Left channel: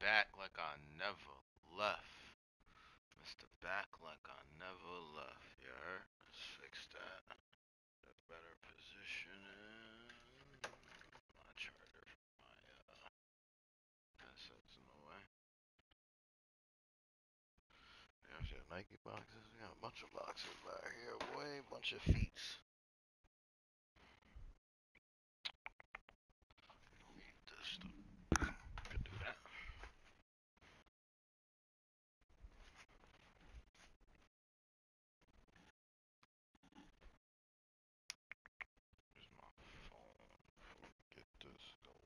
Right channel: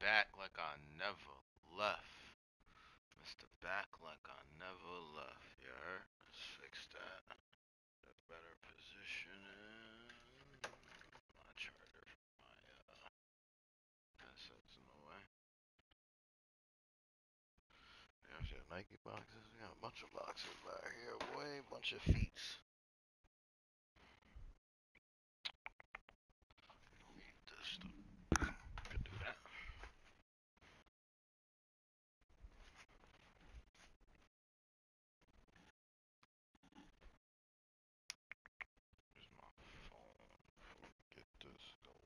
back like I never left. Mr. Back like I never left. You heard? Let's fix that. The better positioning. My charger from my headset's in the way. There's your Nike boxes. We got a bunch of boxes back here, boy. A bunch of feets. Need this stuff. Could do that. Here's my phone. Get this going.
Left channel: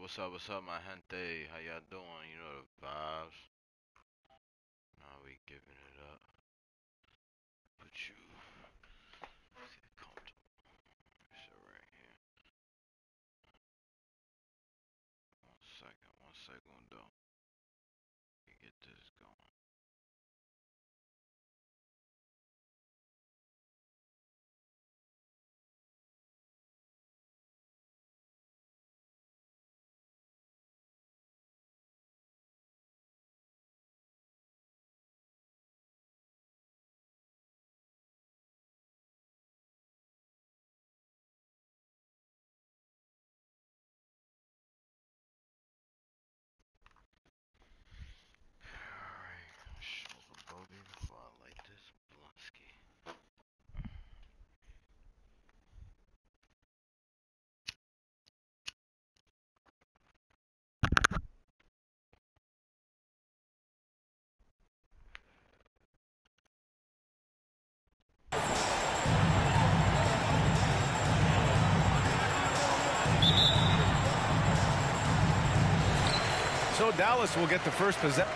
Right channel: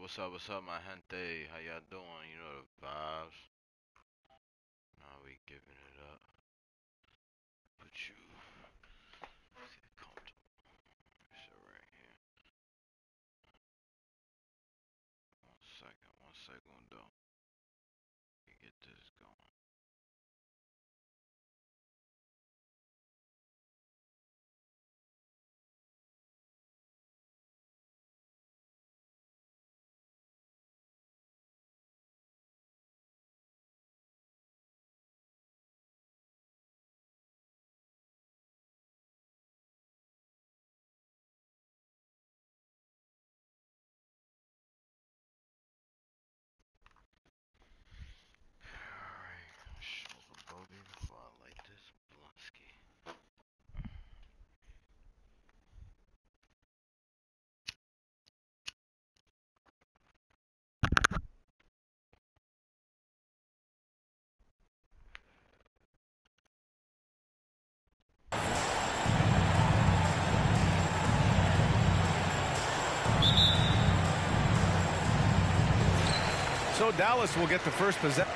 What's up, my gente? How y'all doing? You know the vibes. Now we giving it up. Put you sit comfortable. Sit right here. 1 second though. Get this going. Alright, shoulder bogey before I light this Blunsky. So Dallas will get the first possession.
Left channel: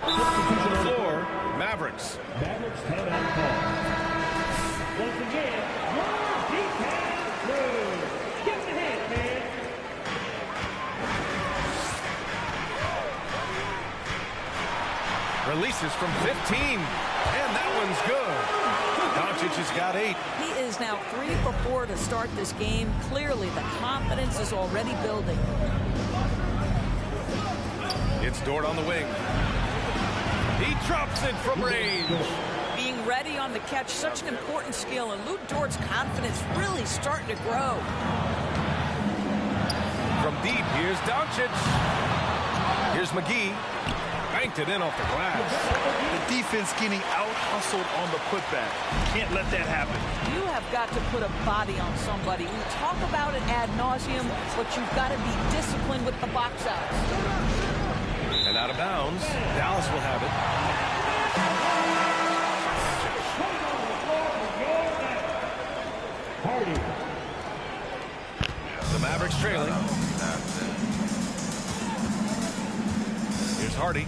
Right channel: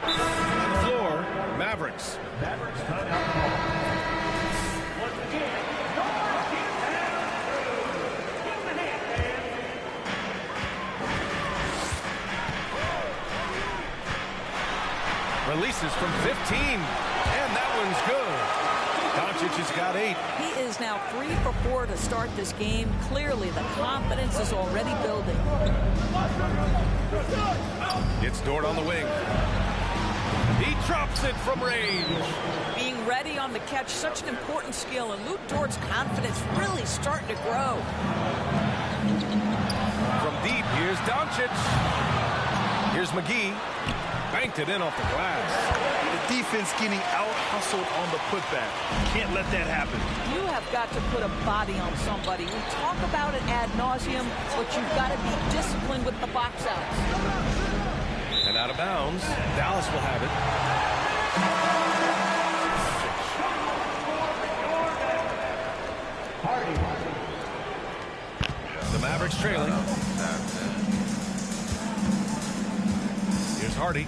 To the floor, Mavericks. Mavericks timeout call. Once again, one deep pass through. Give him a hand, man. Releases from 15, and that one's good. Doncic has got 8. He is now 3 for 4 to start this game. Clearly, the confidence is already building. It's Dort on the wing. He drops it from range. Being ready on the catch, such an important skill, and Lu Dort's confidence really starting to grow. From deep, here's Doncic. Here's McGee. Banked it in off the glass. The defense getting out-hustled on the putback. Can't let that happen. You have got to put a body on somebody. We talk about it ad nauseum, but you've got to be disciplined with the box outs. And out of bounds, Dallas will have it. Hardy. The Mavericks trailing. Here's Hardy.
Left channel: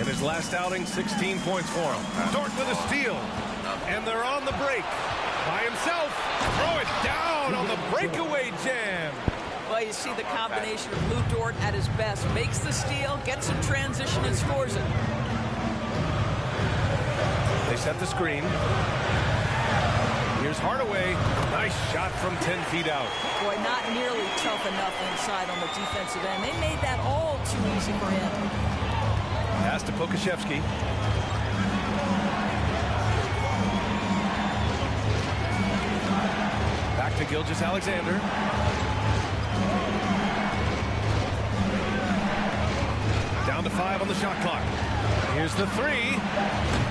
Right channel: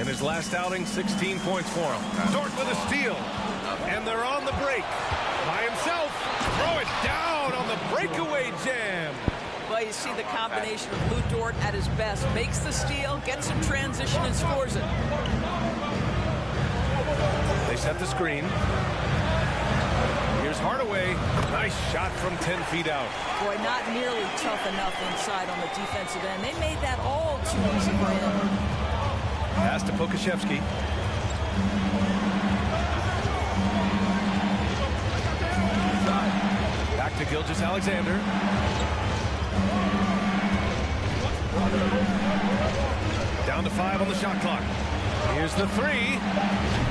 In his last outing, 16 points for him. Dort with a steal. And they're on the break. By himself. Throw it down on the breakaway jam. Well, you see the combination of Lu Dort at his best. Makes the steal, gets in transition, and scores it. They set the screen. Here's Hardaway. Nice shot from 10 feet out. Boy, not nearly tough enough inside on the defensive end. They made that all too easy for him. Pass to Pokashevsky. Back to Gilgeous-Alexander. Down to 5 on the shot clock. Here's the 3.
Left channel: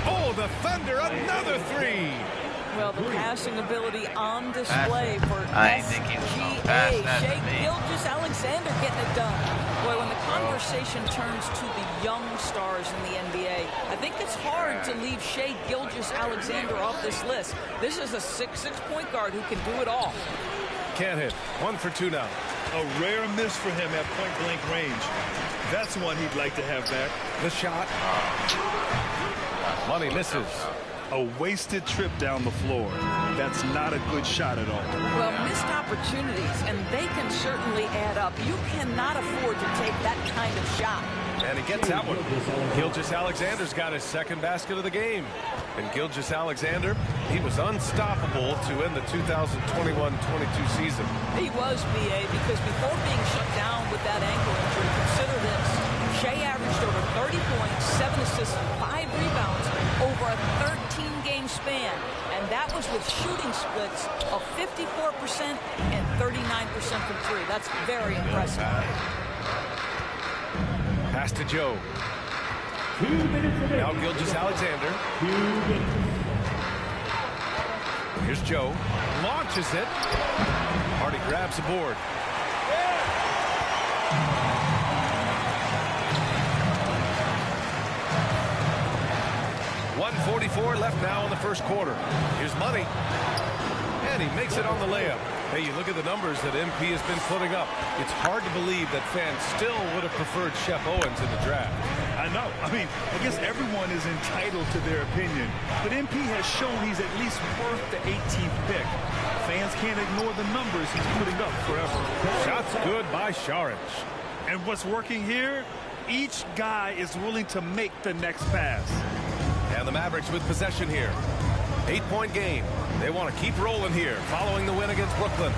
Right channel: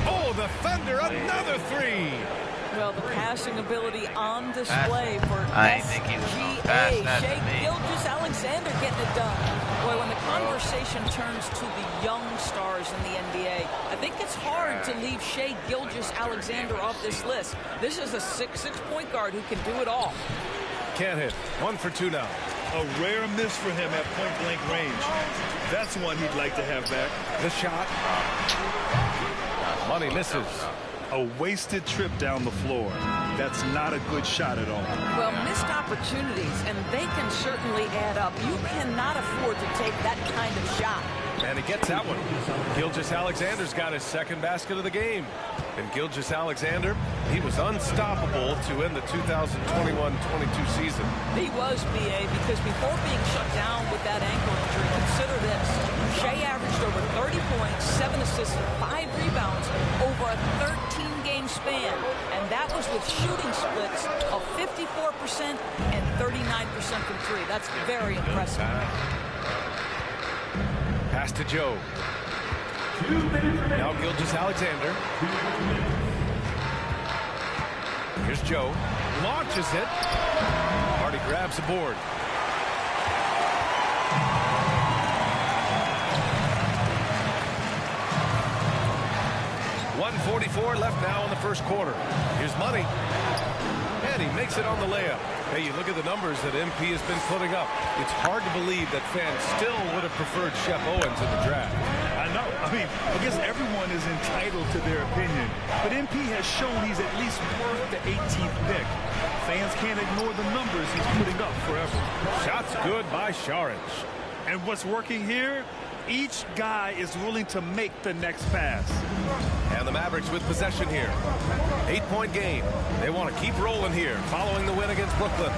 Oh, the Thunder, another 3. Well, the passing ability on display for I didn't think he was gonna pass that to Shai me. Gilgeous-Alexander getting it done. Boy, when the conversation turns to the young stars in the NBA, I think it's hard to leave Shai Gilgeous-Alexander off this list. This is a 6'6" point guard who can do it all. Can't hit. 1 for 2 now. A rare miss for him at point-blank range. That's one he'd like to have back. The shot. Money misses. A wasted trip down the floor. That's not a good shot at all. Well, missed opportunities, and they can certainly add up. You cannot afford to take that kind of shot. And he gets that one. Gilgeous-Alexander's got his second basket of the game. And Gilgeous-Alexander, he was unstoppable to end the 2021-22 season. He was, B.A., because before being shut down with that ankle injury, consider this. Shai averaged over 30 points, 7 assists, and 5 rebounds over a 13-game span. And that was with shooting splits of 54% and 39% from three. That's very impressive. Pass to Joe. 2 minutes remaining. Now Gilgeous-Alexander. 2 minutes. Here's Joe. Launches it. Hardy grabs the board. .144 left now in the first quarter. Here's Money. And he makes it on the layup. Hey, you look at the numbers that MP has been putting up. It's hard to believe that fans still would have preferred Shep Owens in the draft. I know. I mean, I guess everyone is entitled to their opinion. But MP has shown he's at least worth the 18th pick. Fans can't ignore the numbers he's putting up forever. Shots good by Saric. And what's working here? Each guy is willing to make the next pass. And the Mavericks with possession here. 8-point game. They want to keep rolling here following the win against Brooklyn.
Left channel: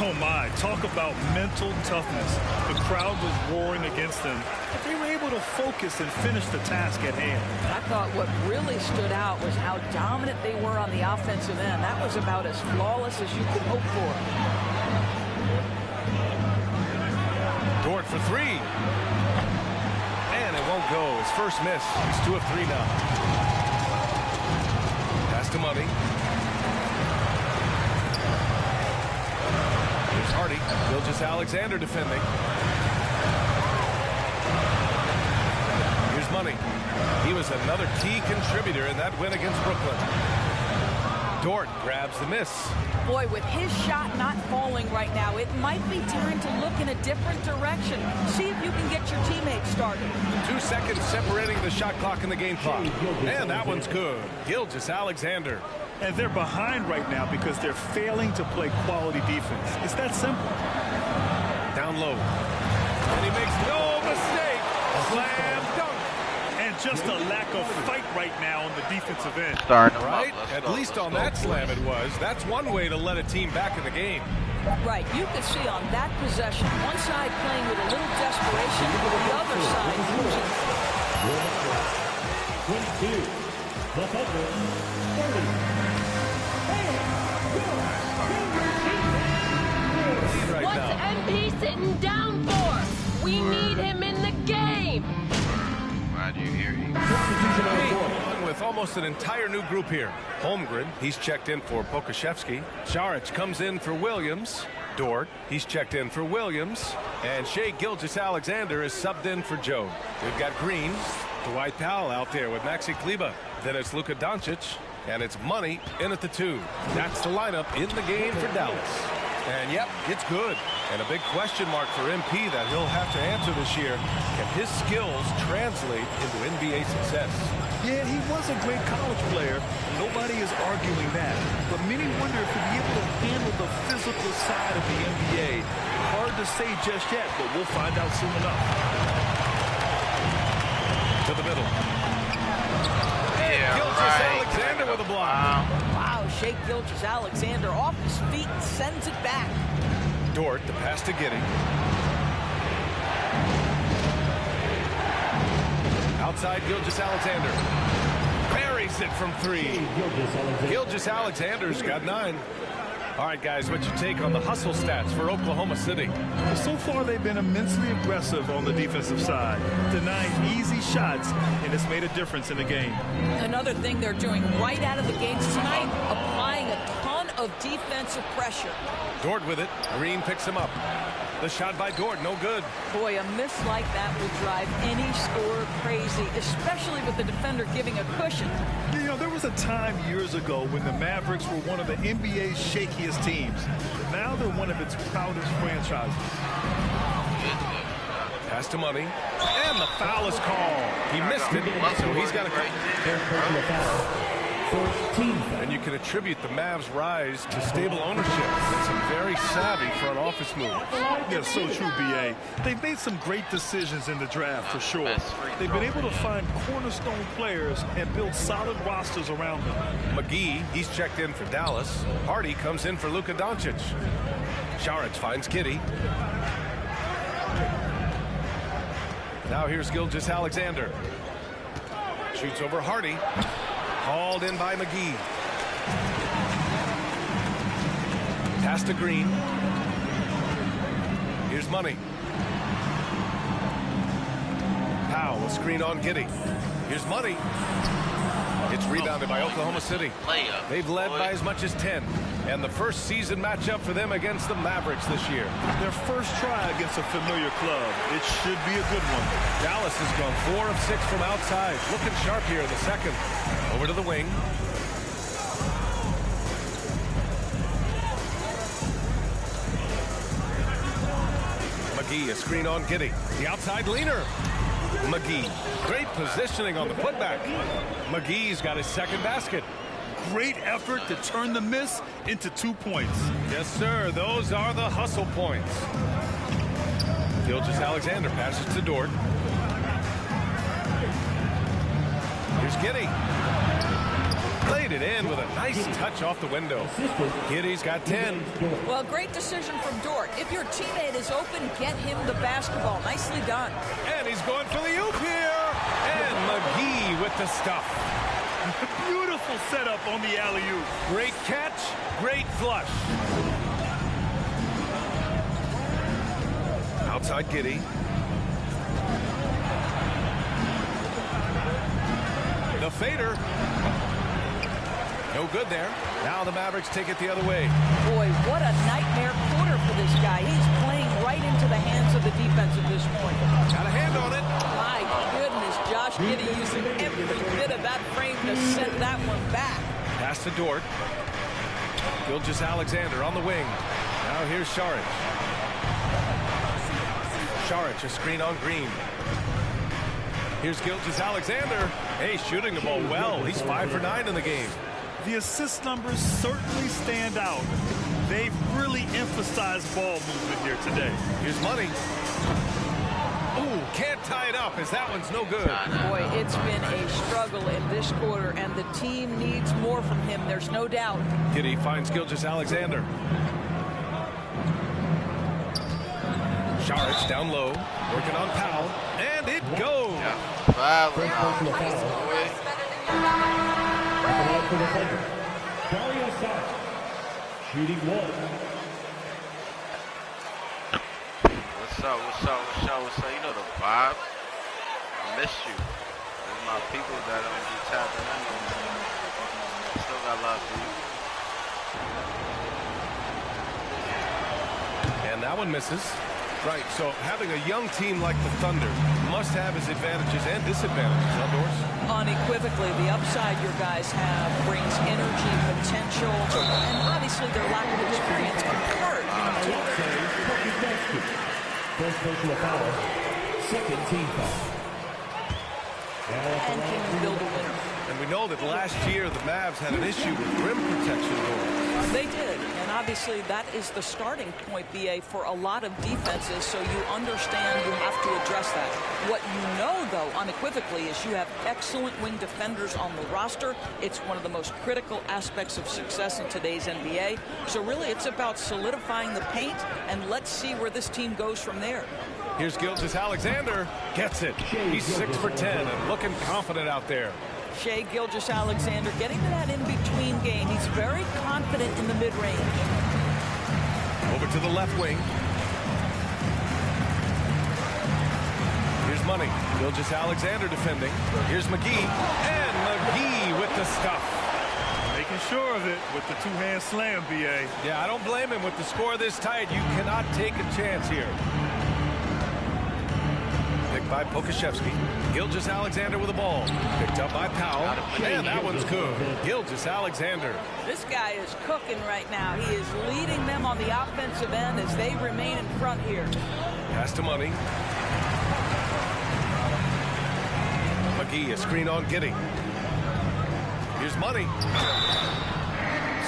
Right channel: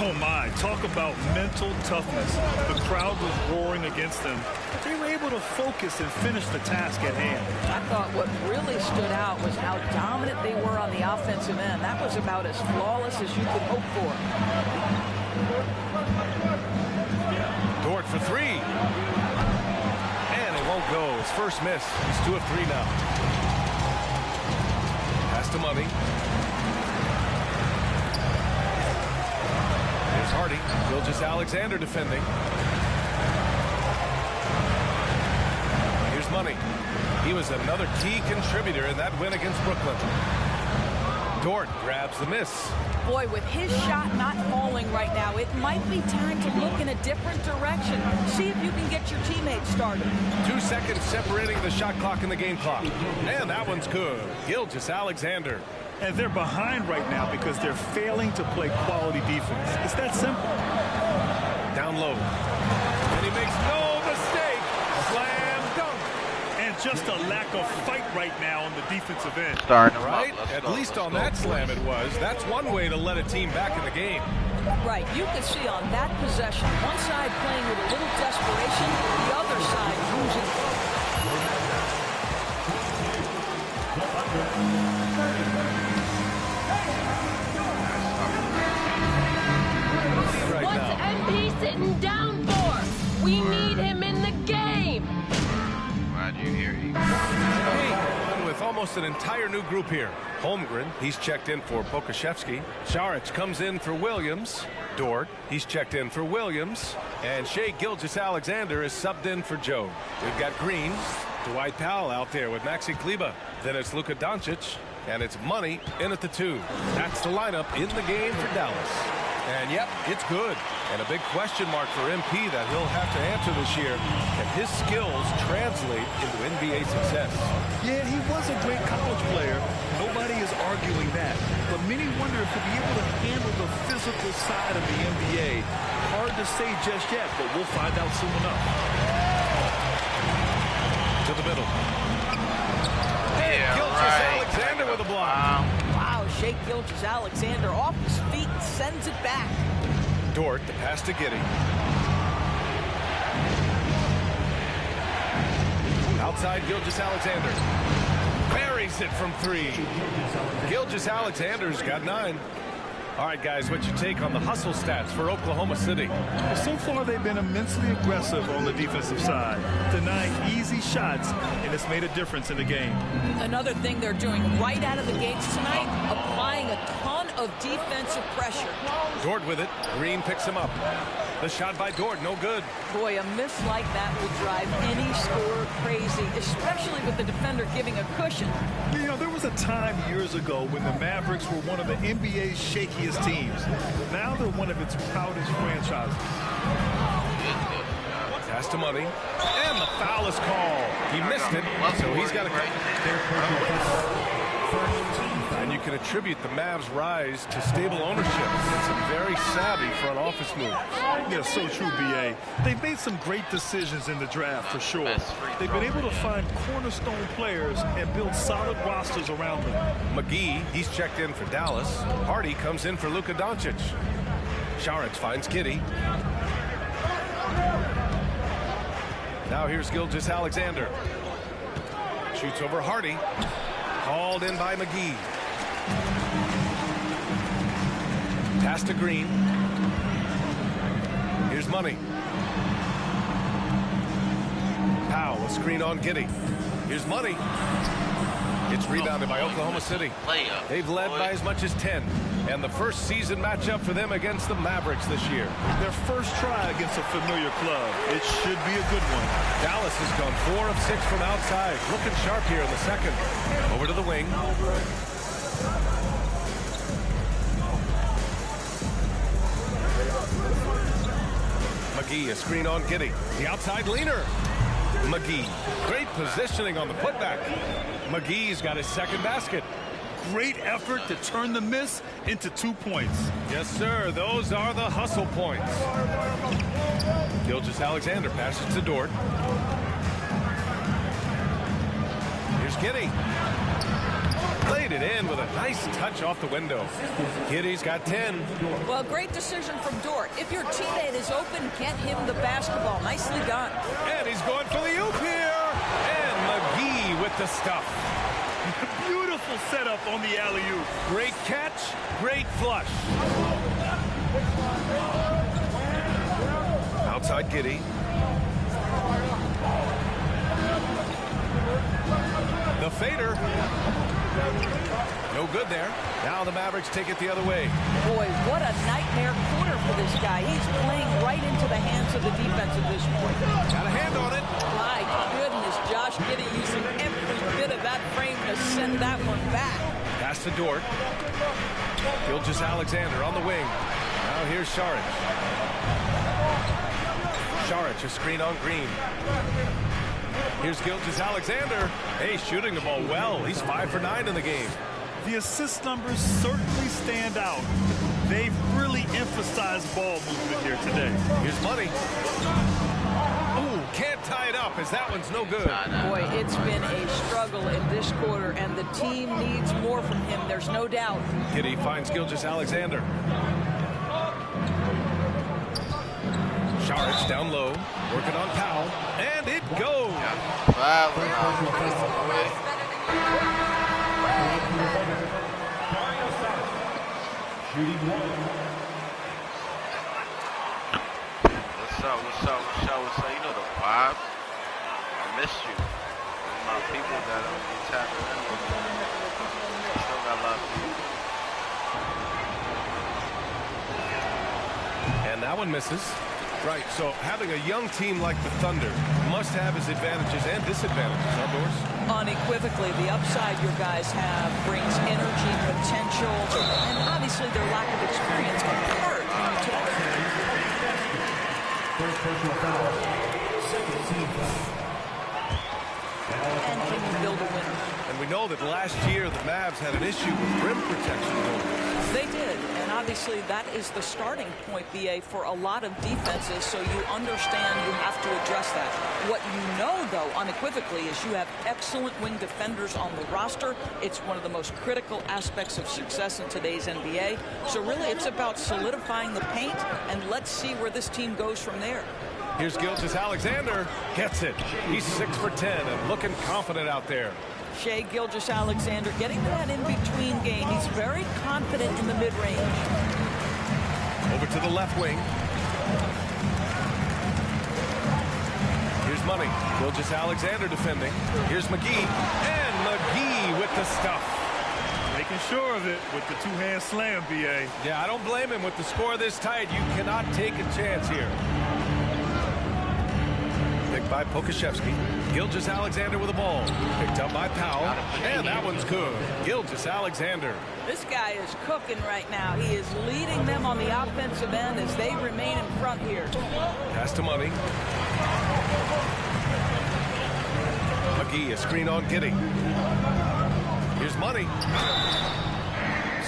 Oh my, talk about mental toughness. The crowd was roaring against them, but they were able to focus and finish the task at hand. I thought what really stood out was how dominant they were on the offensive end. That was about as flawless as you could hope for. Dort for three. And it won't go. His first miss. He's 2 of 3 now. Pass to Money. Here's Hardy. Gilgeous-Alexander defending. Here's Money. He was another key contributor in that win against Brooklyn. Dort grabs the miss. Boy, with his shot not falling right now, it might be time to look in a different direction. See if you can get your teammates started. 2 seconds separating the shot clock and the game clock. And that one's good. Gilgeous-Alexander. And they're behind right now because they're failing to play quality defense. It's that simple. Down low. And he makes no mistake. Slam dunk. And just a lack of fight right now on the defensive end. Starting them Right? up. At least on that slam it was. That's one way to let a team back in the game. Right, you could see on that possession, one side playing with a little desperation, the other side losing. 22. The Thunder. 30. Lead right What's now. MP sitting down for? We need him in the game. Glad you're here. With almost an entire new group here. Holmgren, he's checked in for Pokusevski. Saric comes in for Williams. Dort, he's checked in for Williams. And Shai Gilgeous-Alexander is subbed in for Joe. We've got Green, Dwight Powell out there with Maxi Kleber. Then it's Luka Doncic, and it's Money in at the 2. That's the lineup in the game for Dallas. And yep, it's good. And a big question mark for MP that he'll have to answer this year. Can his skills translate into NBA success? Yeah, he was a great college player. Nobody is arguing that. But many wonder if he'll be able to handle the physical side of the NBA. Hard to say just yet, but we'll find out soon enough. To the middle. Yeah, Gilgeous-Alexander with a block. Wow, Shai Gilgeous-Alexander off his feet and sends it back. Dort, the pass to Giddey. Outside Gilgeous-Alexander. Buries it from 3. Gilgeous-Alexander's got 9. All right, guys, what's your take on the hustle stats for Oklahoma City? Well, so far, they've been immensely aggressive on the defensive side, denying easy shots, and it's made a difference in the game. Another thing they're doing right out of the gates tonight, applying a ton of defensive pressure. Dort with it. Green picks him up. The shot by Dort, no good. Boy, a miss like that will drive any scorer crazy, especially with the defender giving a cushion. You know, there was a time years ago when the Mavericks were one of the NBA's shakiest teams. Now they're one of its proudest franchises. Pass to Money. And the foul is called. He missed it, so he's got to... And you can attribute the Mavs' rise to stable ownership and some very savvy front office moves. Yeah, so true, B.A. They've made some great decisions in the draft, for sure. They've been able to find cornerstone players and build solid rosters around them. McGee, he's checked in for Dallas. Hardy comes in for Luka Doncic. Saric finds Giddey. Now here's Gilgeous-Alexander. Shoots over Hardy. Hauled in by McGee. Pass to Green. Here's Money. Powell, a screen on Giddey. Here's Money. It's rebounded by Oklahoma City. They've led by as much as 10. And the first season matchup for them against the Mavericks this year. Their first try against a familiar club. It should be a good one. Dallas has gone 4 of 6 from outside. Looking sharp here in the second. Over to the wing. McGee, a screen on Giddey. The outside leaner. McGee. Great positioning on the putback. McGee's got his second basket. Great effort to turn the miss into 2 points. Yes, sir. Those are the hustle points. Gilgeous-Alexander passes to Dort. Here's Giddey. Played it in with a nice touch off the window. Giddey's got 10. Well, great decision from Dort. If your teammate is open, get him the basketball. Nicely done. And he's going for the oop here. And McGee with the stuff. Beautiful setup on the alley-oop. Great catch, great flush. Outside Giddey. The fader. No good there. Now the Mavericks take it the other way. Boy, what a nightmare quarter for this guy. He's playing right into the hands of the defense at this point. Got a hand on it. My goodness, Josh Giddey using every bit of that frame to send that one back. Pass to Dort. Gilgeous-Alexander on the wing. Now here's Saric. Saric, a screen on Green. Here's Gilgeous-Alexander. Hey, shooting the ball well. He's 5 for 9 in the game. The assist numbers certainly stand out. They've really emphasized ball movement here today. Here's Money. Ooh, can't tie it up as that one's no good. Boy, it's been a struggle in this quarter, and the team needs more from him. There's no doubt. Giddey finds Gilgeous-Alexander. Saric down low, working on Powell, and it goes. For the Thunder, Dario Saric, shooting 1. What's up? You know the vibe. I miss you. There's my people that don't be tapping in. Still got love for you. And that one misses. Right, so having a young team like the Thunder must have its advantages and disadvantages, huh, Doris? Unequivocally, the upside your guys have brings energy, potential, and obviously their lack of experience can hurt. First personal foul, second team foul. And can you build a winner? And we know that last year the Mavs had an issue with rim protection, Doris. They did, and obviously that is the starting point, BA, for a lot of defenses, so you understand you have to address that. What you know, though, unequivocally, is you have excellent wing defenders on the roster. It's one of the most critical aspects of success in today's NBA. So really, it's about solidifying the paint, and let's see where this team goes from there. Here's Gilgeous-Alexander. Gets it. He's 6 for 10 and looking confident out there. Shai Gilgeous-Alexander getting to that in-between game. He's very confident in the mid-range. Over to the left wing. Here's Money. Gilgeous-Alexander defending. Here's McGee. And McGee with the stuff. Making sure of it with the two-hand slam, B.A. Yeah, I don't blame him. With the score this tight, you cannot take a chance here. Picked by Pokusevski. Gilgeous-Alexander with the ball. Picked up by Powell. And that one's good. Gilgeous-Alexander. This guy is cooking right now. He is leading them on the offensive end as they remain in front here. Pass to Money. McGee, a screen on Giddey. Here's Money.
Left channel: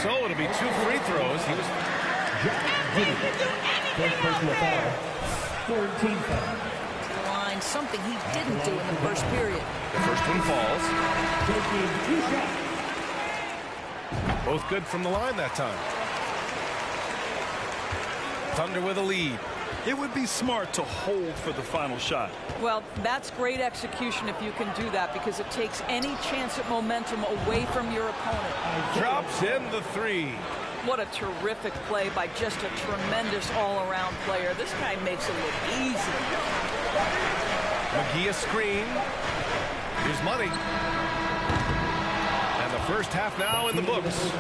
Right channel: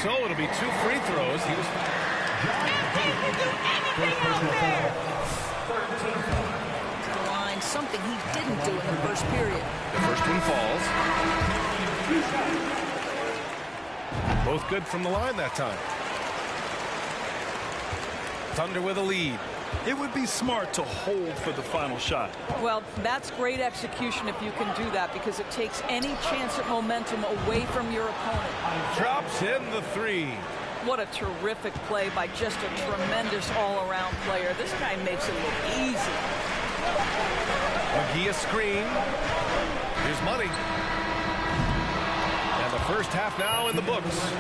So it'll be 2 free throws. He was... The line, something he didn't do in the first period. The first one falls. Both good from the line that time. Thunder with a lead. It would be smart to hold for the final shot. Well, that's great execution if you can do that, because it takes any chance at momentum away from your opponent. Drops in the 3. What a terrific play by just a tremendous all-around player. This guy makes it look easy. McGee a screen. Here's Money. And the first half now in the books.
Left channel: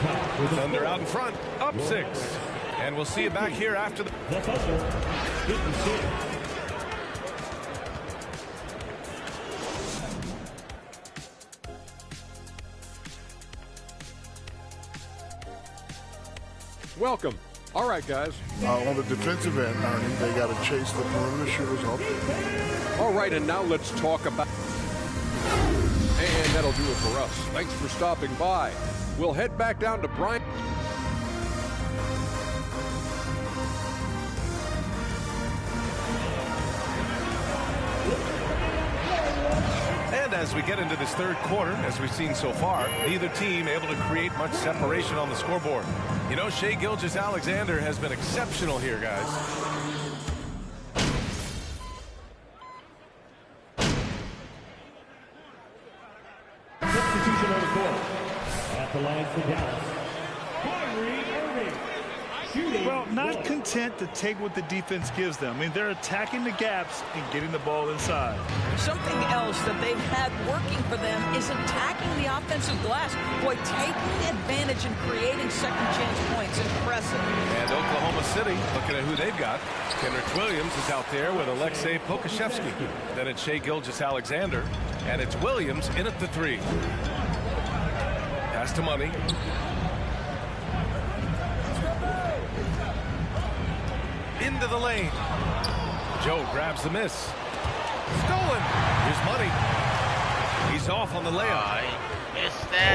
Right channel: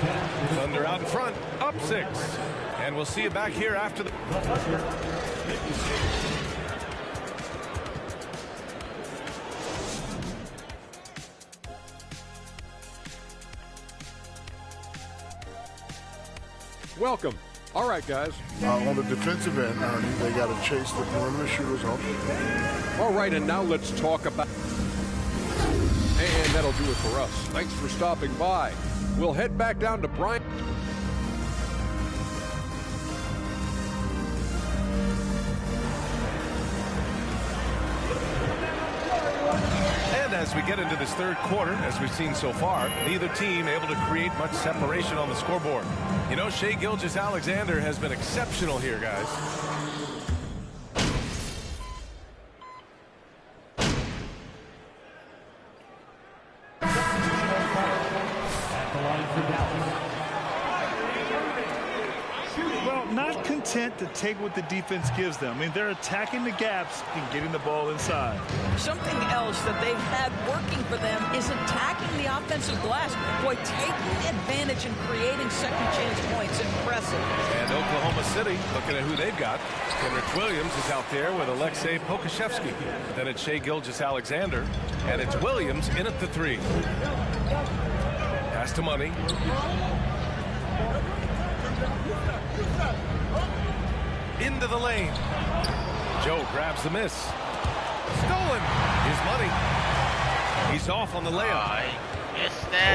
Thunder out in front, up 6. And we'll see you back here after the... Welcome. All right, guys. On the defensive end, Ernie, they got to chase the perimeter shooters off. All right, and now let's talk about... And that'll do it for us. Thanks for stopping by. We'll head back down to Bryant. And as we get into this third quarter, as we've seen so far, neither team able to create much separation on the scoreboard. You know, Shai Gilgeous-Alexander has been exceptional here, guys. Substitution on the court. At the line for Dallas. Well, not content to take what the defense gives them. I mean, they're attacking the gaps and getting the ball inside. Something else that they've had working for them is attacking the offensive glass. Boy, taking advantage and creating second chance points. Impressive. And Oklahoma City, looking at who they've got. Kenrich Williams is out there with Alexei Pokusevski. Then it's Shai Gilgeous-Alexander. And it's Williams in at the 3. Pass to Money. Into the lane. Joe grabs the miss. Stolen. Here's Money. He's off on the layup.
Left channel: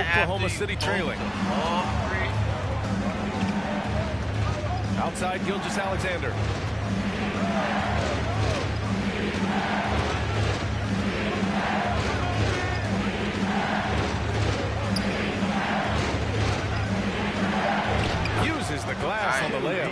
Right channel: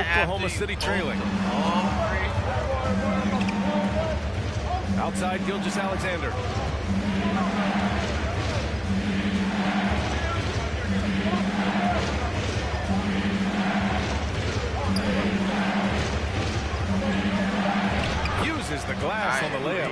Oklahoma City trailing. Outside Gilgeous-Alexander. Uses the glass on the layup.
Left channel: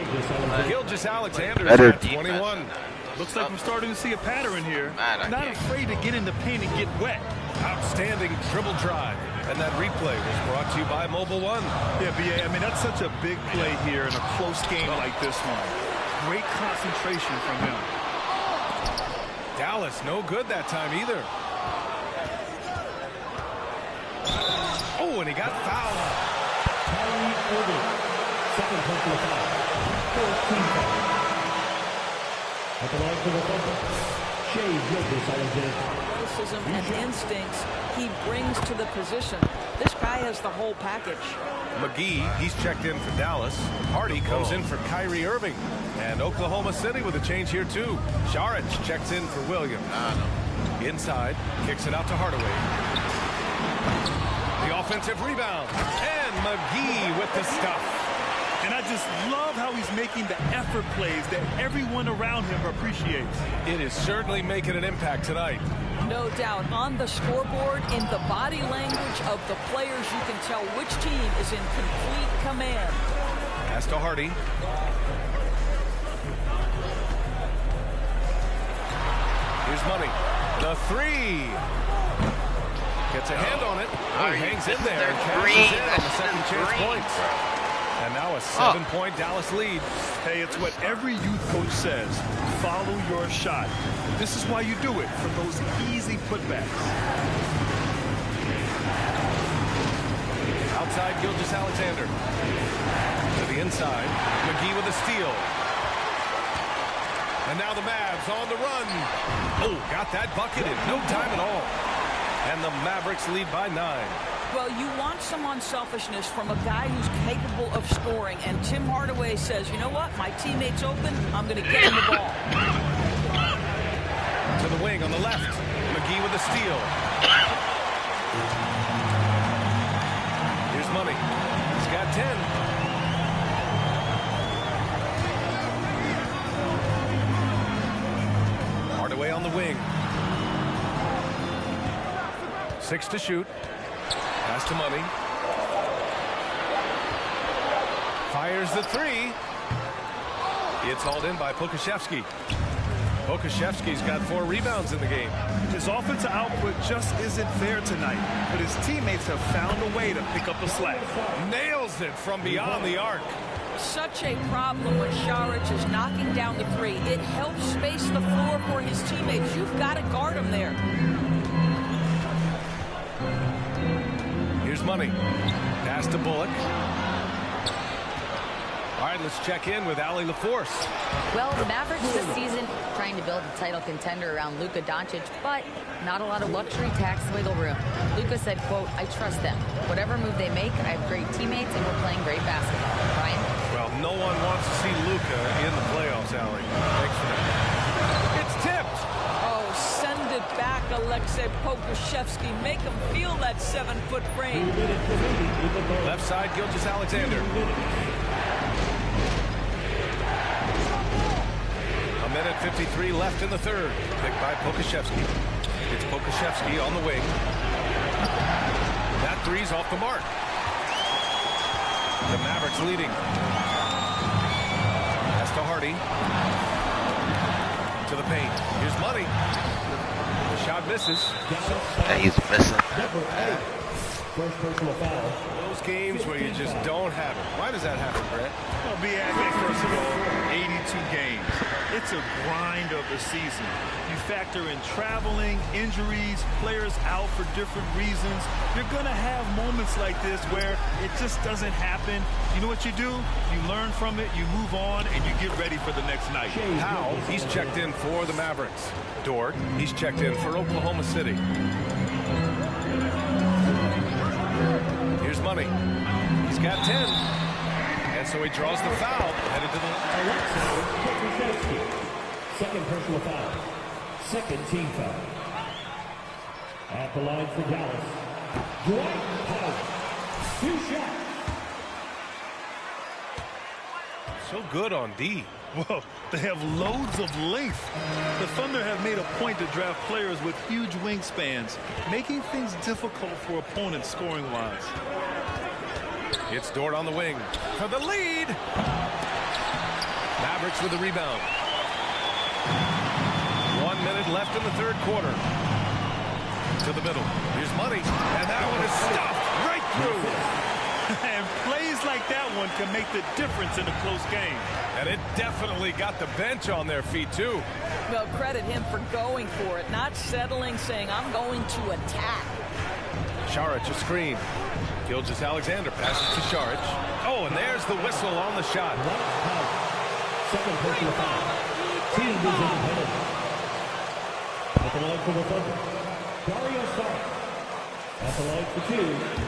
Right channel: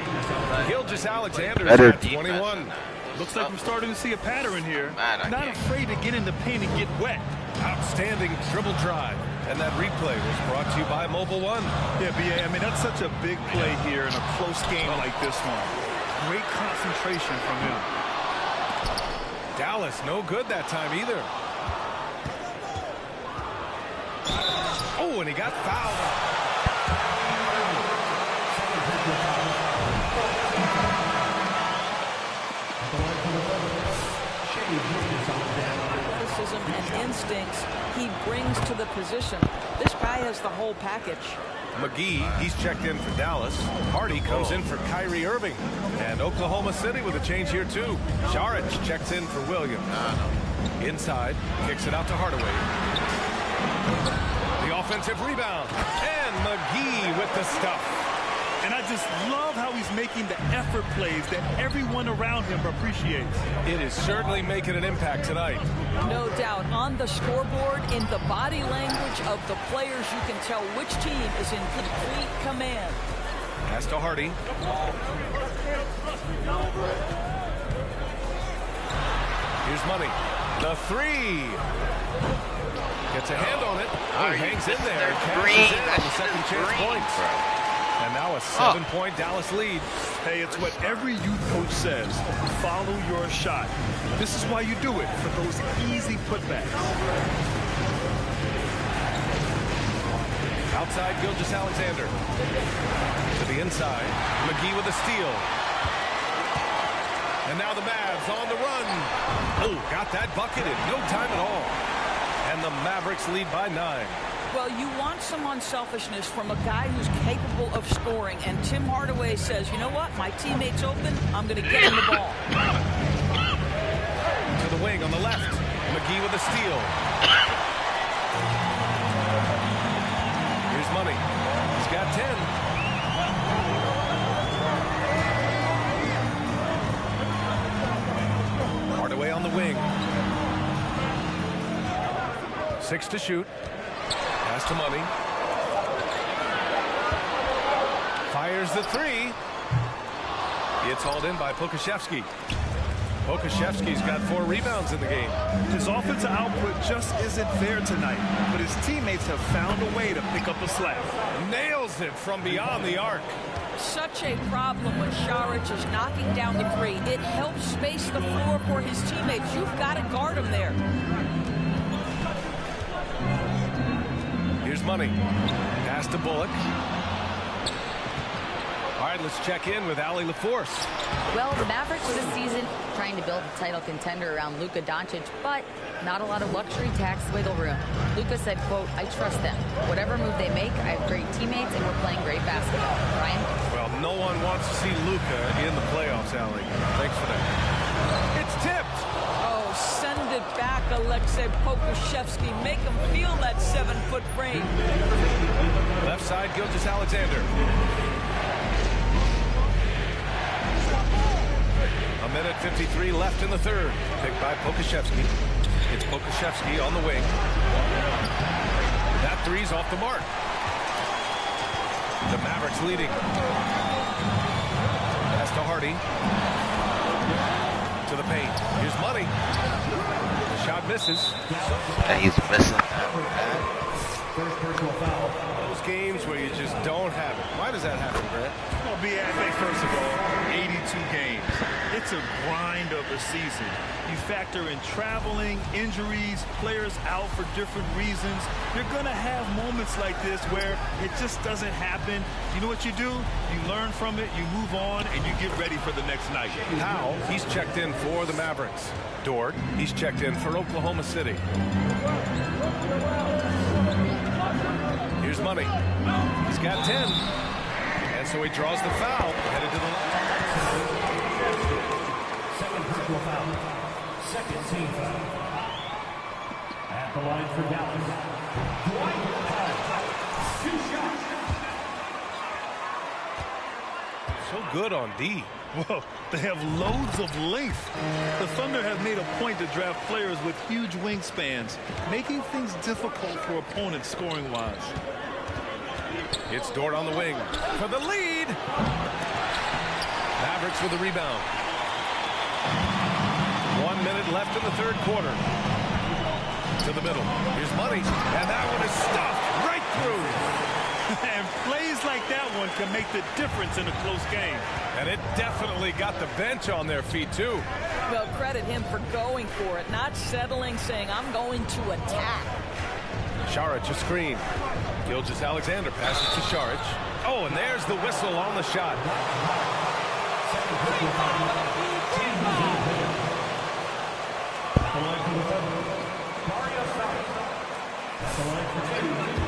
Gilgeous-Alexander is at 21. Looks like we're starting to see a pattern here. Not afraid to get in the paint and get wet. Outstanding dribble drive. And that replay was brought to you by Mobile One. Yeah, B.A., I mean, that's such a big play here in a close game like this one. Great concentration from him. Dallas, no good that time either. Oh, and he got fouled. Second personal foul. 14 foul. At the line for the Thunder, Shai Gilgeous-Alexander. Athleticism and instincts he brings to the position. This guy has the whole package. McGee, he's checked in for Dallas. Hardy comes in for Kyrie Irving. And Oklahoma City with a change here too. Šarić checks in for Williams. Inside, kicks it out to Hardaway. The offensive rebound. And McGee with the stuff. And I just love how he's making the effort plays that everyone around him appreciates. It is certainly making an impact tonight. No doubt. On the scoreboard, in the body language of the players, you can tell which team is in complete command. Pass to Hardy. Here's Money. The 3. Gets a hand on it. Oh, he hangs in there and cashes in on the second chance points. And now a 7-point Dallas lead. Hey, it's what every youth coach says. Follow your shot. This is why you do it, for those easy putbacks. Outside Gilgeous-Alexander. To the inside. McGee with a steal. And now the Mavs on the run. Oh, got that bucket in no time at all. And the Mavericks lead by 9. Well, you want some unselfishness from a guy who's capable of scoring. And Tim Hardaway says, you know what? My teammate's open. I'm going to get him the ball. To the wing on the left. McGee with a steal. Here's Money. He's got 10. Hardaway on the wing. 6 to shoot. Pass to Money. Fires the 3. It's hauled in by Pokusevski. Pokusevski's got 4 rebounds in the game. His offensive output just isn't there tonight, but his teammates have found a way to pick up the slack. Nails it from beyond the arc. Such a problem when Saric is knocking down the 3. It helps space the floor for his teammates. You've got to guard him there. Here's Money. Pass to Bullock. All right, let's check in with Allie LaForce. Well, the Mavericks this season trying to build a title contender around Luka Doncic, but not a lot of luxury tax wiggle room. Luka said, quote, "I trust them. Whatever move they make, I have great teammates and we're playing great basketball." Brian? Well, no one wants to see Luka in the playoffs, Allie. Thanks for that. It's tipped. Oh, send it back, Aleksej Pokusevski. Make him feel that 7-foot frame. Left side, Gilgeous-Alexander. A minute 53 left in the third. Picked by Pokusevski. It's Pokusevski on the wing. That 3's off the mark. The Mavericks leading. Pass to Hardy. To the paint. Here's Money. The shot misses. Yeah, he's missing that, man. Those games where you just don't have it. Why does that happen, Brett? Well, BFA, first of all, 82 games. It's a grind of a season. You factor in traveling, injuries, players out for different reasons. You're going to have moments like this where it just doesn't happen. You know what you do? You learn from it, you move on, and you get ready for the next night. Powell, he's checked in for the Mavericks. Dort, he's checked in for Oklahoma City. Here's Money. He's got 10. And so he draws the foul, headed to the line. Second personal foul. Second team foul. At the line for Dallas, Dwight Powell. 2 shots. So good on D. Whoa, they have loads of length. The Thunder have made a point to draft players with huge wingspans, making things difficult for opponents scoring-wise. It's Dort on the wing for the lead. Mavericks with the rebound. 1 minute left in the third quarter. To the middle. Here's Money. And that one is stuffed right through. And plays like that one can make the difference in a close game. And it definitely got the bench on their feet, too. Well, credit him for going for it, not settling, saying, "I'm going to attack." Saric a screen. Gilgeous-Alexander passes to Saric. Oh, and there's the whistle on the shot. Second personal foul. Team moves on. At the line for the Thunder, Dario Saric. At the line for 2.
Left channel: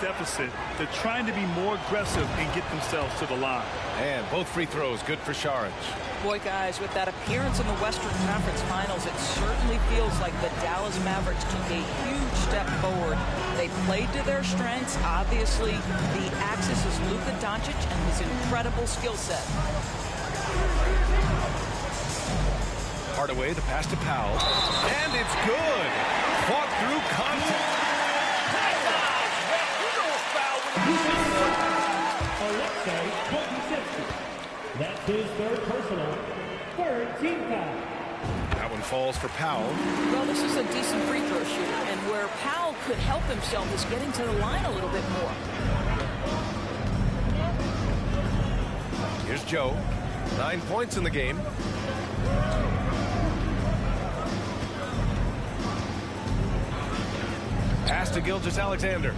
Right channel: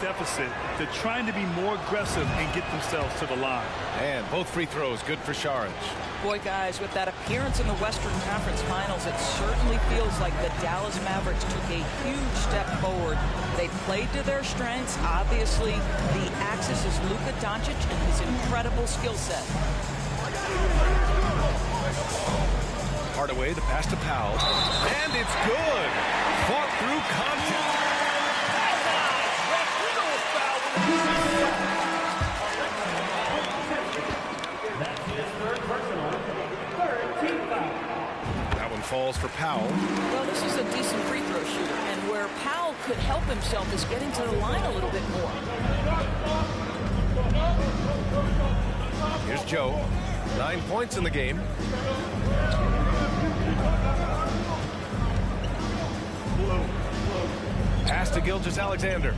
Deficit. They're trying to be more aggressive and get themselves to the line. And both free throws good for Saric. Boy, guys, with that appearance in the Western Conference Finals, it certainly feels like the Dallas Mavericks took a huge step forward. They played to their strengths. Obviously, the axis is Luka Doncic and his incredible skill set. Hardaway, the pass to Powell. And it's good. Fought through contact. That's his third personal. Third team foul. That one falls for Powell. Well, this is a decent free throw shooter, and where Powell could help himself is getting to the line a little bit more. Here's Joe. 9 points in the game. Pass to Gilgeous-Alexander.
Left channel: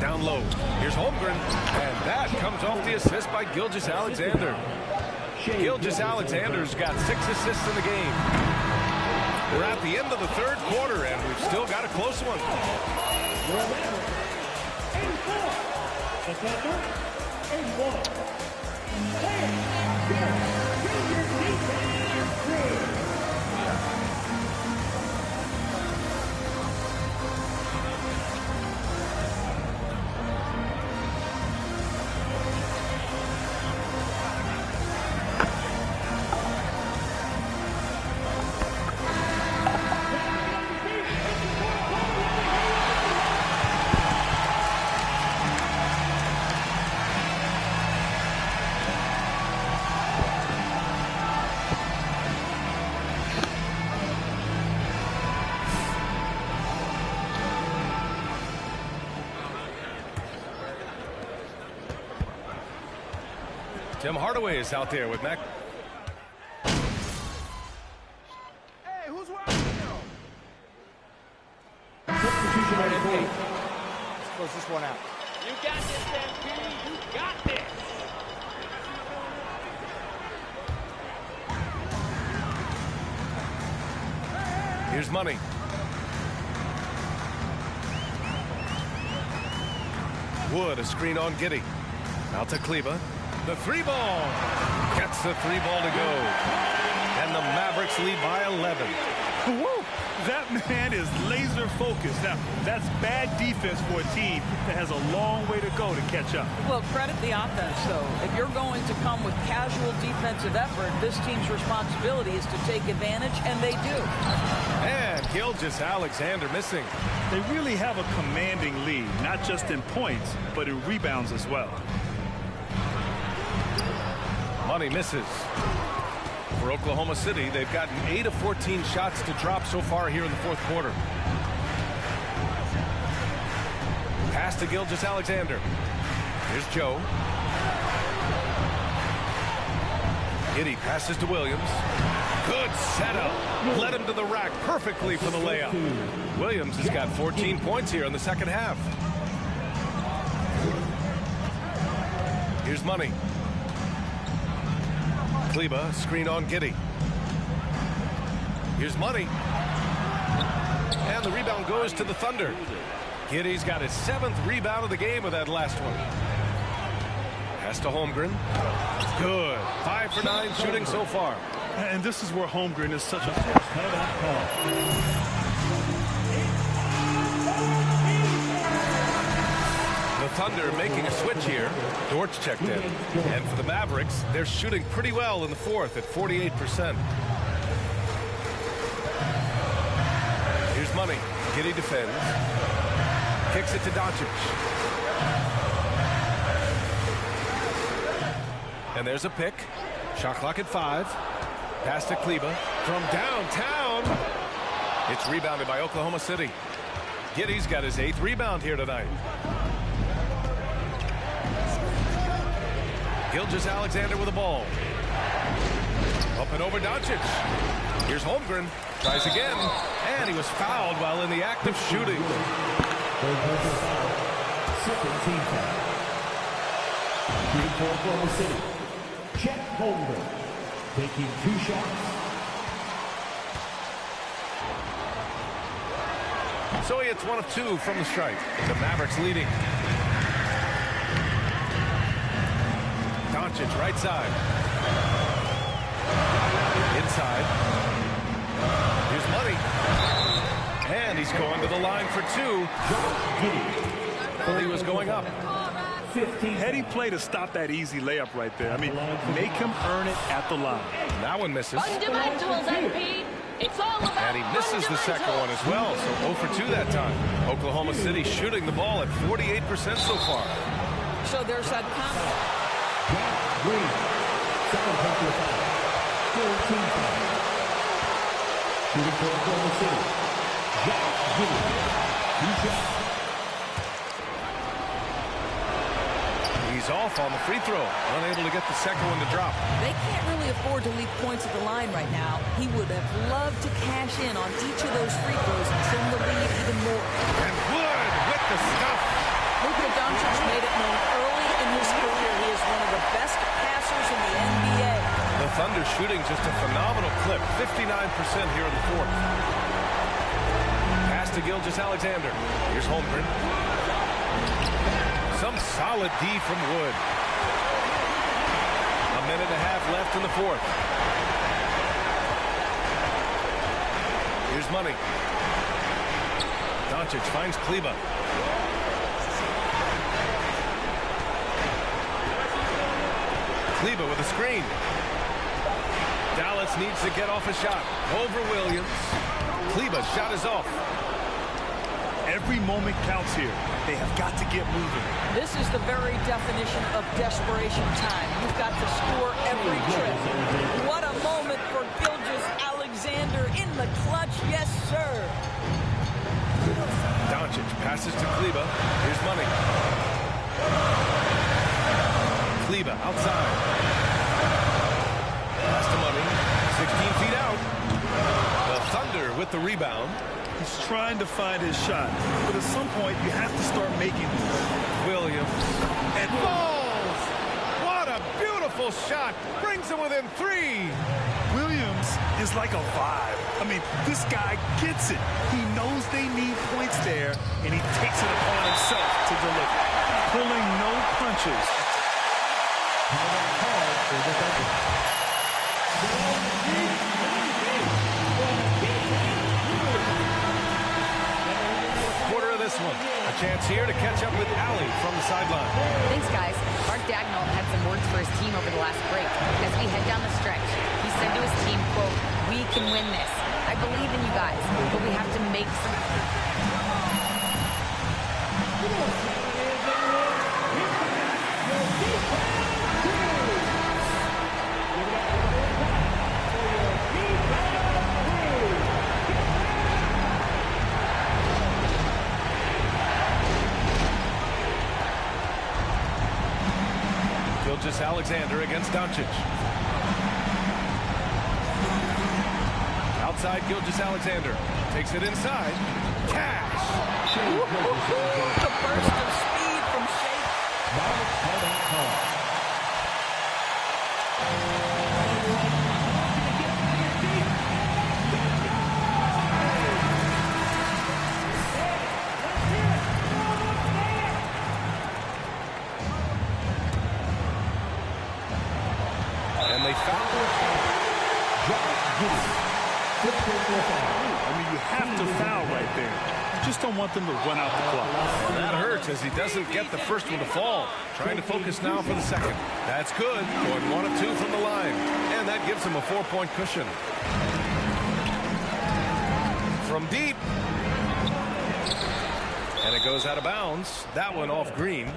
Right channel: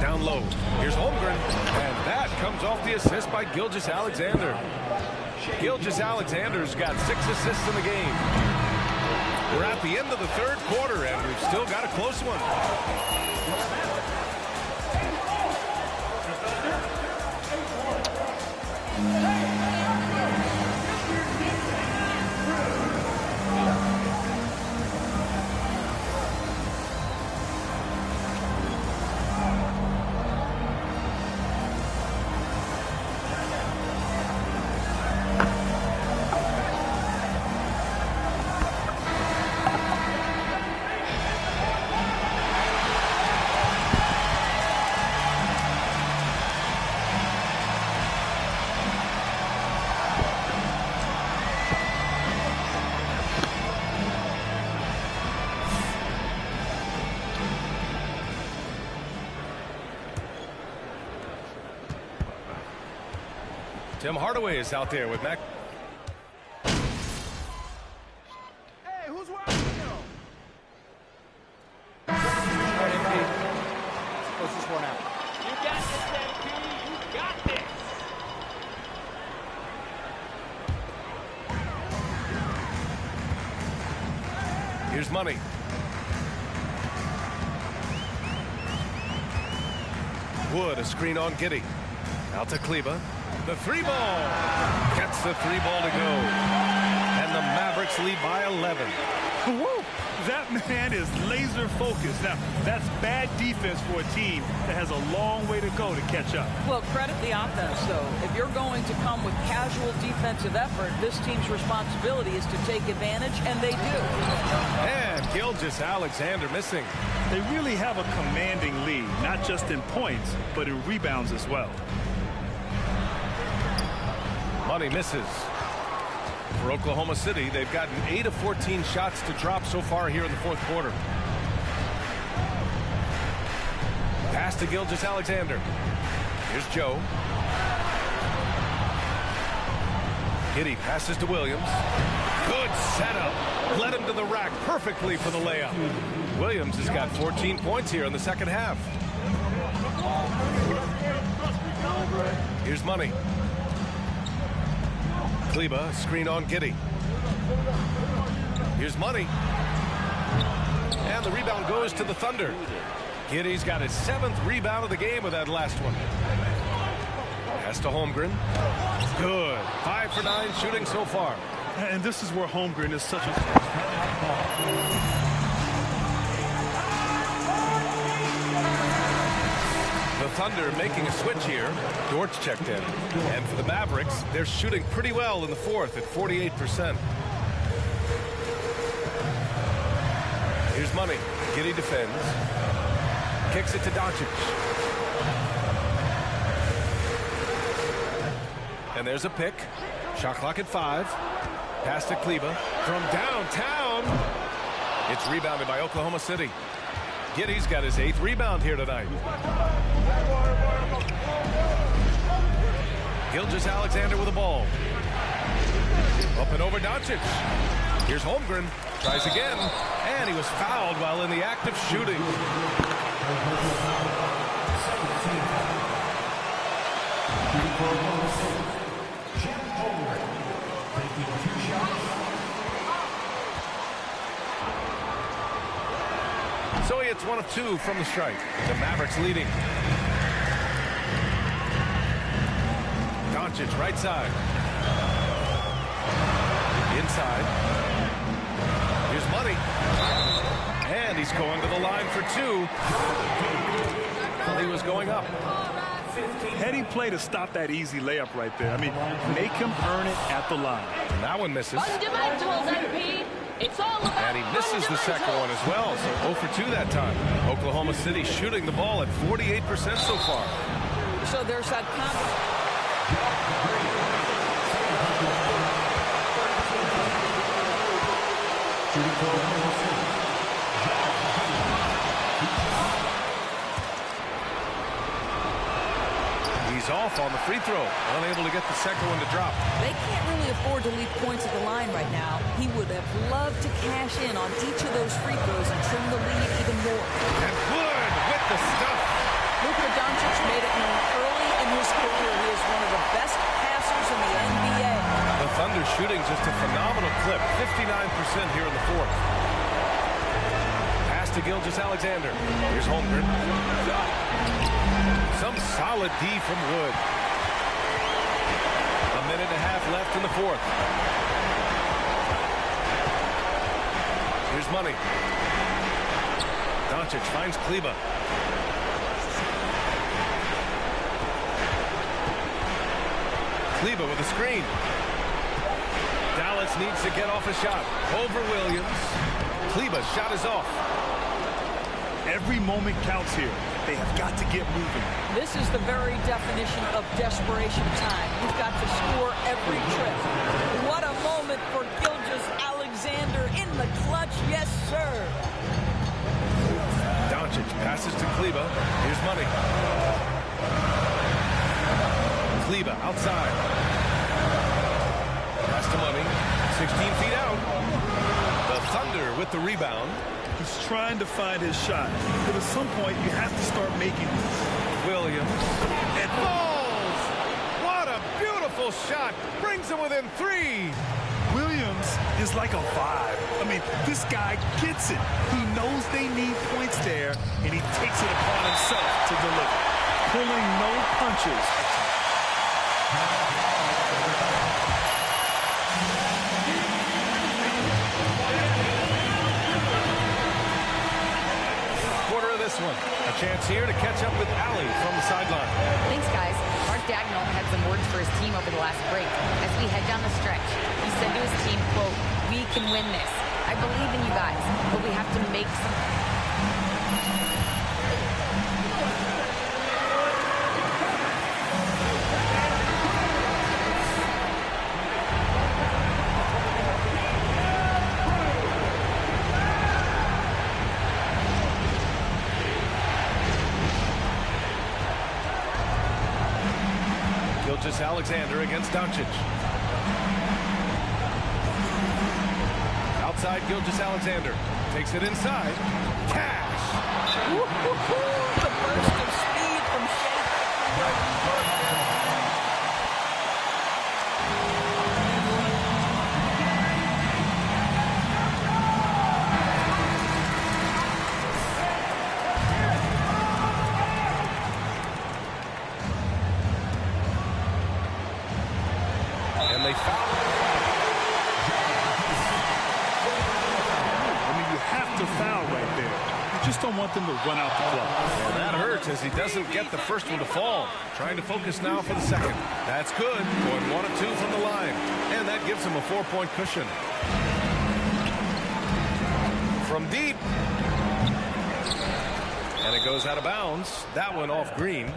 Down low. Here's Holmgren. And that comes off the assist by Gilgeous-Alexander. Gilgeous-Alexander's got 6 assists in the game. We're at the end of the third quarter, and we've still got a close one. Tim Hardaway is out there with Mac. Hey, who's watching you? MP. Let's close this one out. You got this, MP. You got this. Here's Money. Wood, a screen on Giddey. Out to Kleber. The three ball. Gets the three ball to go. And the Mavericks lead by 11. Woo! That man is laser focused. Now, that's bad defense for a team that has a long way to go to catch up. Well, credit the offense, though. If you're going to come with casual defensive effort, this team's responsibility is to take advantage, and they do. And Gilgeous-Alexander missing. They really have a commanding lead, not just in points, but in rebounds as well. Money misses. For Oklahoma City, they've gotten 8 of 14 shots to drop so far here in the fourth quarter. Pass to Gilgeous-Alexander. Here's Joe. Giddey passes to Williams. Good setup. Led him to the rack perfectly for the layup. Williams has got 14 points here in the second half. Here's Money. Kleber, screen on Giddey. Here's Money. And the rebound goes to the Thunder. Giddey's got his 7th rebound of the game with that last one. Pass to Holmgren. Good. 5 for 9 shooting so far. And this is where Holmgren is such a... The Thunder making a switch here. Dortch checked in. And for the Mavericks, they're shooting pretty well in the fourth at 48%. Here's Money. Giddey defends. Kicks it to Doncic. And there's a pick. Shot clock at 5. Pass to Kleber from downtown. It's rebounded by Oklahoma City. Giddey's got his 8th rebound here tonight. Gilgeous-Alexander with the ball. Up and over Doncic. Here's Holmgren. Tries again. And he was fouled while in the act of shooting. Second team foul. Shooting for Oklahoma City. Chet Holmgren taking 2 shots. So he hits 1 of 2 from the stripe. The Mavericks leading. Doncic right side. Inside. Here's Money. And he's going to the line for 2. Well, he was going up. Heady play to stop that easy layup right there. I mean, make him earn it at the line. And that one misses. Fundamentals, MP. It's all about And he misses the second one as well, so 0 for 2 that time. Oklahoma City shooting the ball at 48% so far. So there's that combo. Jack Green. Second team foul. Third team foul. Shooting for Oklahoma City. Jack Green. 2 shots. He's off on the free throw, unable to get the second one to drop. They can't really afford to leave points at the line right now. He would have loved to cash in on each of those free throws and trim the lead even more. And Wood with the stuff. Luka Doncic made it known early in his career he is one of the best passers in the NBA. The Thunder shooting just a phenomenal clip, 59% here in the fourth. Pass to Gilgeous-Alexander. Here's Holmgren. Some solid D from Wood. 1.5 minutes left in the fourth. Here's Money. Doncic finds Kleber. Kleber with a screen. Dallas needs to get off a shot. Over Williams. Kleber's shot is off. Every moment counts here. They have got to get moving. This is the very definition of desperation time. You've got to score every trip. What a moment for Gilgeous-Alexander in the clutch. Yes, sir. Doncic passes to Kleber. Here's Money. Kleber outside. Pass to Money. 16 feet out. The Thunder with the rebound. He's trying to find his shot, but at some point you have to start making these. Williams. It falls! What a beautiful shot! Brings him within 3. Williams is like a vibe. I mean, this guy gets it. He knows they need points there, and he takes it upon himself to deliver. Pulling no punches. Quarter of this one. A chance here to catch up with Allie from the sideline. Thanks, guys. Mark Dagnall had some words for his team over the last break. As we head down the stretch, he said to his team, quote, "We can win this. I believe in you guys, but we have to make some..." Gilgeous-Alexander against Doncic. Outside Gilgeous-Alexander. Takes it inside. Cash! The burst of speed from Shea. And they foul. I mean, you have to foul right there. You just don't want them to run out the clock. And that hurts as he doesn't get the first one to fall. Trying to focus now for the second. That's good. Going 1 of 2 from the line. And that gives him a 4-point cushion. From deep. And it goes out of bounds. That one off Green.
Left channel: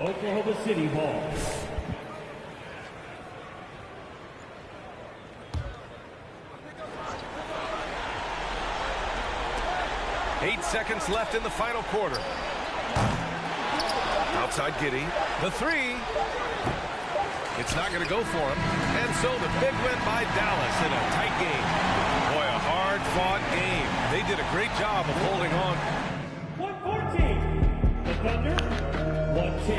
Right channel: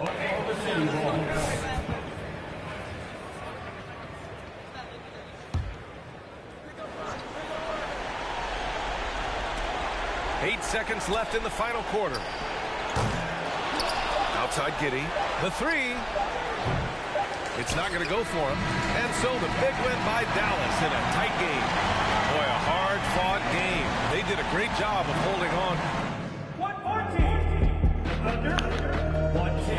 Oklahoma City ball. 8 seconds left in the final quarter. Outside Giddey. The 3. It's not going to go for him. And so the big win by Dallas in a tight game. Boy, a hard-fought game. They did a great job of holding on. 114. Thunder, 110.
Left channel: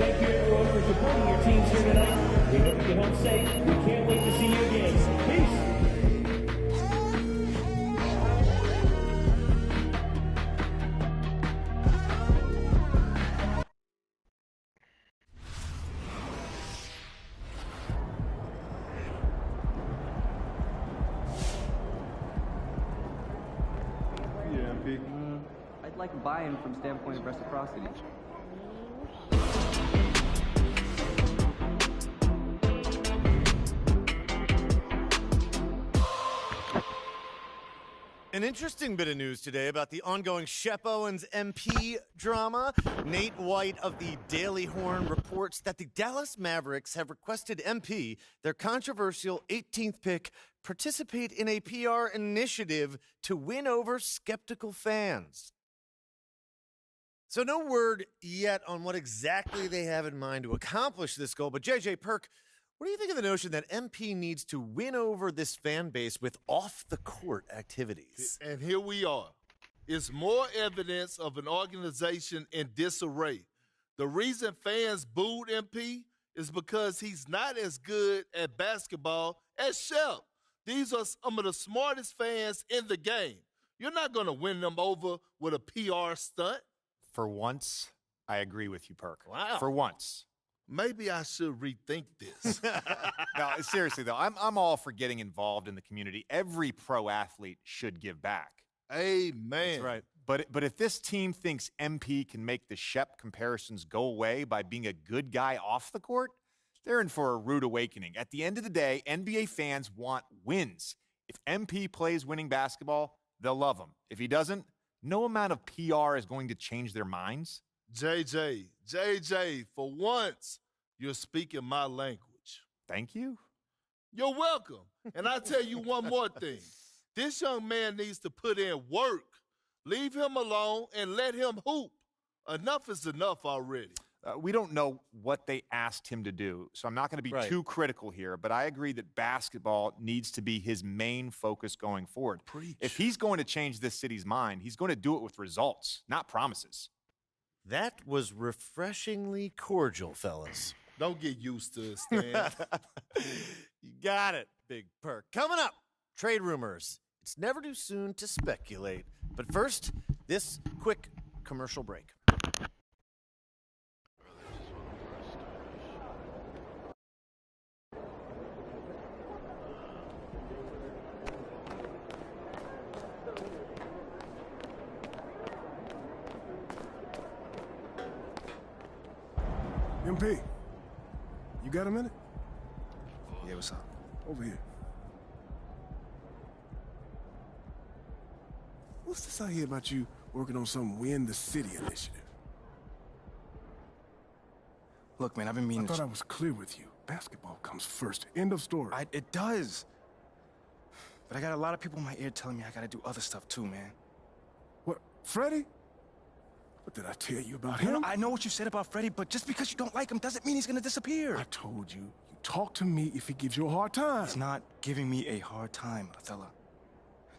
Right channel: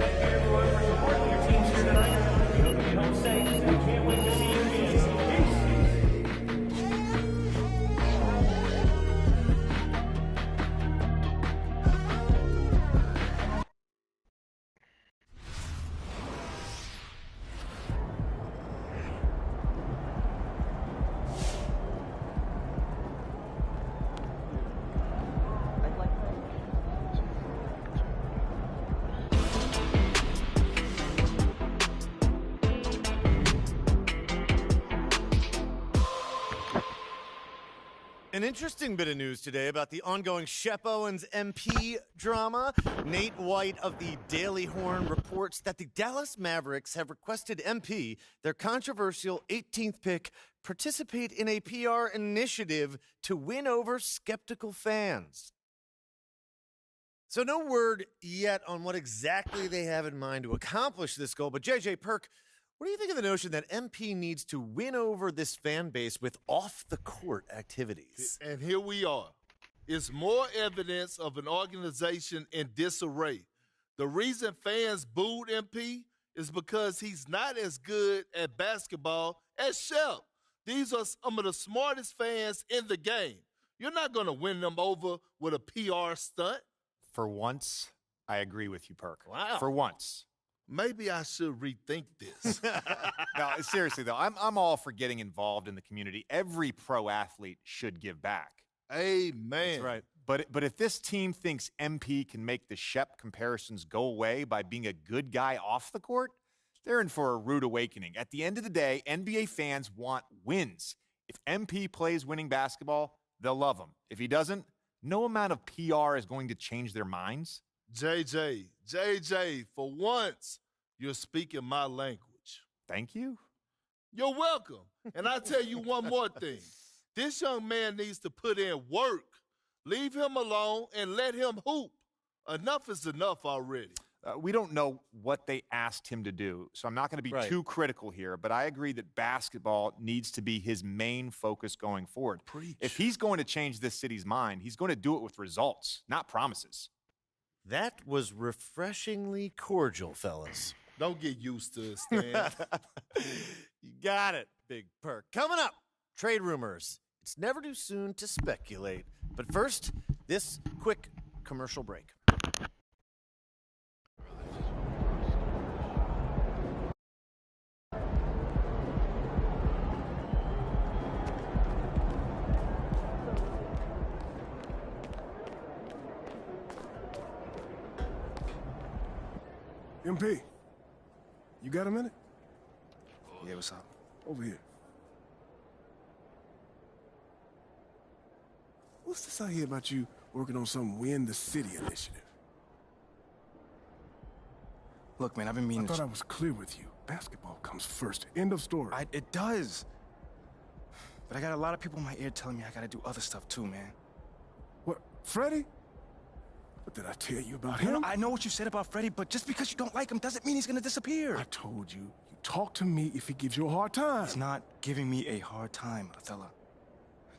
Thank you, everyone, for supporting your teams here tonight. We hope you get home safe. We can't wait to see you again. Peace. I'd like buy-in from standpoint of reciprocity. An interesting bit of news today about the ongoing Shep Owens MP drama. Nate White of the Daily Horn reports that the Dallas Mavericks have requested MP, their controversial 18th pick, participate in a PR initiative to win over skeptical fans. So no word yet on what exactly they have in mind to accomplish this goal, but JJ Perk, what do you think of the notion that MP needs to win over this fan base with off-the-court activities? And here we are. It's more evidence of an organization in disarray. The reason fans booed MP is because he's not as good at basketball as Shep. These are some of the smartest fans in the game. You're not going to win them over with a PR stunt. For once, I agree with you, Perk. Wow. For once. Maybe I should rethink this. No, seriously, though, I'm all for getting involved in the community. Every pro athlete should give back. Amen. That's right. But if this team thinks MP can make the Shep comparisons go away by being a good guy off the court, they're in for a rude awakening. At the end of the day, NBA fans want wins. If MP plays winning basketball, they'll love him. If he doesn't, no amount of PR is going to change their minds. JJ, for once, you're speaking my language. Thank you. You're welcome. And I tell you one more thing. This young man needs to put in work. Leave him alone and let him hoop. Enough is enough already. We don't know what they asked him to do, so I'm not going to be too critical here, but I agree that basketball needs to be his main focus going forward. Preach. If he's going to change this city's mind, he's going to do it with results, not promises. That was refreshingly cordial, fellas. Don't get used to it, Stan. You got it, Big Perk. Coming up, trade rumors. It's never too soon to speculate. But first, this quick commercial break. MP, you got a minute? Yeah, what's up? Over here. What's this I hear about you working on some Win the City initiative? Look, man, I've been meaning I thought I was clear with you. Basketball comes first. End of story. It does. But I got a lot of people in my ear telling me I gotta do other stuff too, man. What, Freddie? What did I tell you about No, him? I know what you said about Freddie, but just because you don't like him doesn't mean he's gonna disappear. I told you, you talk to me if he gives you a hard time. He's not giving me a hard time, Othello.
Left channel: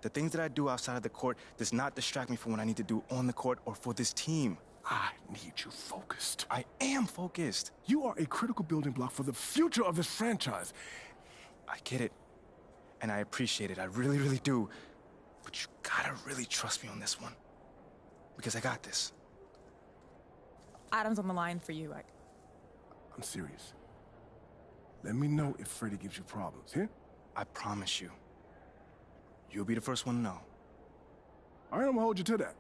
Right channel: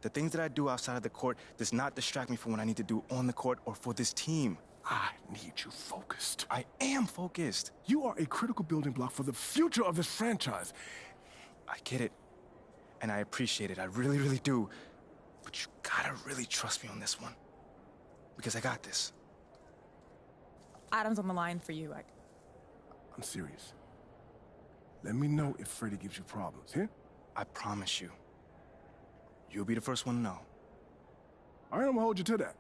The things that I do outside of the court does not distract me from what I need to do on the court or for this team. I need you focused. I am focused. You are a critical building block for the future of this franchise. I get it. And I appreciate it. I really, really do. But you gotta really trust me on this one. Because I got this. Adam's on the line for you. I'm serious. Let me know if Freddie gives you problems, here? I promise you. You'll be the first one to know. All right, I'm gonna hold you to that.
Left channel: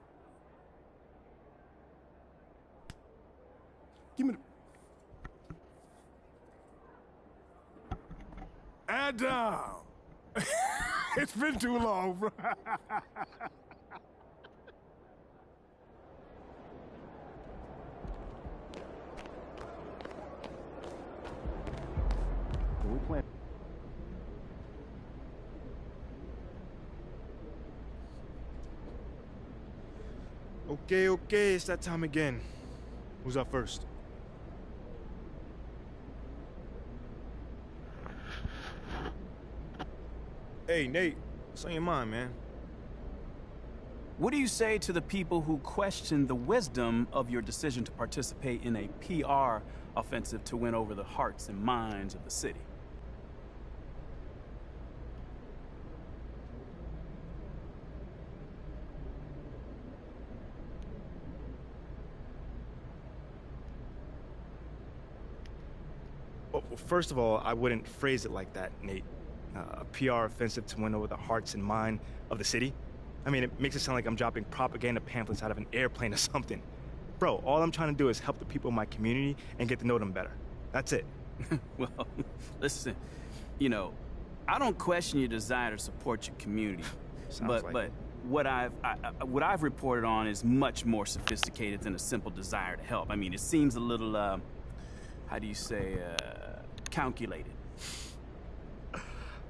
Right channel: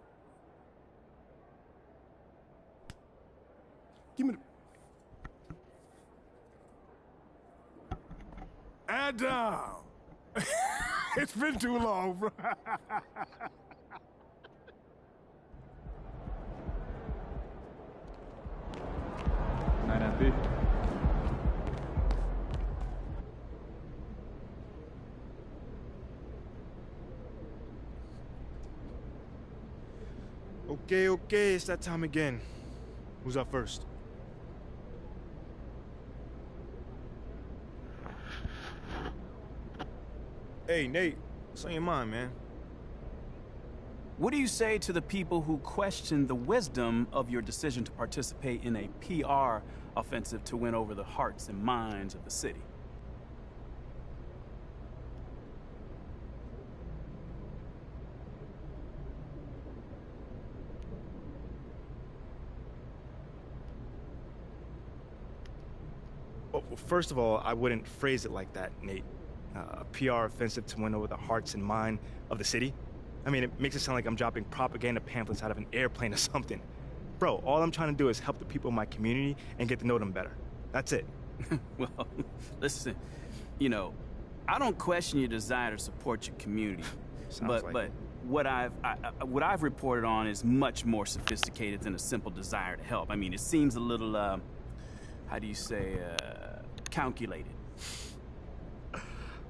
Give me the... Adam! It's been too long, bro. Night, MP. Okay, it's that time again. Who's up first? Hey, Nate, what's on your mind, man? What do you say to the people who question the wisdom of your decision to participate in a PR offensive to win over the hearts and minds of the city? Well, first of all, I wouldn't phrase it like that, Nate. A PR offensive to win over the hearts and mind of the city? I mean, it makes it sound like I'm dropping propaganda pamphlets out of an airplane or something. Bro, all I'm trying to do is help the people in my community and get to know them better. That's it. Well, listen, you know, I don't question your desire to support your community. but what I've reported on is much more sophisticated than a simple desire to help. I mean, it seems a little, how do you say, calculated.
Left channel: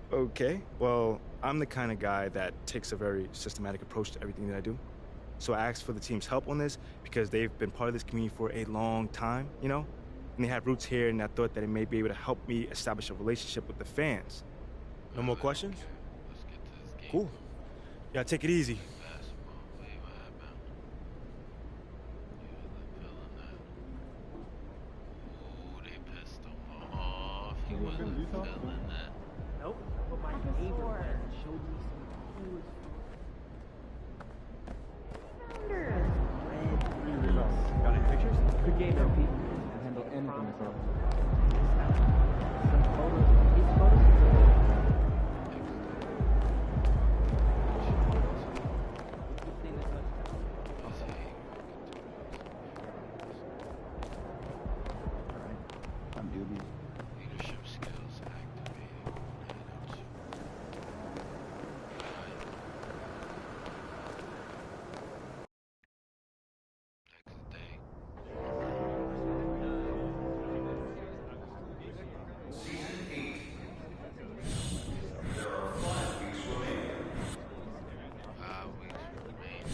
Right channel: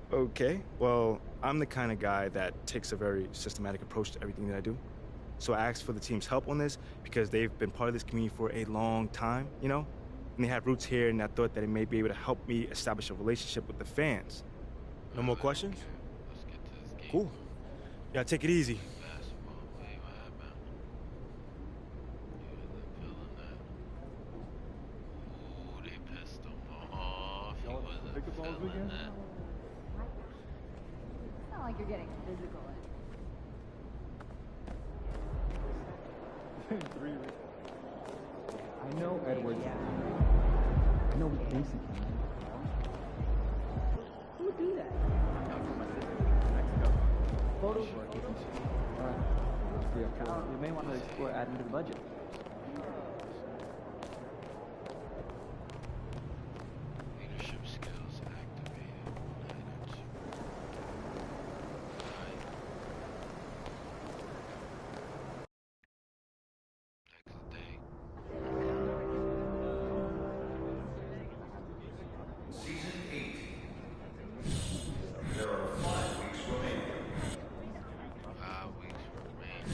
Okay, well, I'm the kind of guy that takes a very systematic approach to everything that I do. So I asked for the team's help on this because they've been part of this community for a long time, you know? And they have roots here, and I thought that it may be able to help me establish a relationship with the fans. No more questions? Let's get to this game. Cool. Yeah, take it easy. Basketball, what happened? Yeah, they're feeling that. Ooh, they pissed him off. He wasn't feeling that. Leadership skills activated. Next day. There are 5 weeks remaining. 5 weeks remaining.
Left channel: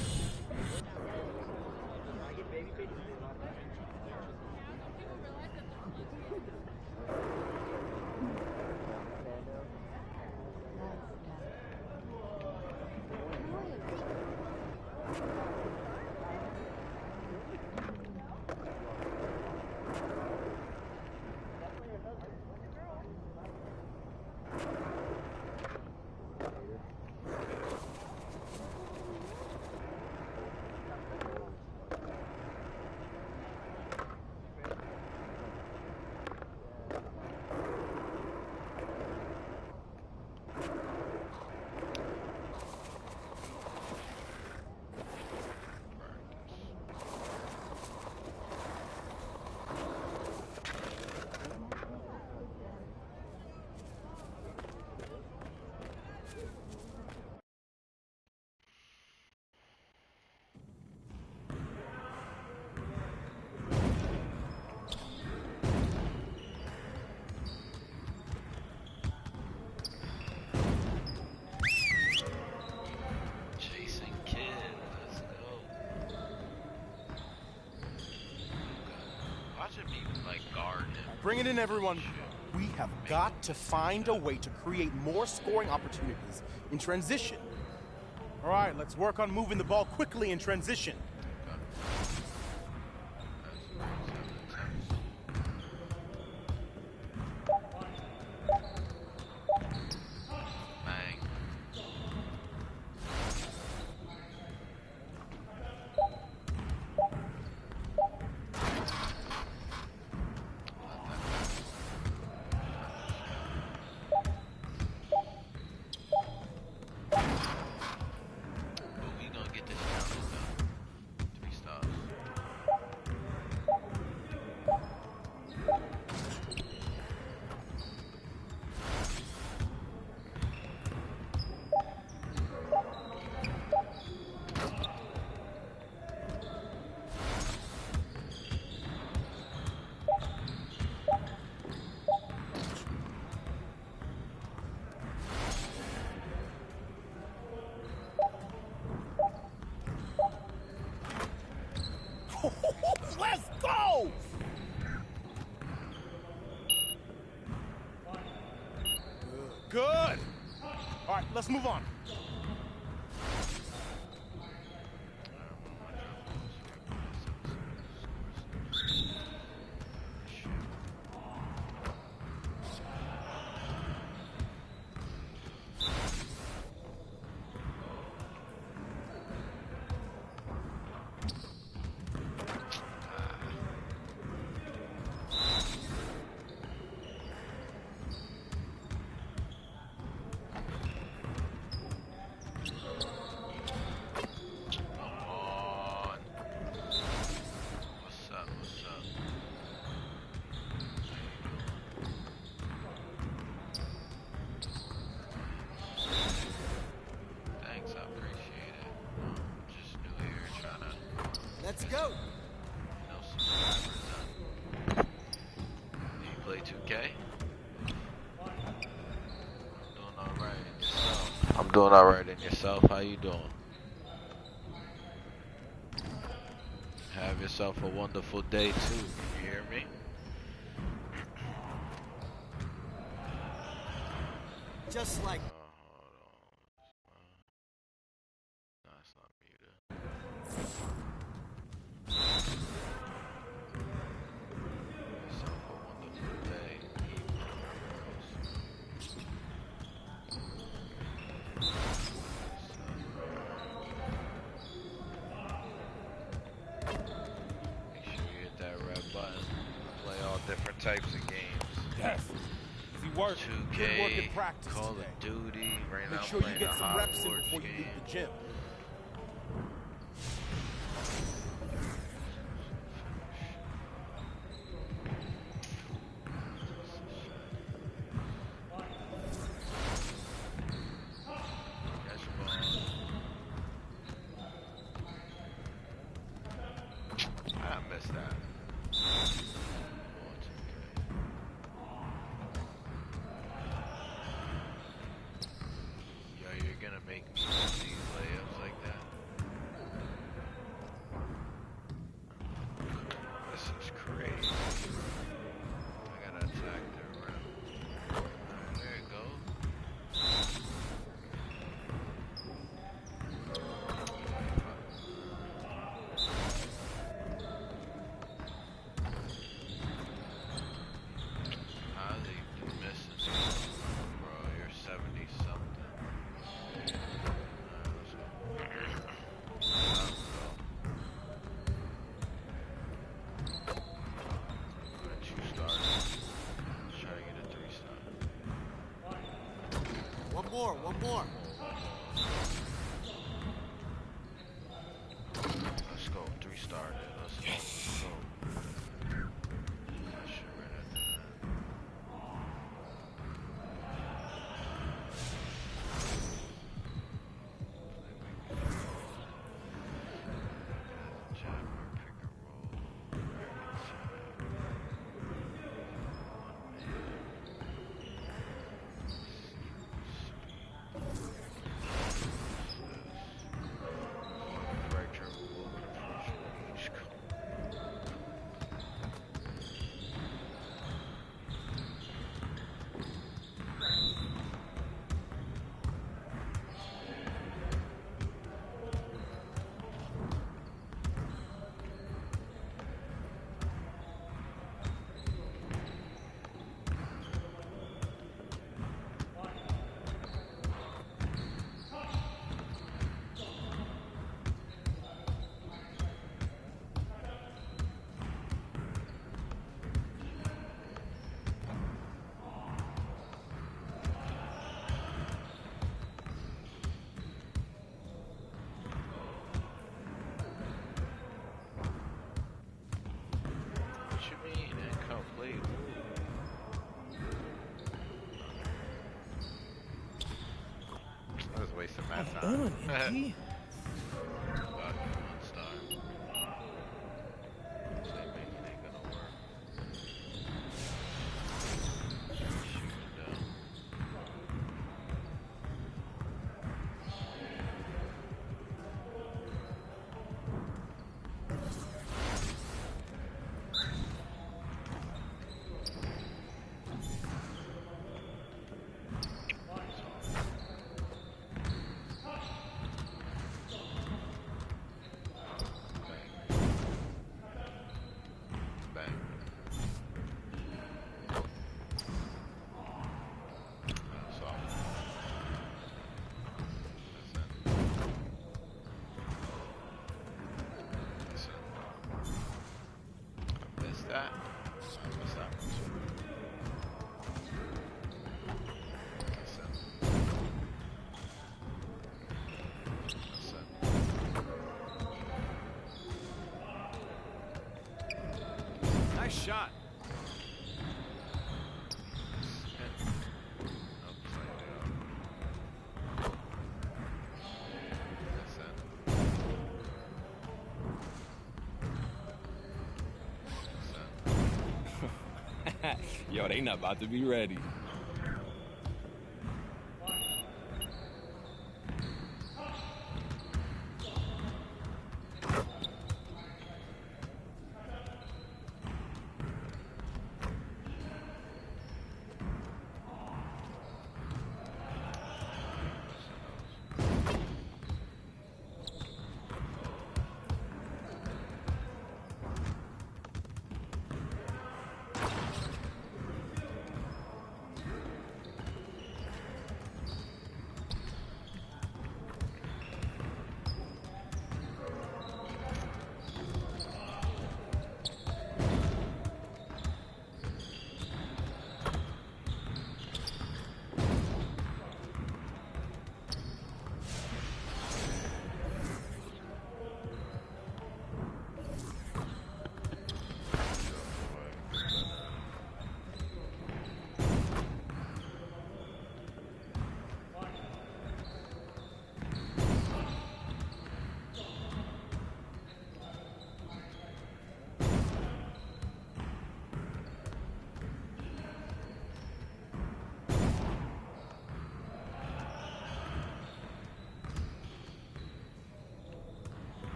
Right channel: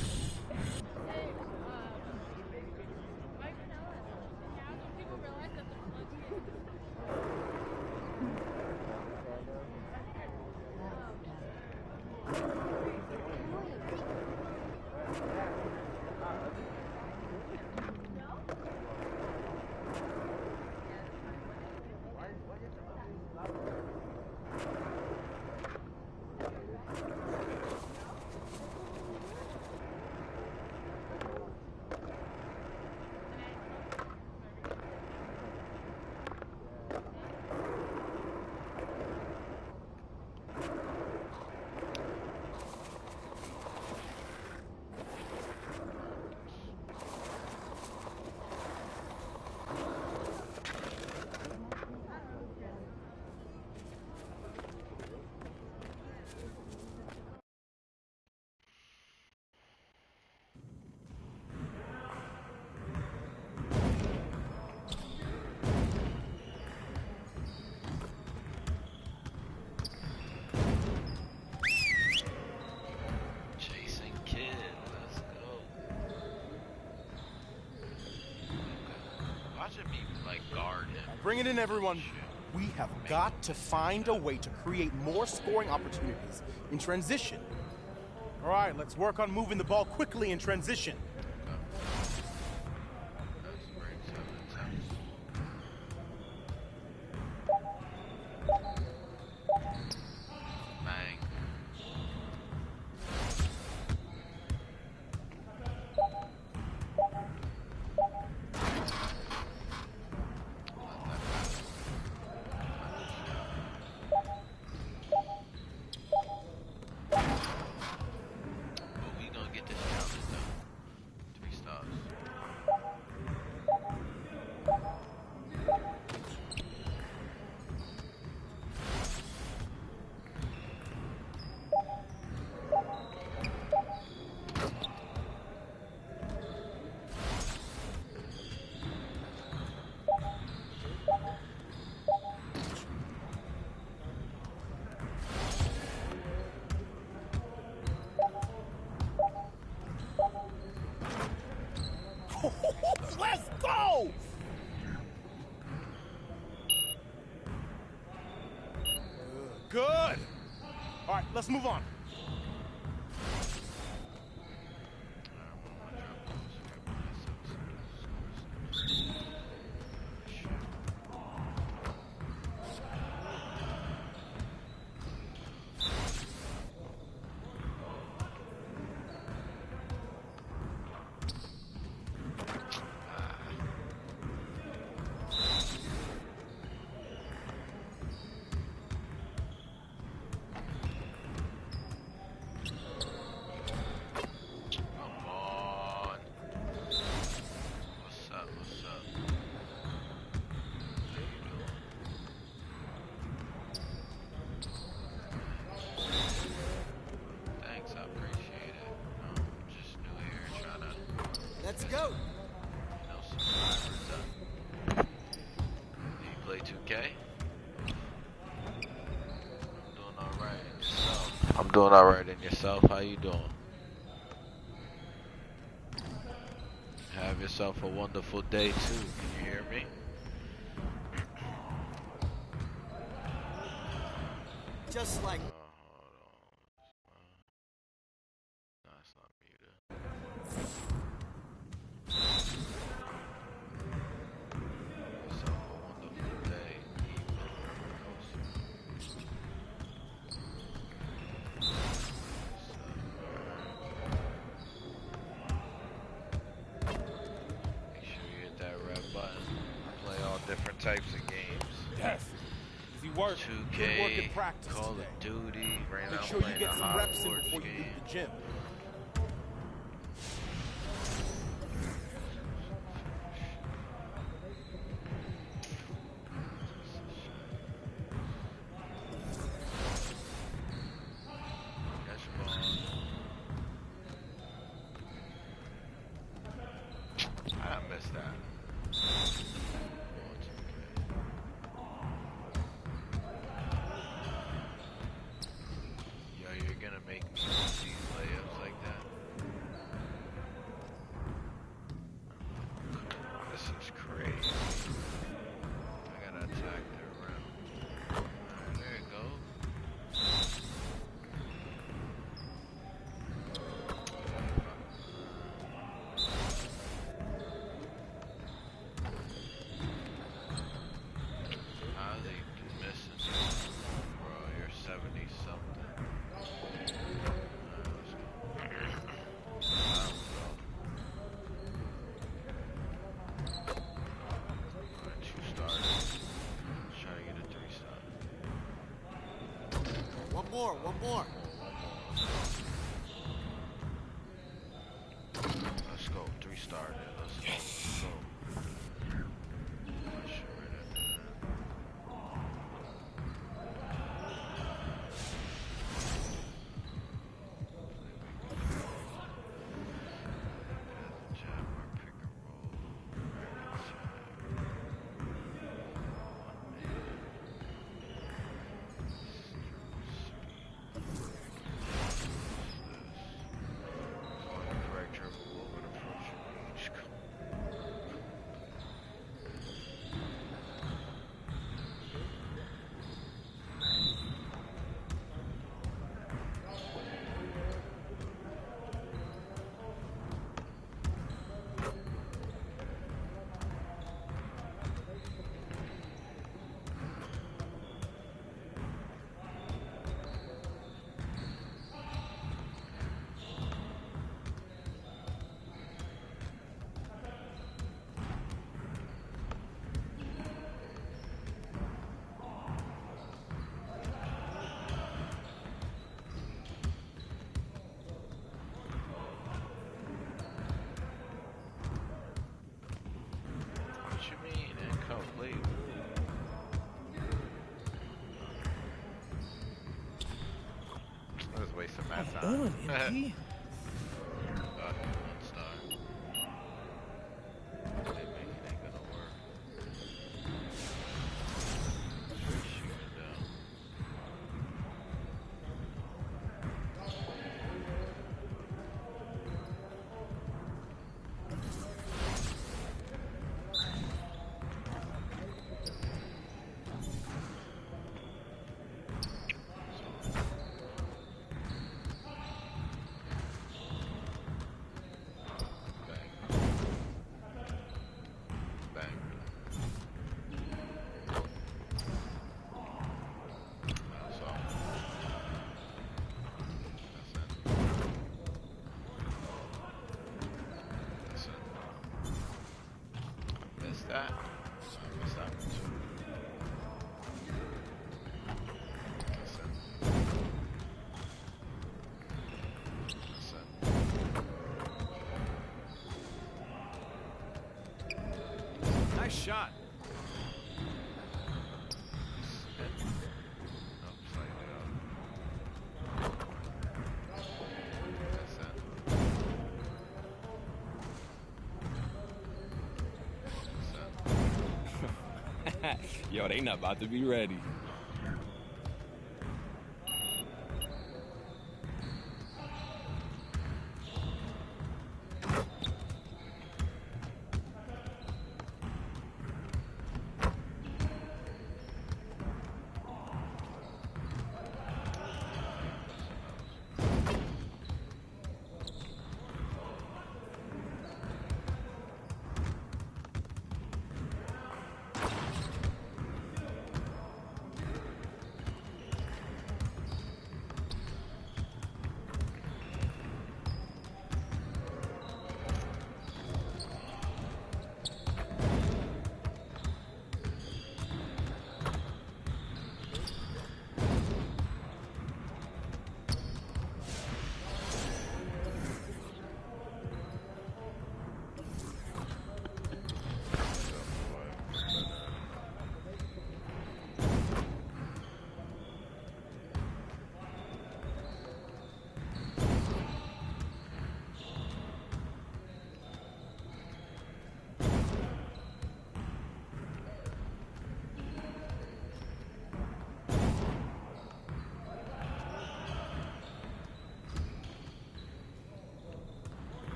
Imagine me like guard him. Bring it in, everyone. We have got to find a way to create more scoring opportunities in transition. All right, let's work on moving the ball quickly in transition. Let's go! Good. All right, let's move on. Let's go. No subscribers up. Do you play 2K? I'm doing alright in yourself. I'm doing alright in yourself. How you doing? Have yourself a wonderful day too. Can you hear me? Just like. Types of games. Yes. Easy work. 2K, good work in practice Call today. of Duty. Right now Make sure you get some reps in before you leave the gym. I missed that. You're gonna make me miss these layups like that? This is crazy. I gotta attack the rim. Alright, there it goes. How's he missing me? Bro, you're 70 something. One more. Let's go. 3-star there. Let's go. Let's go. That shit right at the end. Jab or pick and roll. Right inside. One man. Speed. on, MP? Nice shot. Yo, they not about to be ready.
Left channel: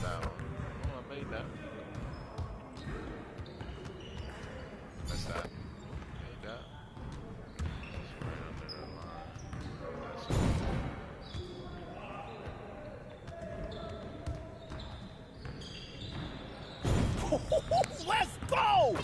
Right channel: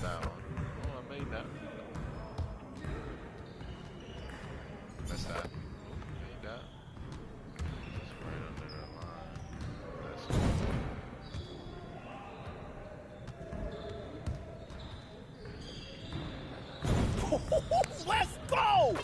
That one. Oh, I made that. That's that. Oh, made that. That's right under that line. That's it. Let's go!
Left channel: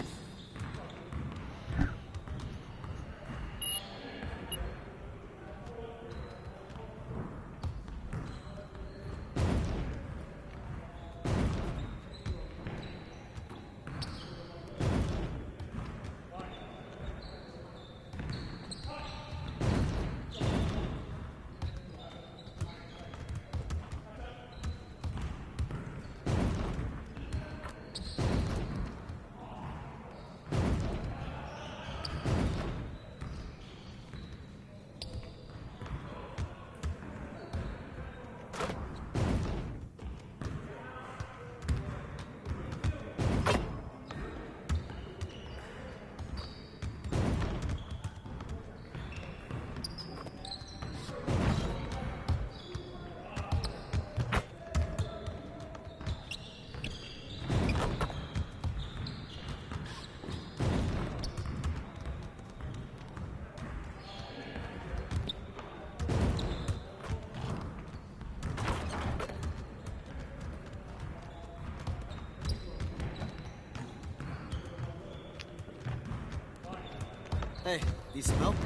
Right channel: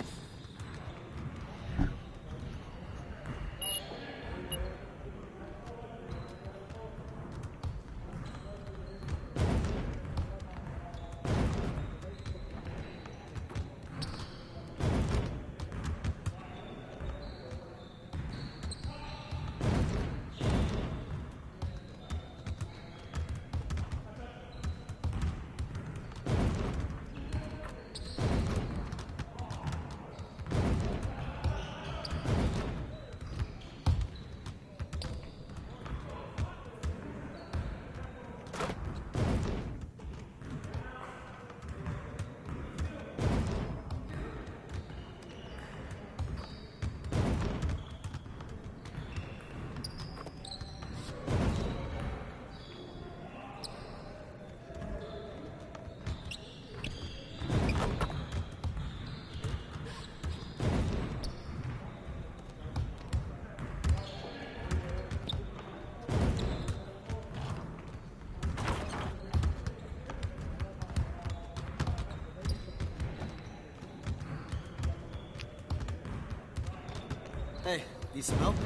Hey, need some help?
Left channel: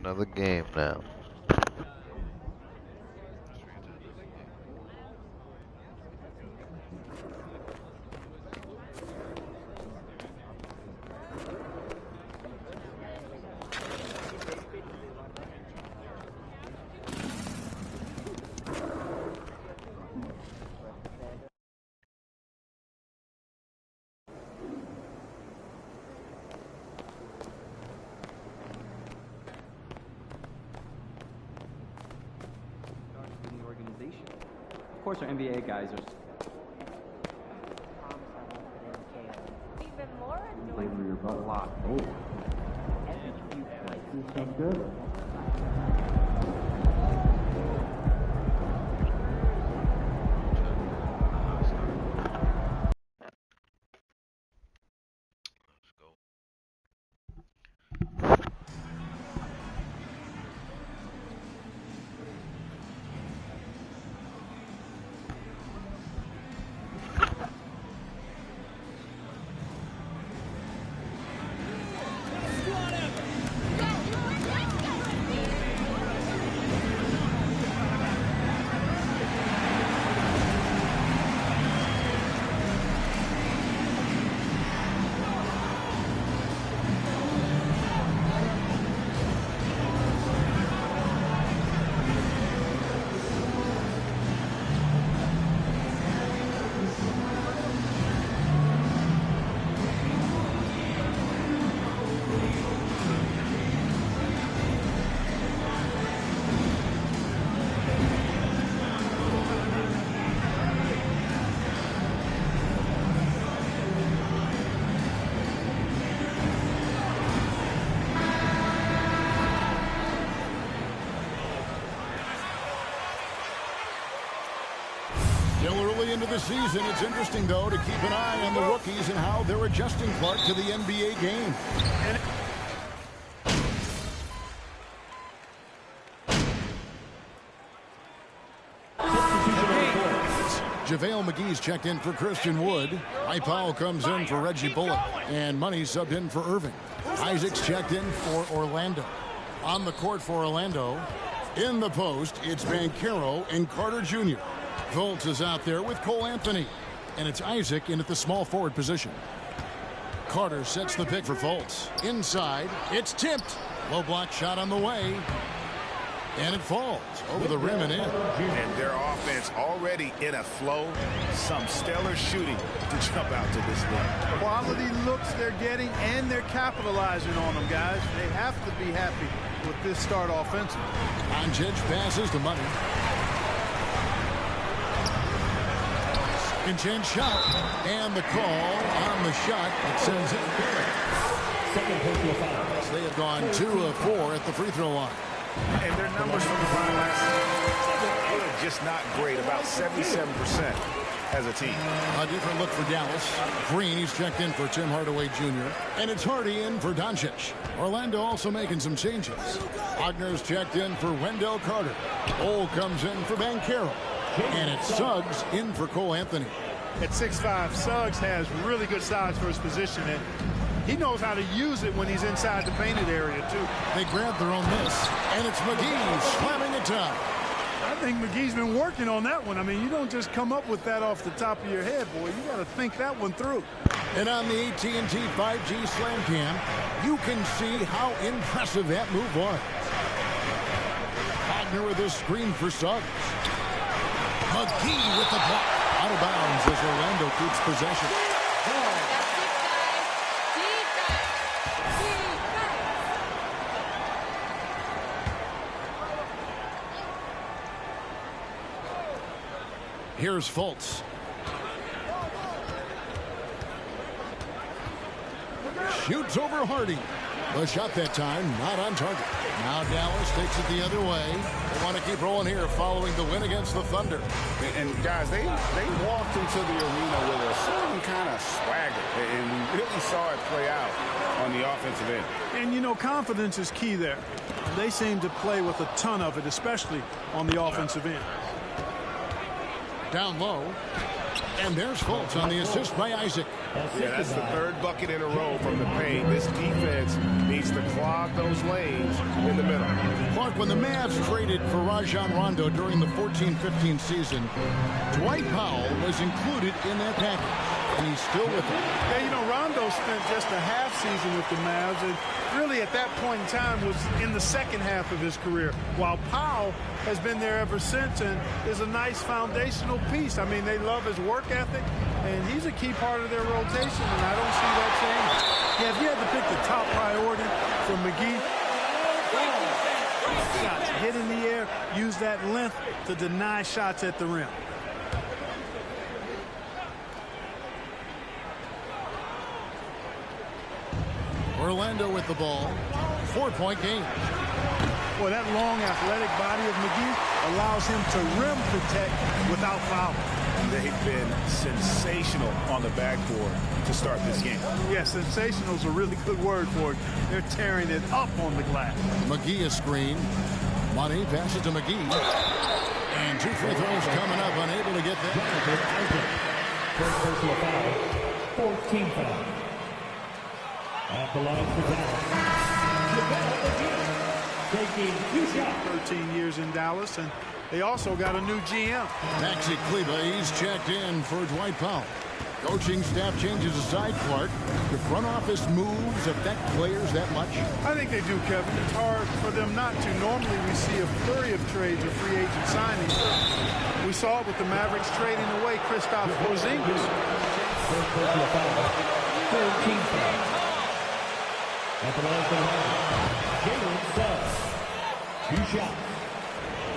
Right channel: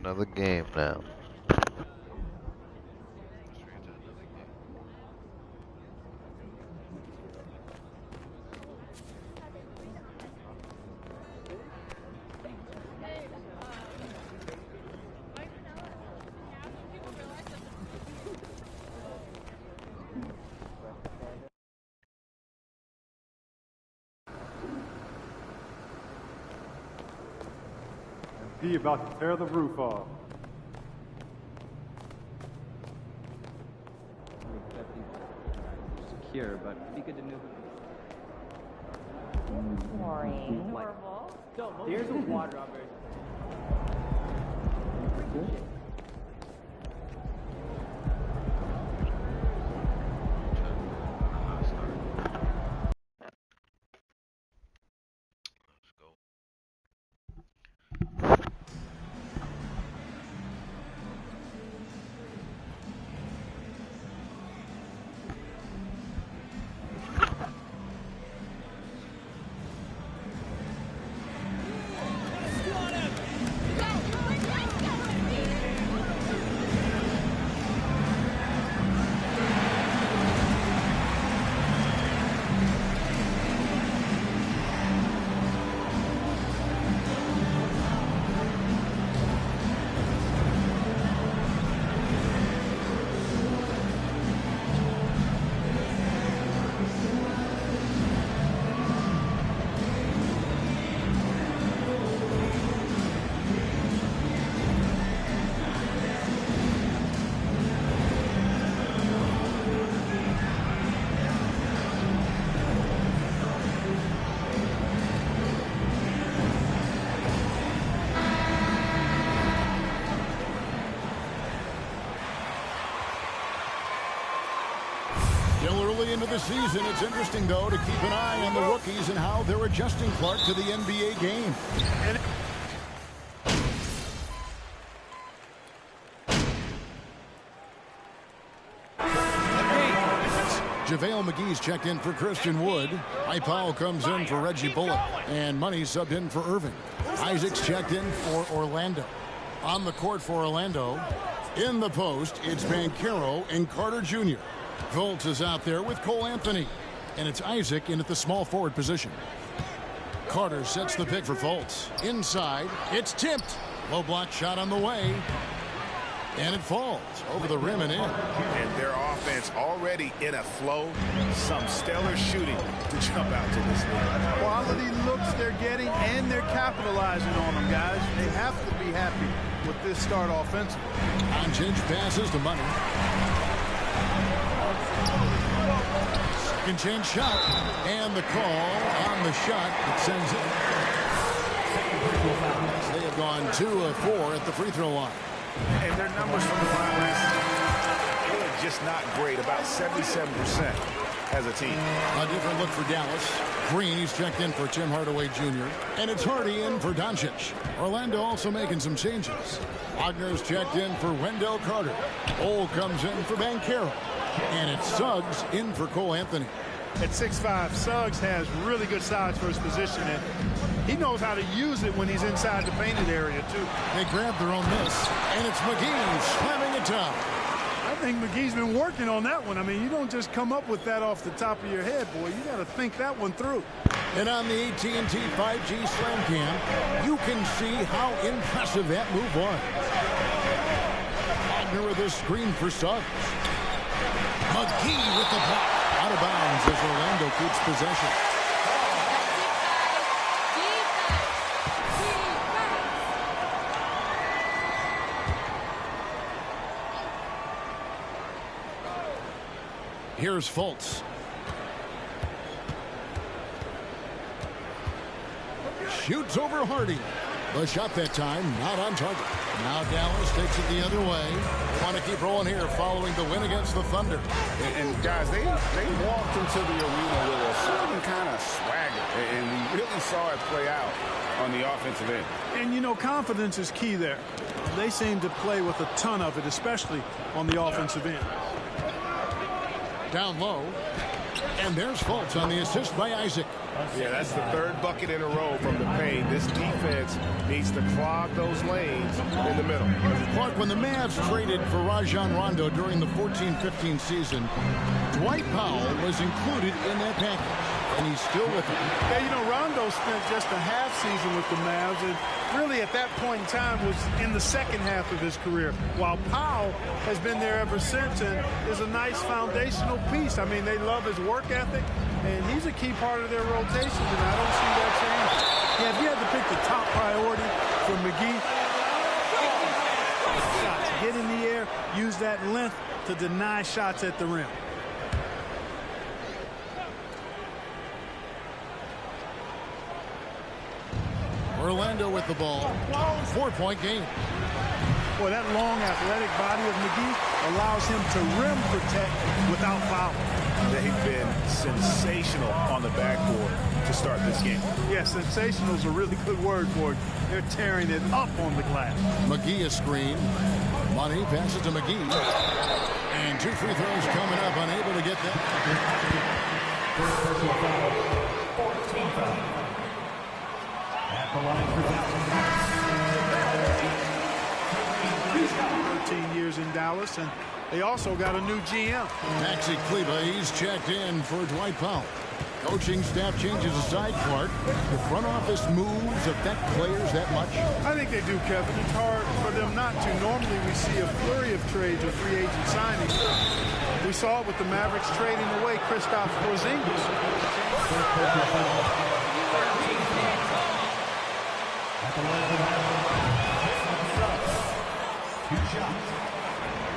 another game now. He about to tear the roof off. Of course, our NBA guys are secure, but it'd be good to know. Like a lot. Still early into the season. It's interesting, though, to keep an eye on the rookies and how they're adjusting, Clark, to the NBA game. JaVale McGee's checked in for Christian Wood. Powell comes in for Reggie Bullock. And Money subbed in for Irving. Isaac's checked in for Orlando. On the court for Orlando, in the post, it's Banchero and Carter Jr. Fultz is out there with Cole Anthony. And it's Isaac in at the small forward position. Carter sets the pick for Fultz. Inside, it's tipped. Low block shot on the way. And it falls over the rim and in. And their offense already in a flow. Some stellar shooting to jump out to this league. Quality looks they're getting, and they're capitalizing on them, guys. They have to be happy with this start offensively. Doncic passes to Money. Second chance shot. And the call on the shot that sends it. They have gone 2 of 4 at the free throw line. And their numbers from the line last season, good, just not great, about 77% as a team. A different look for Dallas. Green, he's checked in for Tim Hardaway Jr. And it's Hardy in for Doncic. Orlando also making some changes. Wagner's checked in for Wendell Carter. Ole comes in for Banchero. And it's Suggs in for Cole Anthony. At 6'5", Suggs has really good size for his position, and he knows how to use it when he's inside the painted area, too. They grab their own miss, and it's McGee slamming it down. I think McGee's been working on that one. I mean, you don't just come up with that off the top of your head, boy. You got to think that one through. And on the AT&T 5G Slam Cam, you can see how impressive that move was. Wagner with a screen for Suggs. McGee with the block. Out of bounds as Orlando keeps possession. That's it, guys. Defense. Here's Fultz. Shoots over Hardy. The shot that time not on target. Now Dallas takes it the other way. They want to keep rolling here following the win against the Thunder. And guys, they walked into the arena with a certain kind of swagger. And we really saw it play out on the offensive end. And, you know, confidence is key there. They seem to play with a ton of it, especially on the offensive end. Down low. And there's Fultz on the assist by Isaac. Yeah, that's the third bucket in a row from the paint. This defense needs to clog those lanes in the middle. Clark, when the Mavs traded for Rajon Rondo during the 14-15 season, Dwight Powell was included in that package, and he's still with them. Yeah, you know, Rondo spent just a half season with the Mavs, and really at that point in time was in the second half of his career, while Powell has been there ever since and is a nice foundational piece. I mean, they love his work ethic, and he's a key part of their rotation, and I don't see that changing. Yeah, if you had to pick the top priority for McGee, shots, get in the air, use that length to deny shots at the rim. Orlando with the ball. 4-point game. Boy, that long athletic body of McGee allows him to rim protect without fouling. They've been sensational on the backboard to start this game. Yeah, sensational is a really good word for it. They're tearing it up on the glass. McGee a screen. Money passes to McGee. And 2 free throws coming up, unable to get that. First personal foul, 14 foul. At the line for Dallas. 13 years in Dallas, and they also got a new GM. Maxi Kleber, he's checked in for Dwight Powell. Coaching staff changes aside, Clark. The front office moves affect players that much? I think they do, Kevin. It's hard for them not to. Normally we see a flurry of trades or free agent signings. We saw it with the Mavericks trading away Kristaps Porzingis. At the line for Jalen Suggs. 2 shots.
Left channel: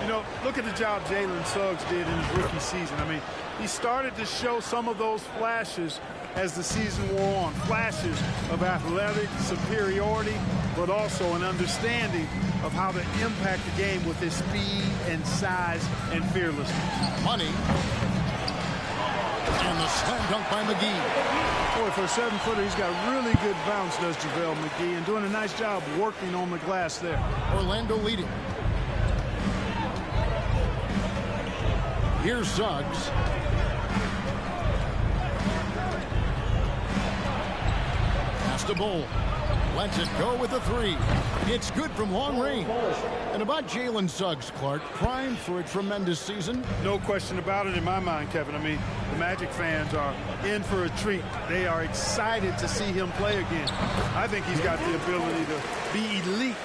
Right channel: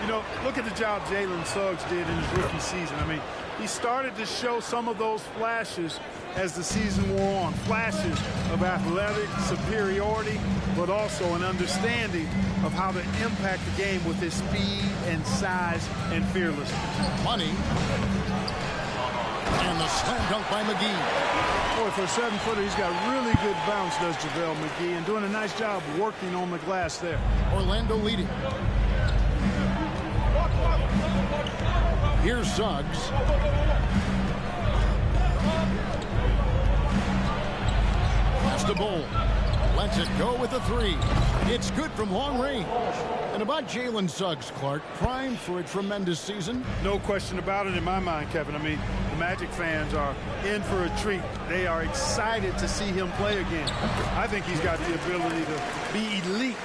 You know, look at the job Jalen Suggs did in his rookie season. I mean, he started to show some of those flashes as the season wore on. Flashes of athletic superiority, but also an understanding of how to impact the game with his speed and size and fearlessness. Money. And the slam dunk by McGee. Boy, for a 7-footer, he's got really good bounce, does JaVale McGee, and doing a nice job working on the glass there. Orlando leading. Here's Suggs. Pass to Bull. Lets it go with a 3. It's good from long range. And about Jalen Suggs, Clark, primed for a tremendous season. No question about it in my mind, Kevin. I mean, the Magic fans are in for a treat. They are excited to see him play again. I think he's got the ability to be elite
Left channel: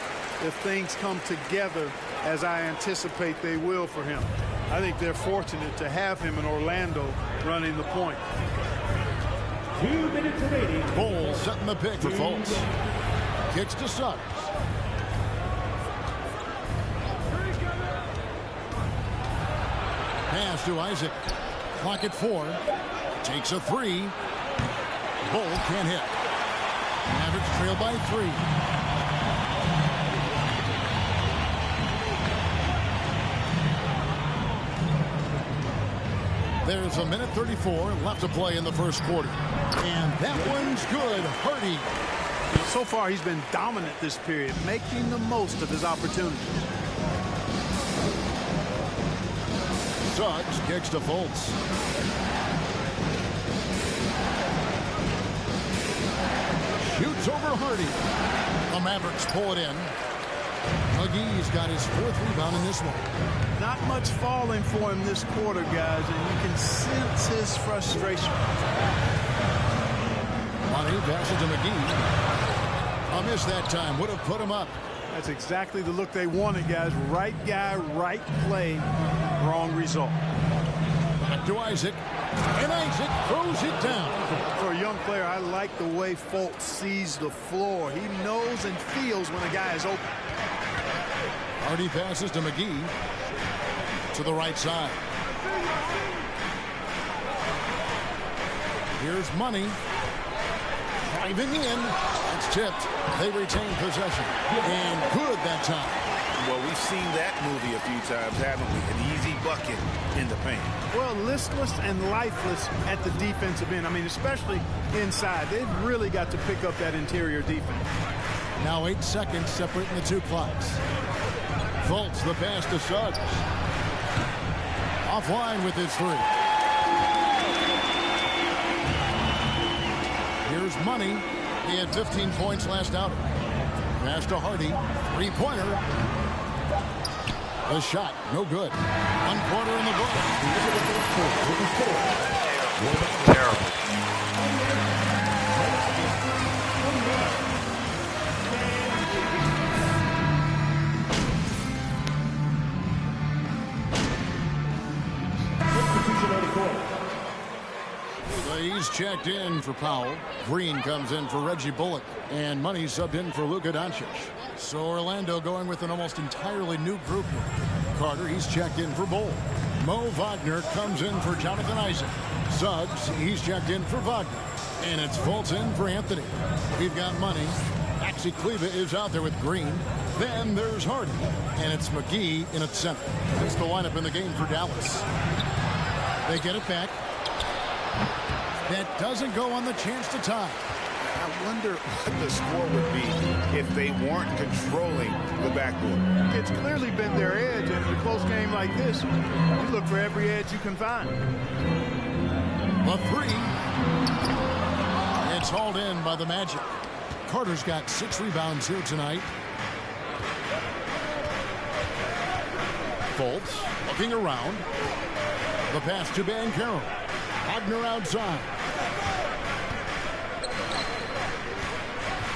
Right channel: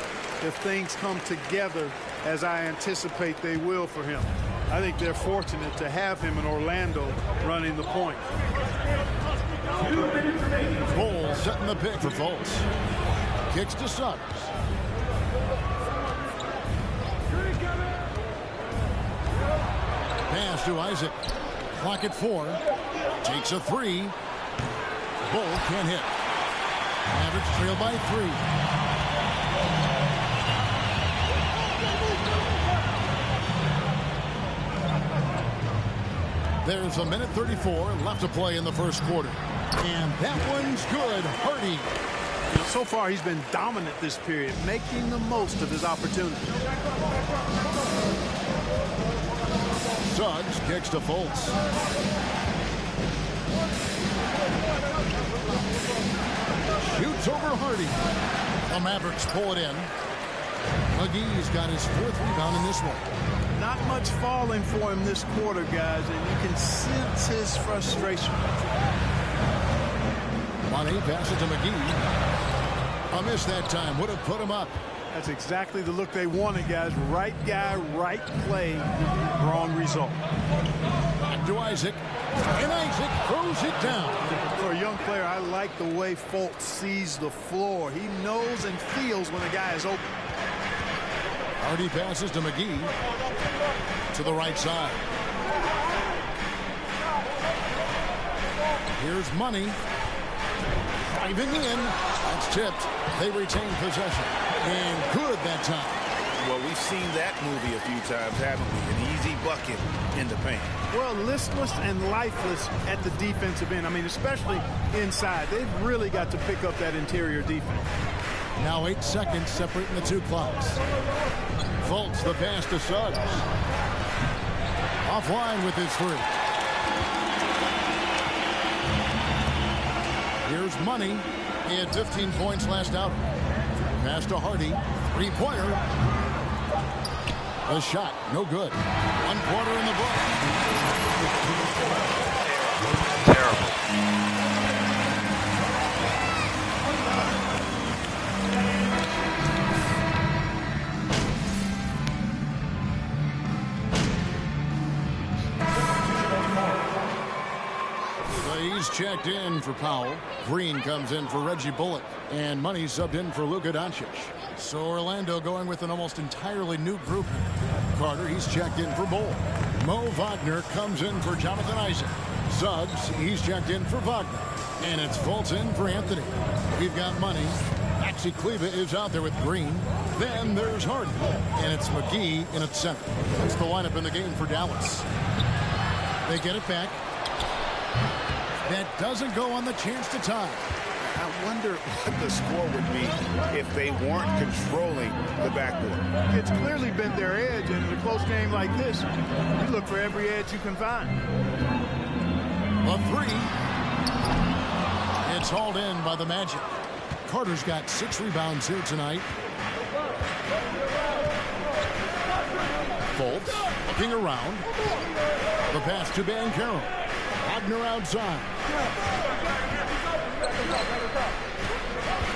if things come together as I anticipate they will for him. I think they're fortunate to have him in Orlando running the point. 2 minutes remaining. Bull setting the pick for Fultz. Kicks to Suggs. Pass to Isaac. Clock at 4. Takes a 3. Bull can't hit. Mavericks trail by 3. There's 1:34 left to play in the first quarter. And that one's good. Hardy. So far, he's been dominant this period, making the most of his opportunities. Suggs kicks to Fultz. Shoots over Hardy. The Mavericks pull it in. McGee's got his 4th rebound in this one. Not much falling for him this quarter, guys, and you can sense his frustration. Money passes to McGee. A miss that time. Would have put him up. That's exactly the look they wanted, guys. Right guy, right play, wrong result. Back to Isaac. And Isaac throws it down. For a young player, I like the way Fultz sees the floor. He knows and feels when a guy is open. Hardy passes to McGee. To the right side. Here's Money. Driving in. That's tipped. They retain possession. And good that time. Well, we've seen that movie a few times, haven't we? An easy bucket in the paint. Well, listless and lifeless at the defensive end. I mean, especially inside. They've really got to pick up that interior defense. Now 8 seconds separating the 2 clocks. Fultz the pass to Suggs. Offline with his 3. Here's Money. He had 15 points last outing. Pass to Hardy. Three-pointer. The shot, no good. 1 quarter in the book. Terrible. He's checked in for Powell. Green comes in for Reggie Bullock. And Money subbed in for Luka Doncic. So Orlando going with an almost entirely new group here. Carter, he's checked in for Bull. Mo Wagner comes in for Jonathan Isaac. Suggs, he's checked in for Wagner. And it's Fultz in for Anthony. We've got Money. Maxi Kleber is out there with Green. Then there's Hardy. And it's McGee in at center. That's the lineup in the game for Dallas. They get it back. That doesn't go on the chance to tie. I wonder what the score would be if they weren't controlling the backboard. It's clearly been their edge, and in a close game like this, you look for every edge you can find. A three. It's hauled in by the Magic. Carter's got 6 rebounds here tonight. Fultz looking around. The pass to Banchero. Wagner outside.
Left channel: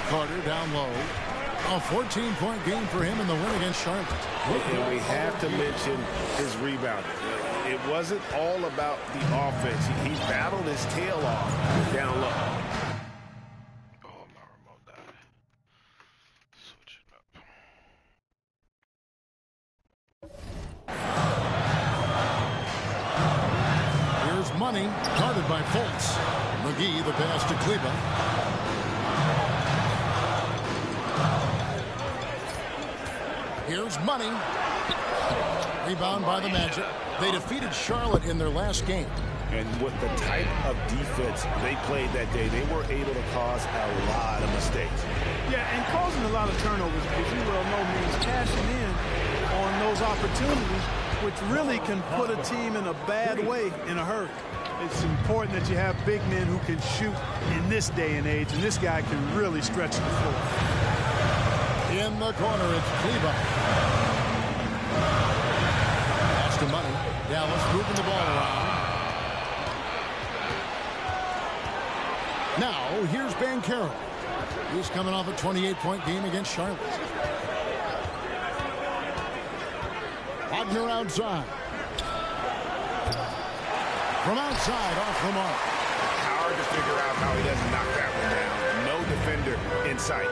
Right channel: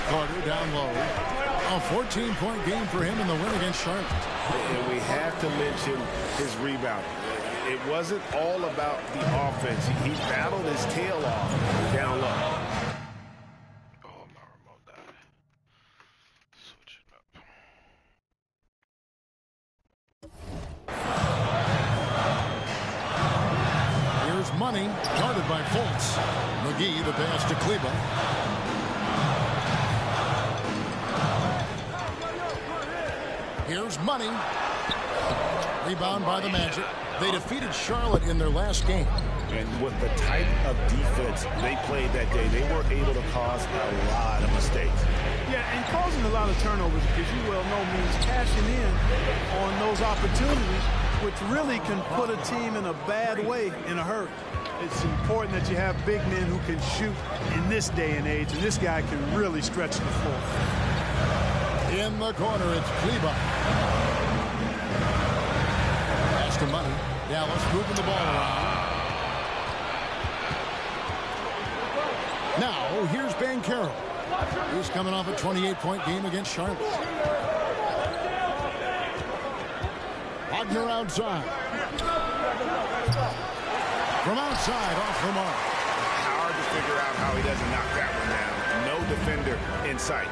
Carter down low. A 14-point game for him in the win against Charlotte. And we have to mention his rebounding. It wasn't all about the offense. He battled his tail off down low. Oh, my remote died. Switch it up. Here's Money, guarded by Fultz. McGee, the pass to Kleber. Here's Money. Rebound by the Magic. They defeated Charlotte in their last game. And with the type of defense they played that day, they were able to cause a lot of mistakes. Yeah, and causing a lot of turnovers, because you well know means cashing in on those opportunities, which really can put a team in a bad way in a hurry. It's important that you have big men who can shoot in this day and age, and this guy can really stretch the floor. In the corner, it's Kleber. Pass to Money. Dallas moving the ball around. Now, here's Banchero. He's coming off a 28-point game against Charlotte. Wagner outside. From outside, off the mark. Hard to figure out how he doesn't knock that one down. No defender in sight.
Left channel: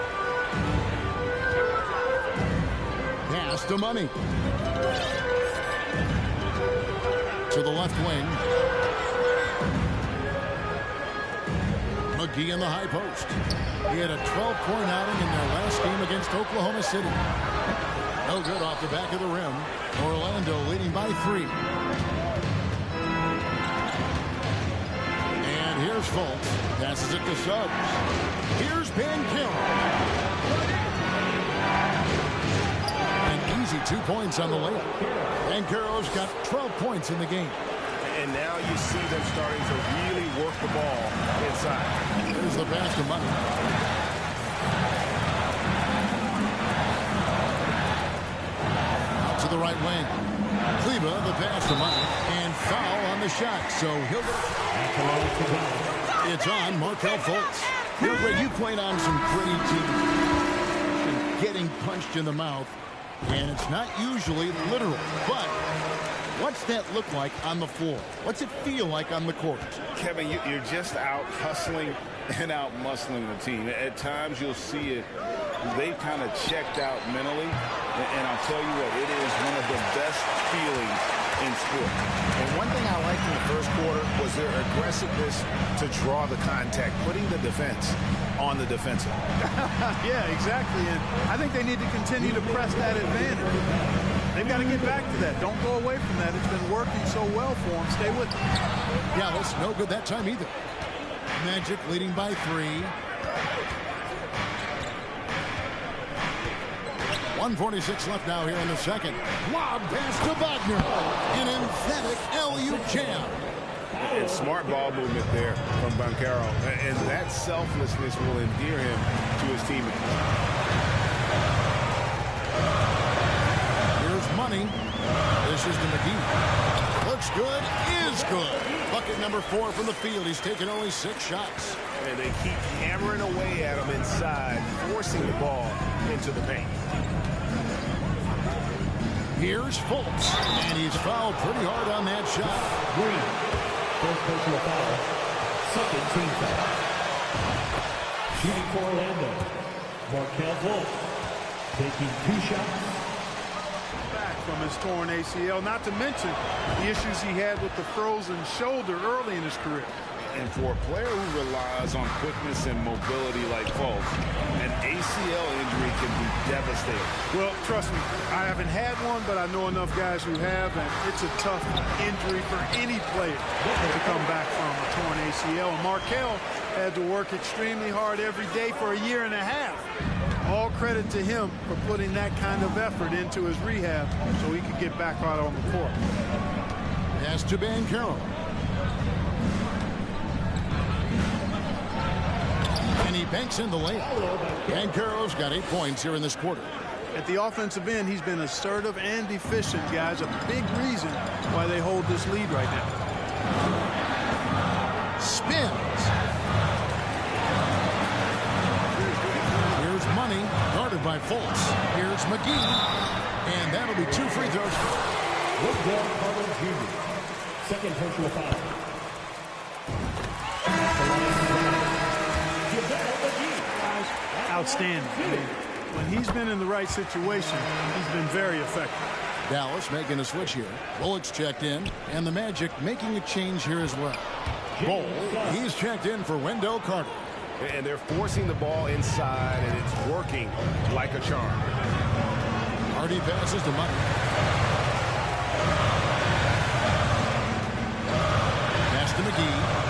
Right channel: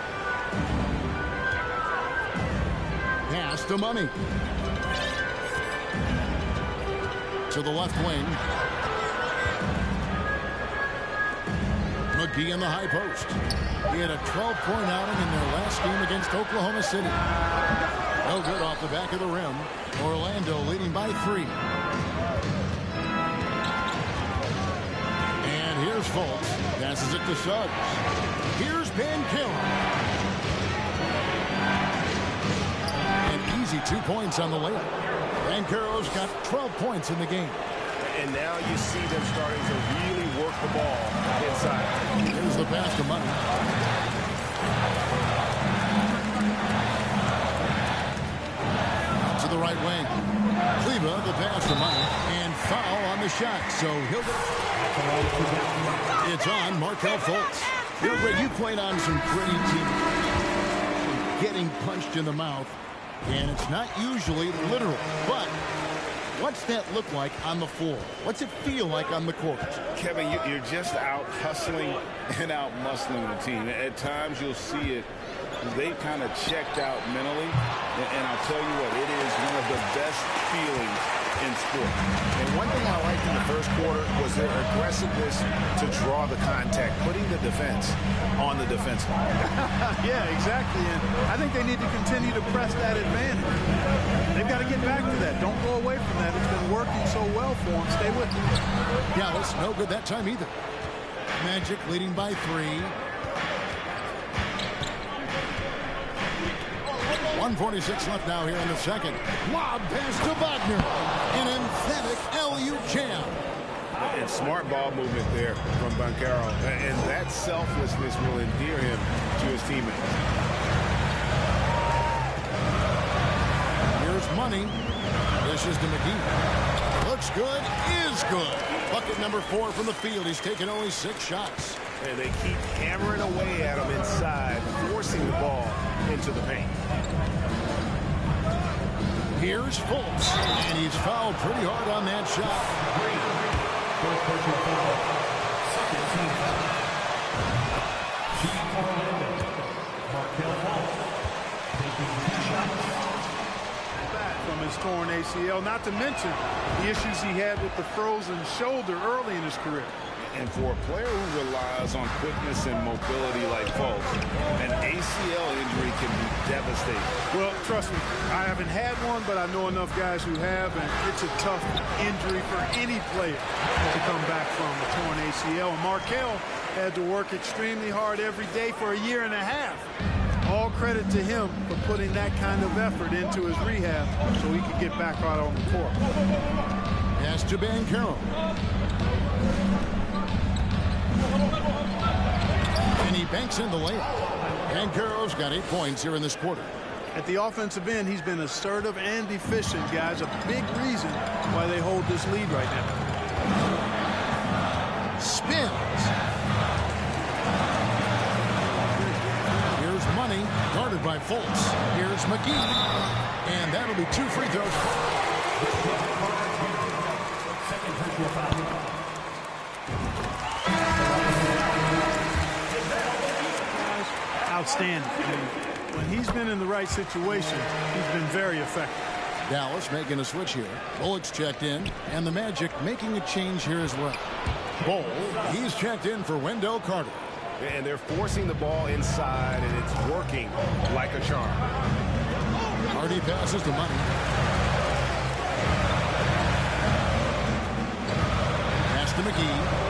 Pass to Money. To the left wing. McGee in the high post. He had a 12-point outing in their last game against Oklahoma City. No good off the back of the rim. Orlando leading by 3. And here's Fultz. Passes it to Suggs. Here's Banchero. An easy 2 points on the layup. Banchero's got 12 points in the game. And now you see them starting to really work the ball inside. Here's the pass to Money. Out to the right wing. Kleber, the pass to Money. And foul on the shot. So he'll get it. It's on Markelle Fultz. You know, Greg, you played on some pretty teams. Getting punched in the mouth. And it's not usually literal. But what's that look like on the floor? What's it feel like on the court? Kevin, you're just out hustling and out muscling the team. At times you'll see it. They kind of checked out mentally. And I'll tell you what, it is one of the best feelings in sport. And one thing I liked in the first quarter was their aggressiveness to draw the contact, putting the defense on the defensive. Yeah, exactly. And I think they need to continue to press that advantage. They've got to get back to that. Don't go away from that. It's been working so well for them. Stay with them. Dallas, no good that time either. Magic leading by 3. 1:46 left now here in the second. Lob pass to Wagner. An emphatic LU jam. And smart ball movement there from Banchero. And that selflessness will endear him to his teammates. Here's Money. This is to McGee. Looks good, is good. Bucket number 4 from the field. He's taken only 6 shots. And they keep hammering away at him inside, forcing the ball into the paint. Here's Fultz, and he's fouled pretty hard on that shot. Green, first personal foul, second team foul. Shooting for Orlando, Markelle Fultz, taking 2 shots. Back from his torn ACL, not to mention the issues he had with the frozen shoulder early in his career. And for a player who relies on quickness and mobility like Fultz, an ACL injury can be devastating. Well, trust me, I haven't had one, but I know enough guys who have, and it's a tough injury for any player to come back from a torn ACL. And Markelle had to work extremely hard every day for a year and a half. All credit to him for putting that kind of effort into his rehab so he could get back out on the court. Pass to Banchero. And he banks in the layup. Banchero's got 8 points here in this quarter. At the offensive end, he's been assertive and efficient, guys. A big reason why they hold this lead right now. Spins. Here's Money, guarded by Fultz. Here's McGee. And that'll be 2 free throws. Second personal foul. Outstanding. I mean, when he's been in the right situation, he's been very effective. Dallas making a switch here. Bullock's checked in, and the Magic making a change here as well. Bol, he's checked in for Wendell Carter. And they're forcing the ball inside, and it's working like a charm. Hardy passes to Money. Pass to McGee.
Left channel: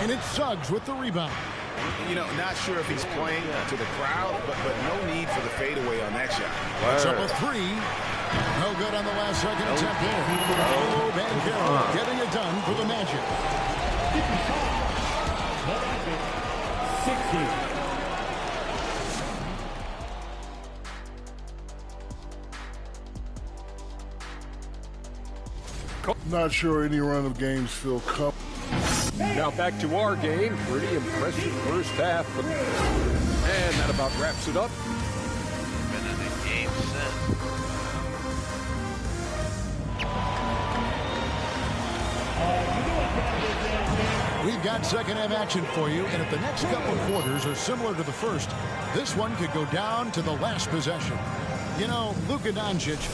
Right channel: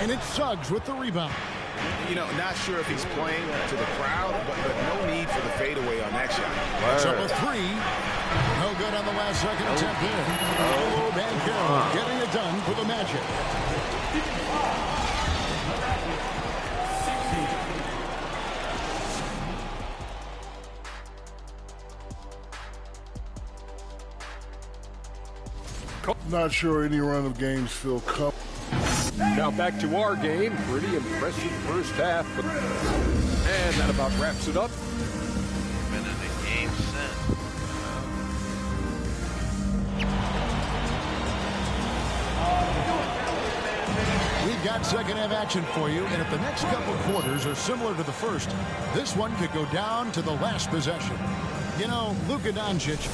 And it's Suggs with the rebound. You know, not sure if he's playing to the crowd, but no need for the fadeaway on that shot. That's up a 3. No good on the last second attempt there. Oh, Banchero getting it done for the Magic. Not sure any run of games feel comfortable. Now back to our game. Pretty impressive first half. And that about wraps it up. Been in the game since. We've got second half action for you, and if the next couple of quarters are similar to the first, this one could go down to the last possession. You know, Luka Doncic.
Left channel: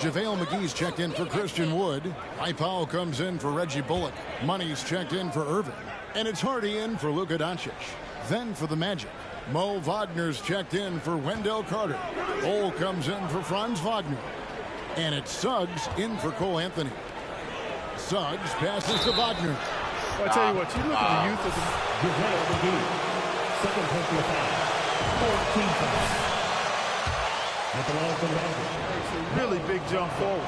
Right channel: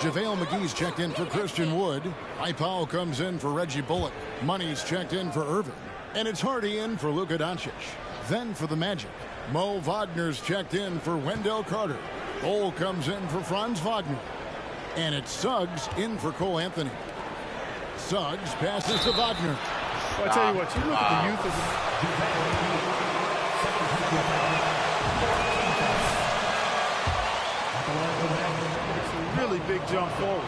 JaVale McGee's checked in for Christian Wood. Powell comes in for Reggie Bullock. Money's checked in for Irving. And it's Hardy in for Luka Doncic. Then for the Magic, Mo Wagner's checked in for Wendell Carter. Bol comes in for Franz Wagner. And it's Suggs in for Cole Anthony. Suggs passes to Wagner. Well, I tell you what, you look at the youth of the... JaVale McGee, second personal foul, 14 fouls. At the line for the Magic. It's a really big jump forward.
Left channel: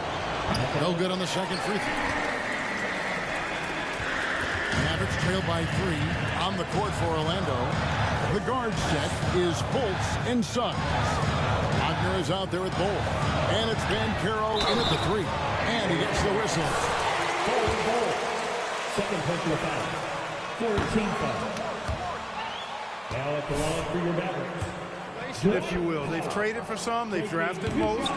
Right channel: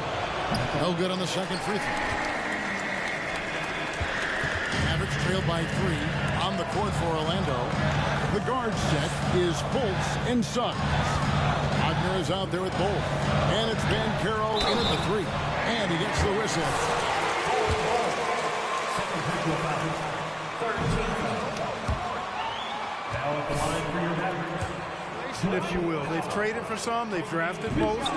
No good on the second free throw. Mavericks trail by 3 on the court for Orlando. The guard set is Fultz and Suggs. Wagner is out there with Bol. And it's Banchero in at the 3. And he gets the whistle. Second personal foul. 13 fouls. Now at the line for your Mavericks. If you will. They've traded for some. They've drafted most.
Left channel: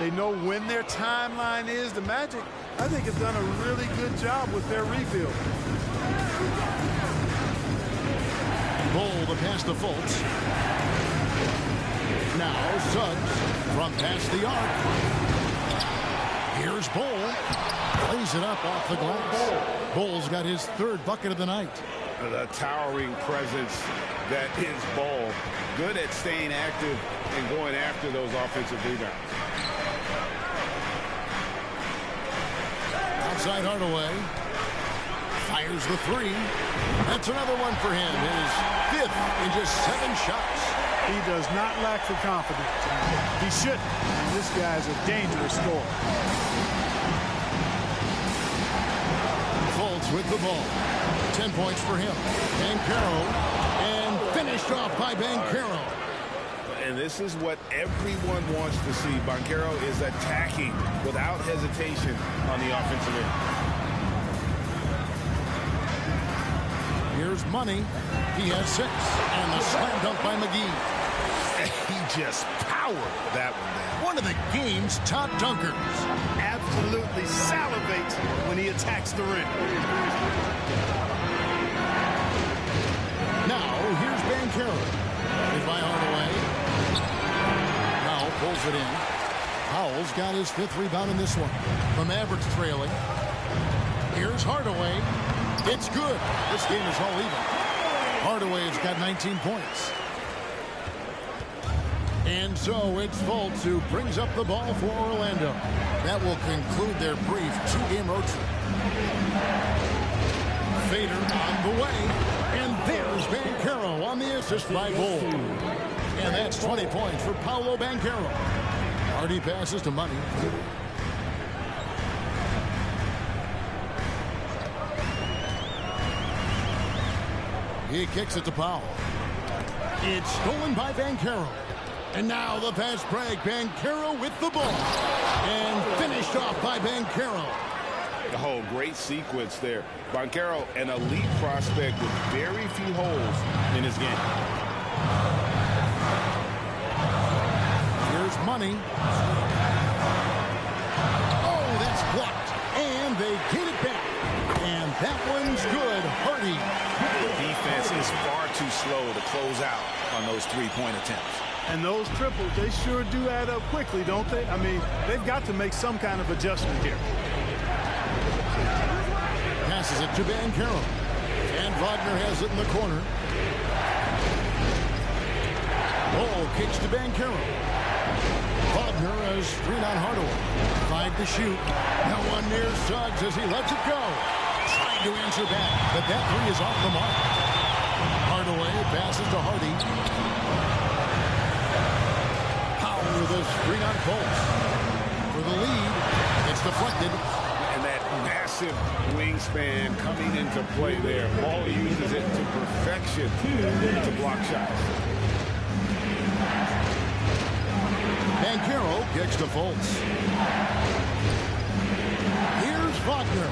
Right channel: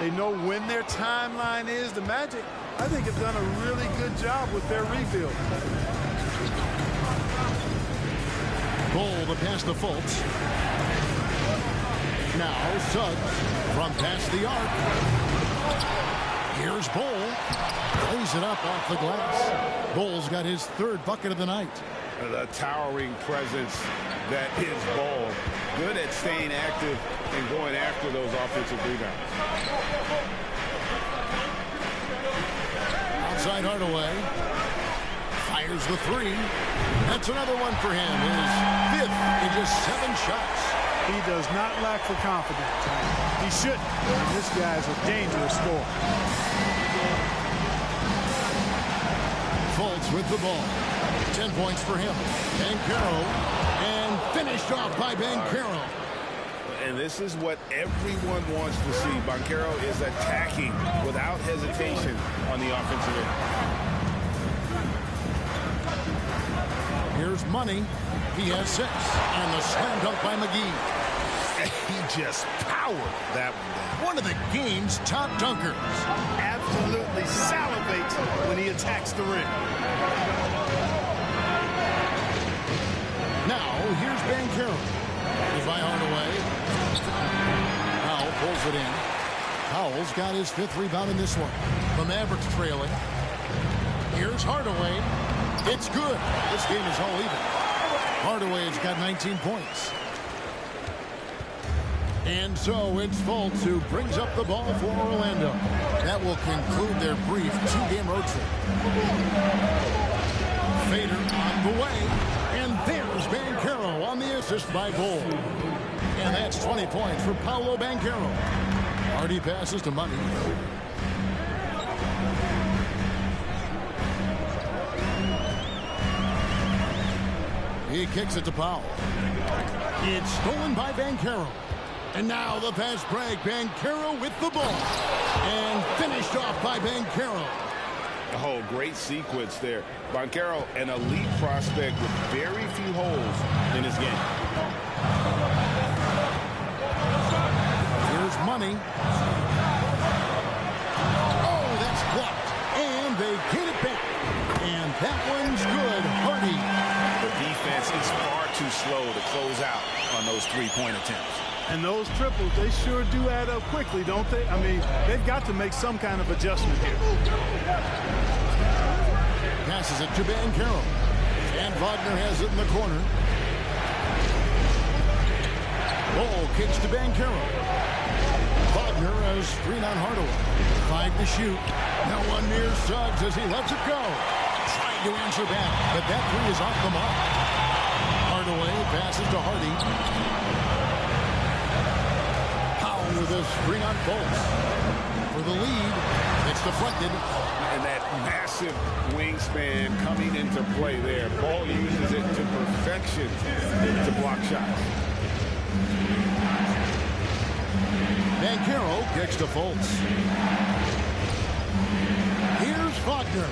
They know when their timeline is. The Magic, I think, have done a really good job with their rebuild. Bol the pass to Fultz. Now Suggs from past the arc. Here's Bol. Plays it up off the glass. Bol's got his 3rd bucket of the night. The towering presence that is Bol. Good at staying active and going after those offensive rebounds. Outside Hardaway. Fires the three. That's another one for him. His 5th in just 7 shots. He does not lack for confidence. He shouldn't. I mean, this guy's a dangerous scorer. Fultz with the ball. 10 points for him. Banchero, and finished off by Banchero. And this is what everyone wants to see. Banchero is attacking without hesitation on the offensive end. Here's Money. He has 6. And the slam dunk by McGee. He just powered that one down. One of the game's top dunkers. Absolutely salivates when he attacks the rim. Now, here's Banchero. Is by Hardaway. Powell pulls it in. Powell's got his 5th rebound in this one. The Mavericks trailing. Here's Hardaway. It's good. This game is all even. Hardaway's got 19 points. And so it's Fultz who brings up the ball for Orlando. That will conclude their brief 2-game road trip. Fader on the way. And there's Banchero on the assist by Bull. And that's 20 points for Paolo Banchero. Hardy passes to Money. He kicks it to Powell. It's stolen by Banchero. And now the fast break. Banchero with the ball. And finished off by Banchero. Oh, great sequence there. Banchero, an elite prospect with very few holes in his game. Here's Money. Oh, that's blocked. And they get it back. And that one's good. Hardy. The defense is far too slow to close out on those 3-point attempts. And those triples, they sure do add up quickly, don't they? I mean, they've got to make some kind of adjustment here. Passes it to Banchero. And Wagner has it in the corner. Ball kicks to Banchero. Wagner has screen on Hardaway. 5 to shoot. No one near Suggs as he lets it go. Trying to answer back, but that 3 is off the mark. Hardaway passes to Hardy. Powell with a screen on Fultz. For the lead, it's deflected. And that massive wingspan coming into play there. Ball uses it to perfection to block shots. Banchero kicks to Fultz. Here's Wagner.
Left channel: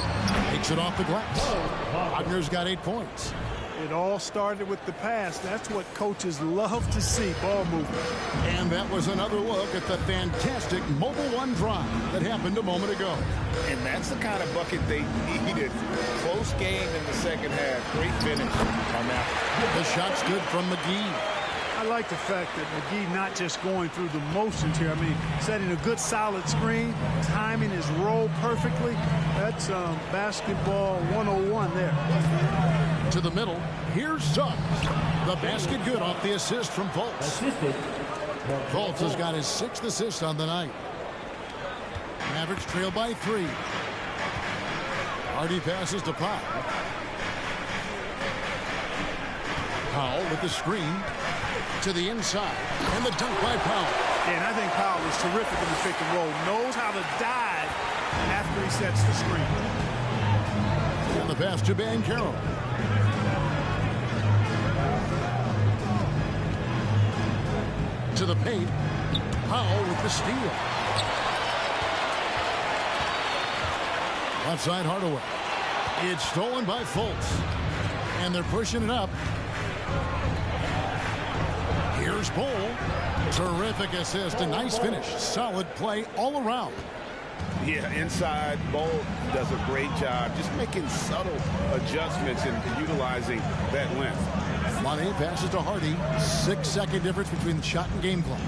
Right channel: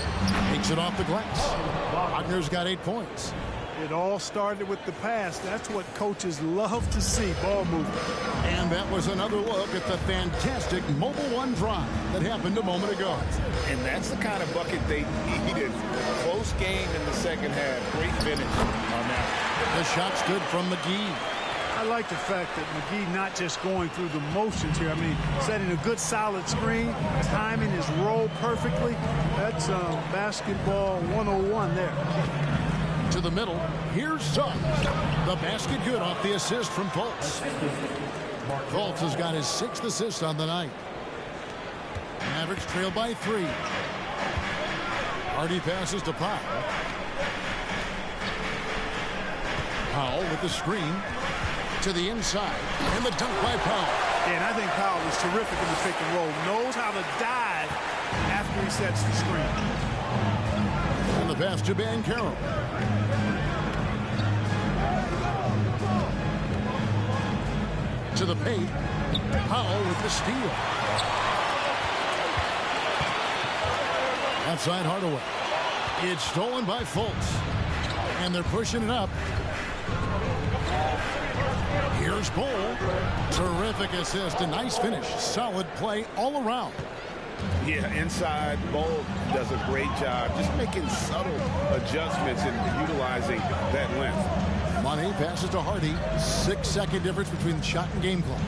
Makes it off the glass. Wagner's got 8 points. It all started with the pass. That's what coaches love to see, ball movement. And that was another look at the fantastic Mobile One drive that happened a moment ago. And that's the kind of bucket they needed. Close game in the second half. Great finish on that. The shot's good from McGee. I like the fact that McGee not just going through the motions here. I mean, setting a good solid screen, timing his roll perfectly. That's basketball 101 there. To the middle, here's Suggs. The basket good off the assist from Fultz. Fultz has got his 6th assist on the night. Mavericks trail by 3. Hardy passes to Powell. Powell with the screen to the inside, and the dunk by Powell. Yeah, and I think Powell is terrific in the pick and roll. Knows how to dive after he sets the screen. And the pass to Banchero. To the paint. Powell with the steal. Outside Hardaway. It's stolen by Fultz. And they're pushing it up. Here's Bull. Terrific assist. A nice finish. Solid play all around. Yeah, inside, Bull does a great job just making subtle adjustments and utilizing that length. Money passes to Hardy. 6-second difference between the shot and game clock.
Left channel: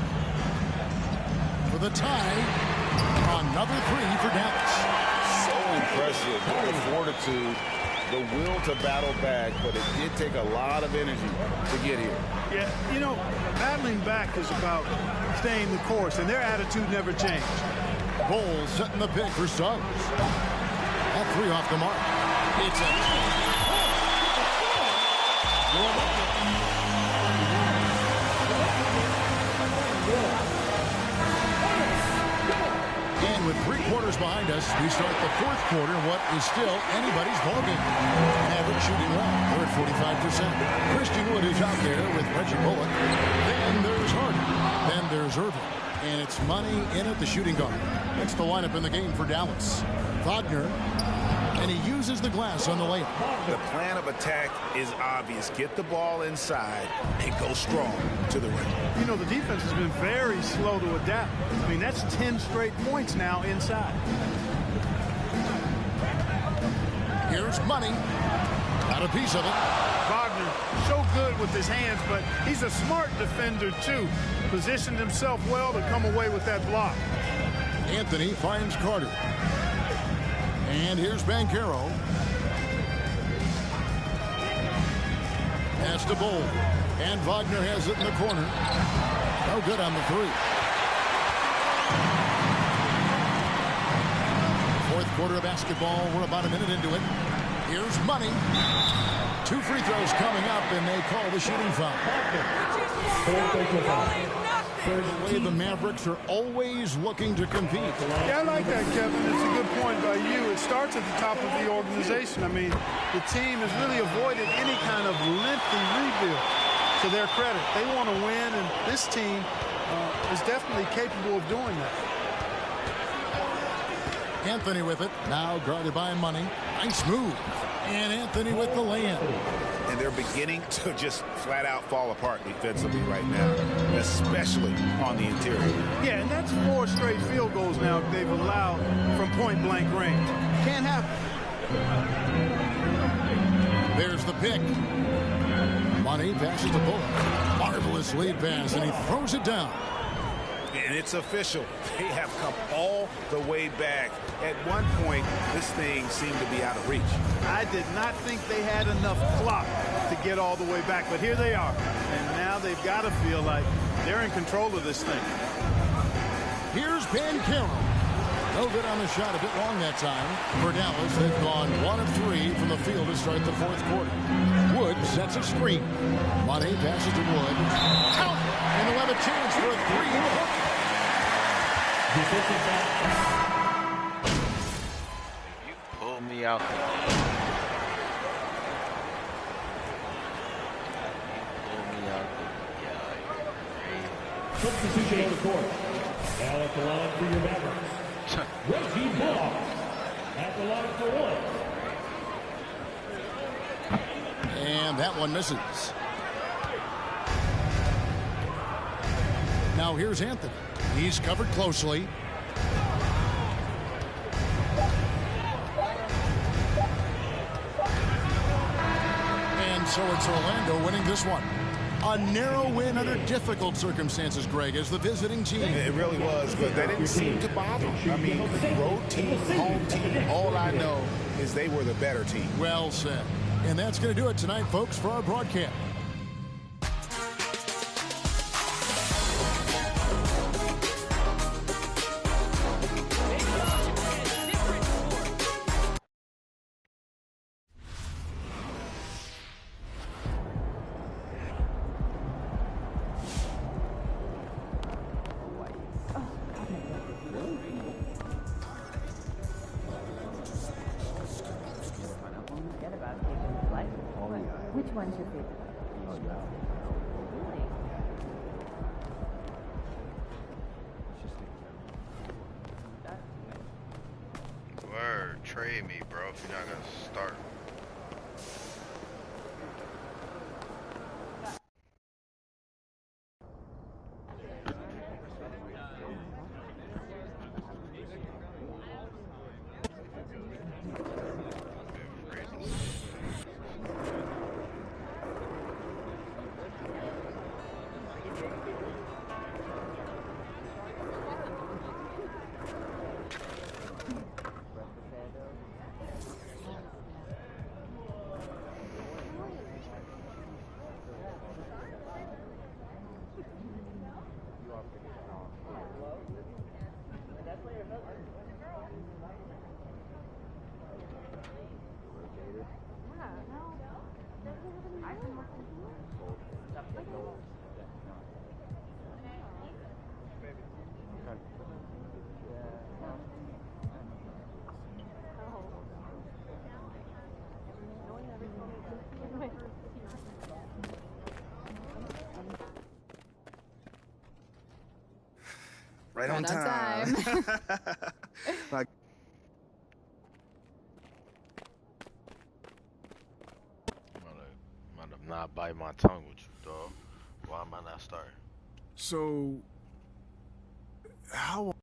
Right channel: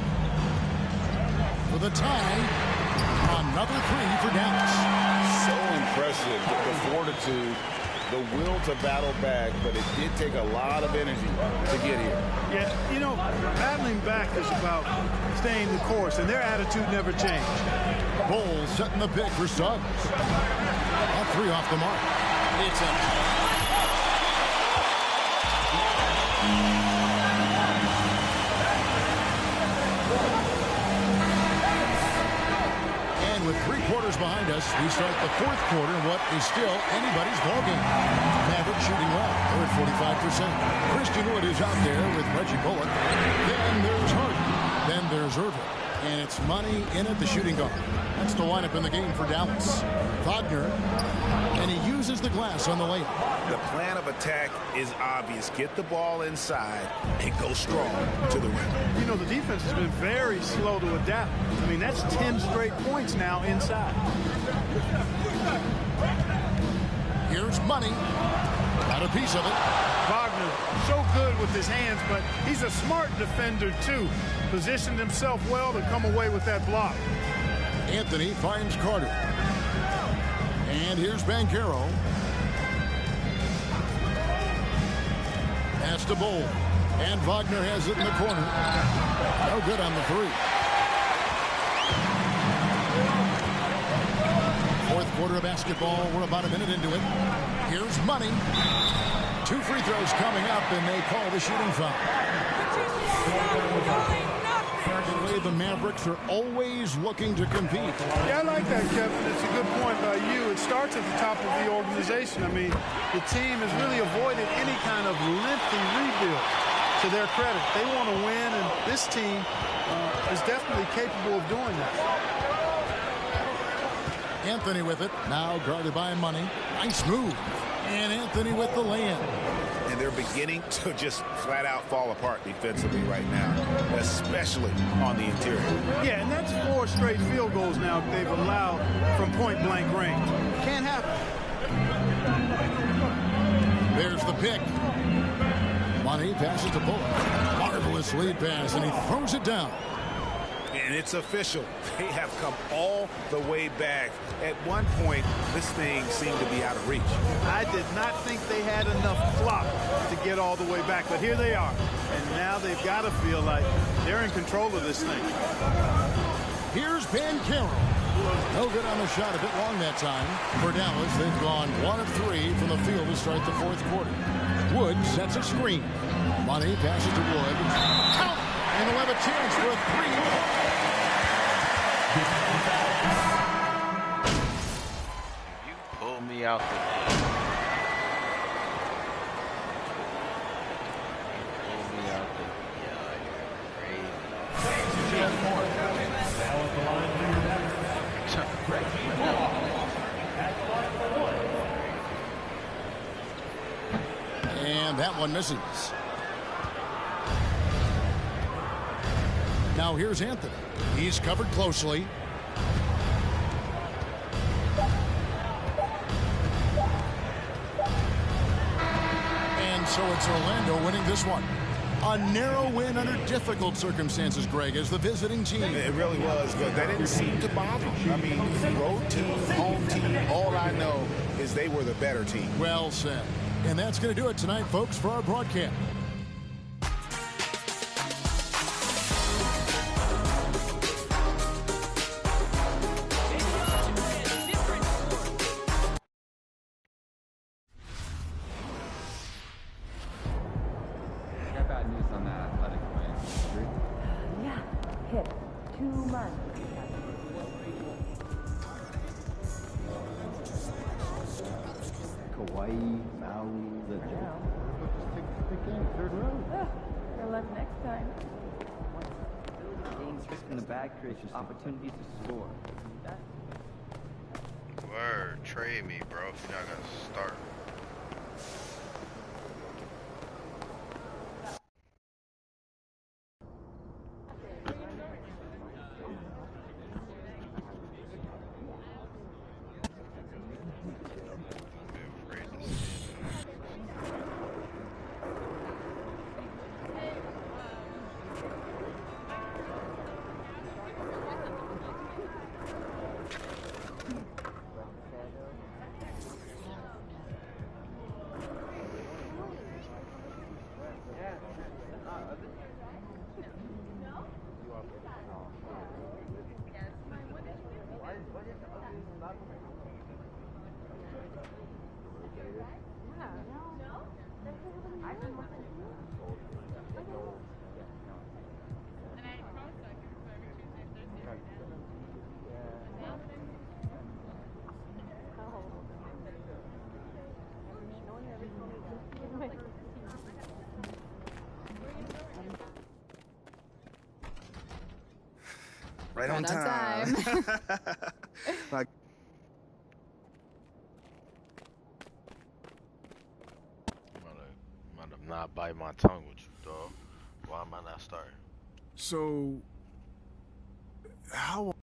For the tie, another 3 for Dallas. So impressive, the fortitude, the will to battle back, but it did take a lot of energy to get here. Yeah, you know, battling back is about staying the course, and their attitude never changed. Bull setting the pick for Suggs. That 3 off the mark. It's a And with 3 quarters behind us, we start the 4th quarter in what is still anybody's ballgame. Mavericks shooting well. They're at 45%. Christian Wood is out there with Reggie Bullock. Then there's Harden. Then there's Irving. And it's Money in at the shooting guard. That's the lineup in the game for Dallas. Wagner. And he uses the glass on the layup. The plan of attack is obvious. Get the ball inside and go strong to the rim. You know, the defense has been very slow to adapt. I mean, that's 10 straight points now inside. Here's Money. Got a piece of it. Wagner, so good with his hands, but he's a smart defender, too. Positioned himself well to come away with that block. Anthony finds Carter. And here's Banchero. Pass to Bull. And Wagner has it in the corner. No good on the 3. 4th quarter of basketball. We're about a minute into it. Here's Money. 2 free throws coming up, and they call the shooting foul. The way the Mavericks are always looking to compete. Yeah, I like that, Kevin. It's a good point by you. It starts at the top of the organization. I mean, the team has really avoided any kind of lengthy rebuild. To their credit, they want to win, and this team is definitely capable of doing that. Anthony with it. Now guarded by Money. Nice move. And Anthony with the lay-in. And they're beginning to just flat out fall apart defensively right now, especially on the interior. Yeah, and that's 4 straight field goals now they've allowed from point-blank range. Can't happen. There's the pick. Money passes to Bullock. Marvelous lead pass, and he throws it down. And it's official. They have come all the way back. At one point, this thing seemed to be out of reach. I did not think they had enough clock to get all the way back, but here they are. And now they've got to feel like they're in control of this thing. Here's Banchero. No good on the shot, a bit long that time. For Dallas, they've gone 1 of 3 from the field to start the 4th quarter. Wood sets a screen. Money passes to Wood. Count it! And they'll have a chance for a 3-point. You pull me out the game. You pull me out the yeah, you're crazy. Substitution at court. Now at the line for your Mavericks. Reggie Bullock at the line for 1. And that one misses. Now here's Anthony. He's covered closely. And so it's Orlando winning this one. A narrow win under difficult circumstances, Greg, as the visiting team. It really was, but that didn't seem to bother them. I mean, road team, home team, all I know is they were the better team. Well said. And that's going to do it tonight, folks, for our broadcast. Opportunities to score. Word, trade me, bro, if you're not gonna start. Right on time. Like, I'm gonna not bite my tongue with you, dog. Why am I not starting? So, how...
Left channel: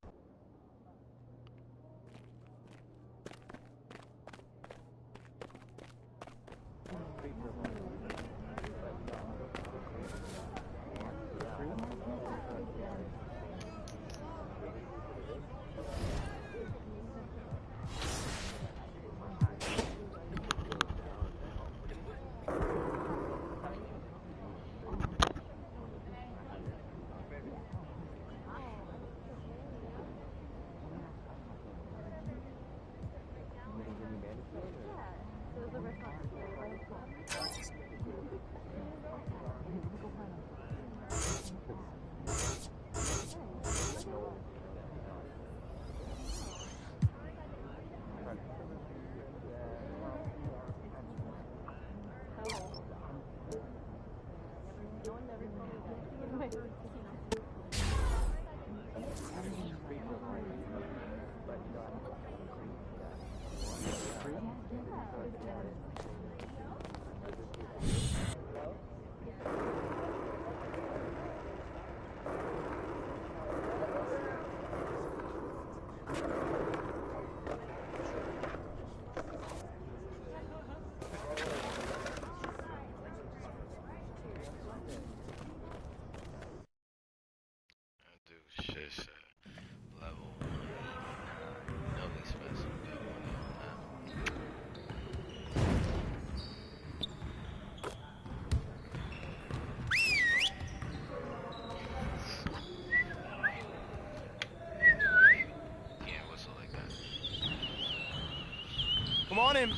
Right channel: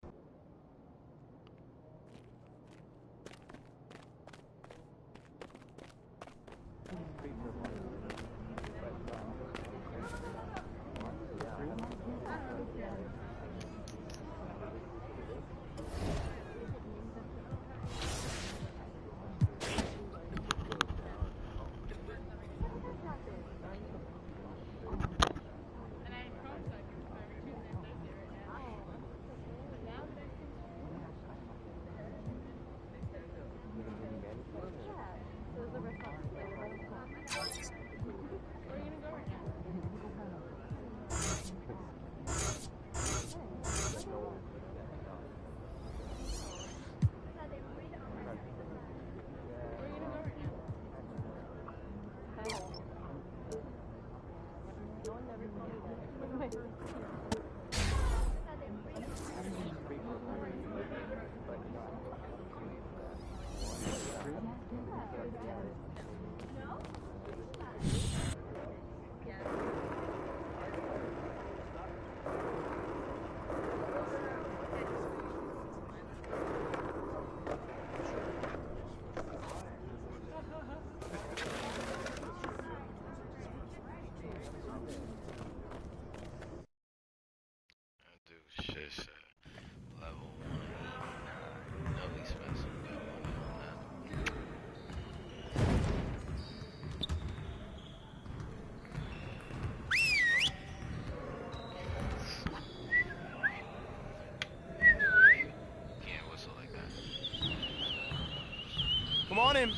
Come on in.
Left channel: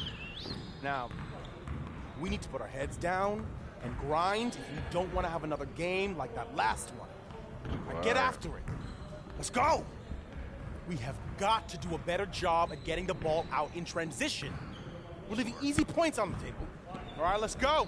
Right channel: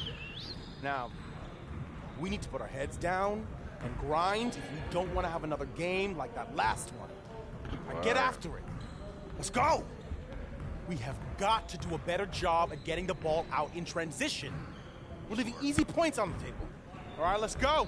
Now, we need to put our heads down and grind if we don't want to have another game like that last one. Now get after it. Let's go. We have got to do a better job at getting the ball out in transition. We're leaving easy points on the table. All right, let's go.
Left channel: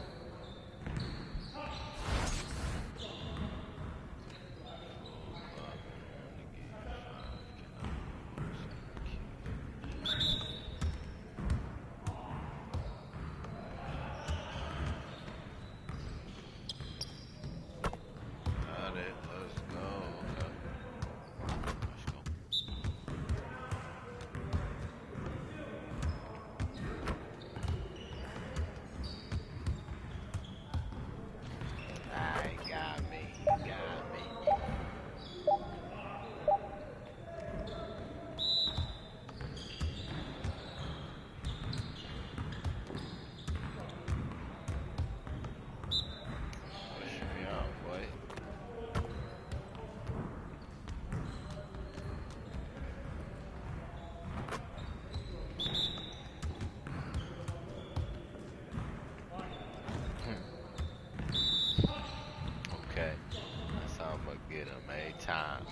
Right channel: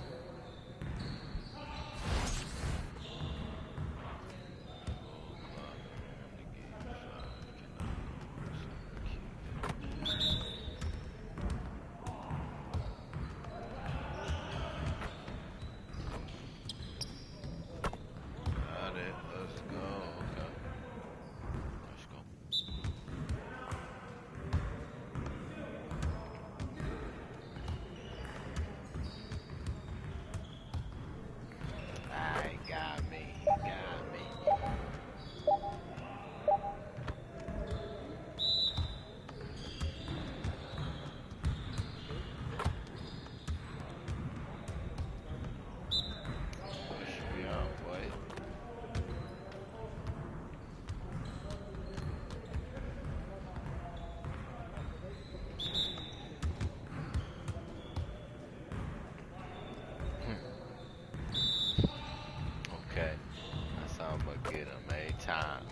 Get him a time.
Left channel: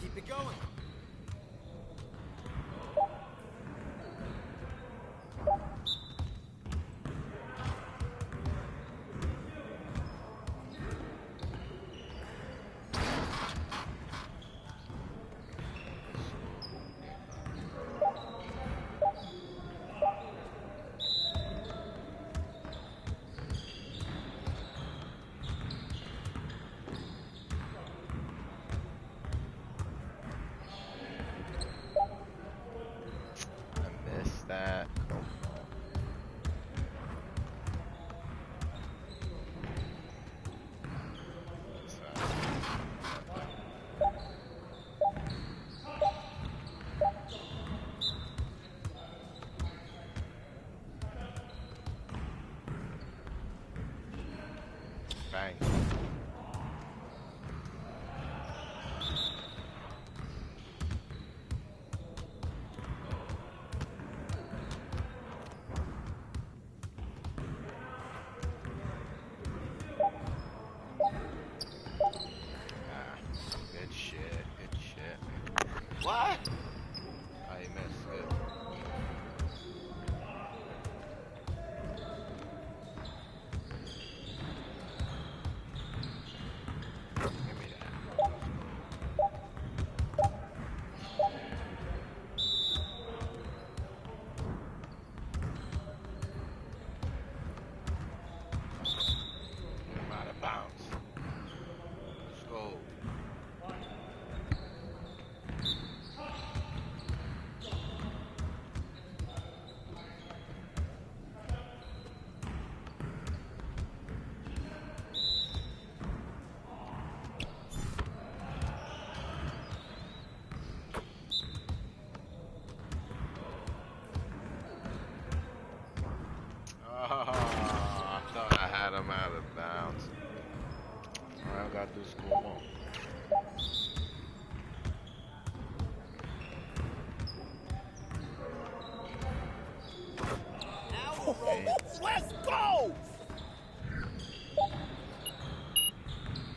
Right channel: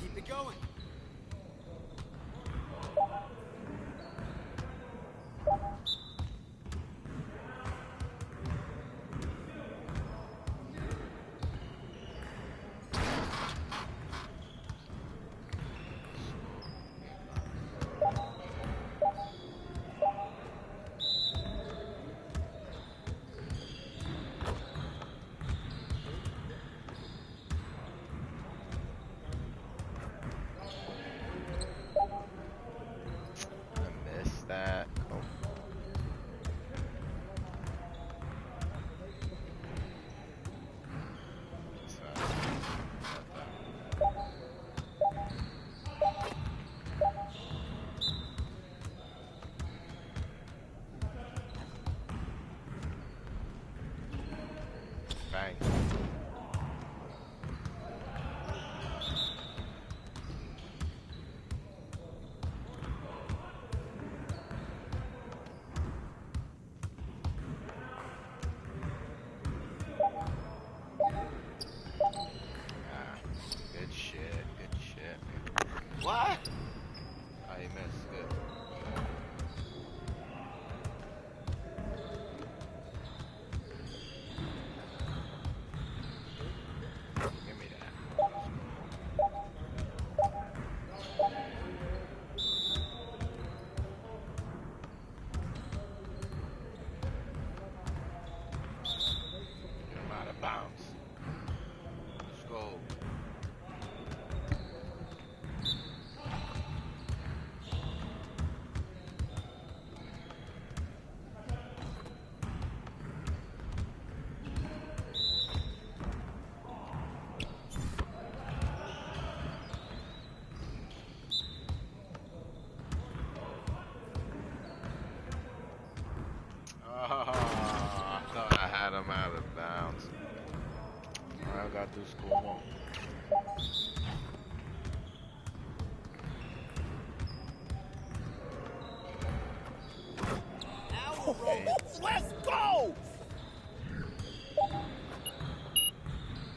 Keep it going. I got this. Come on. Let's go!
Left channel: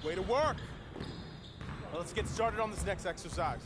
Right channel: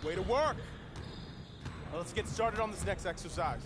Way to work. Well, let's get started on this next exercise.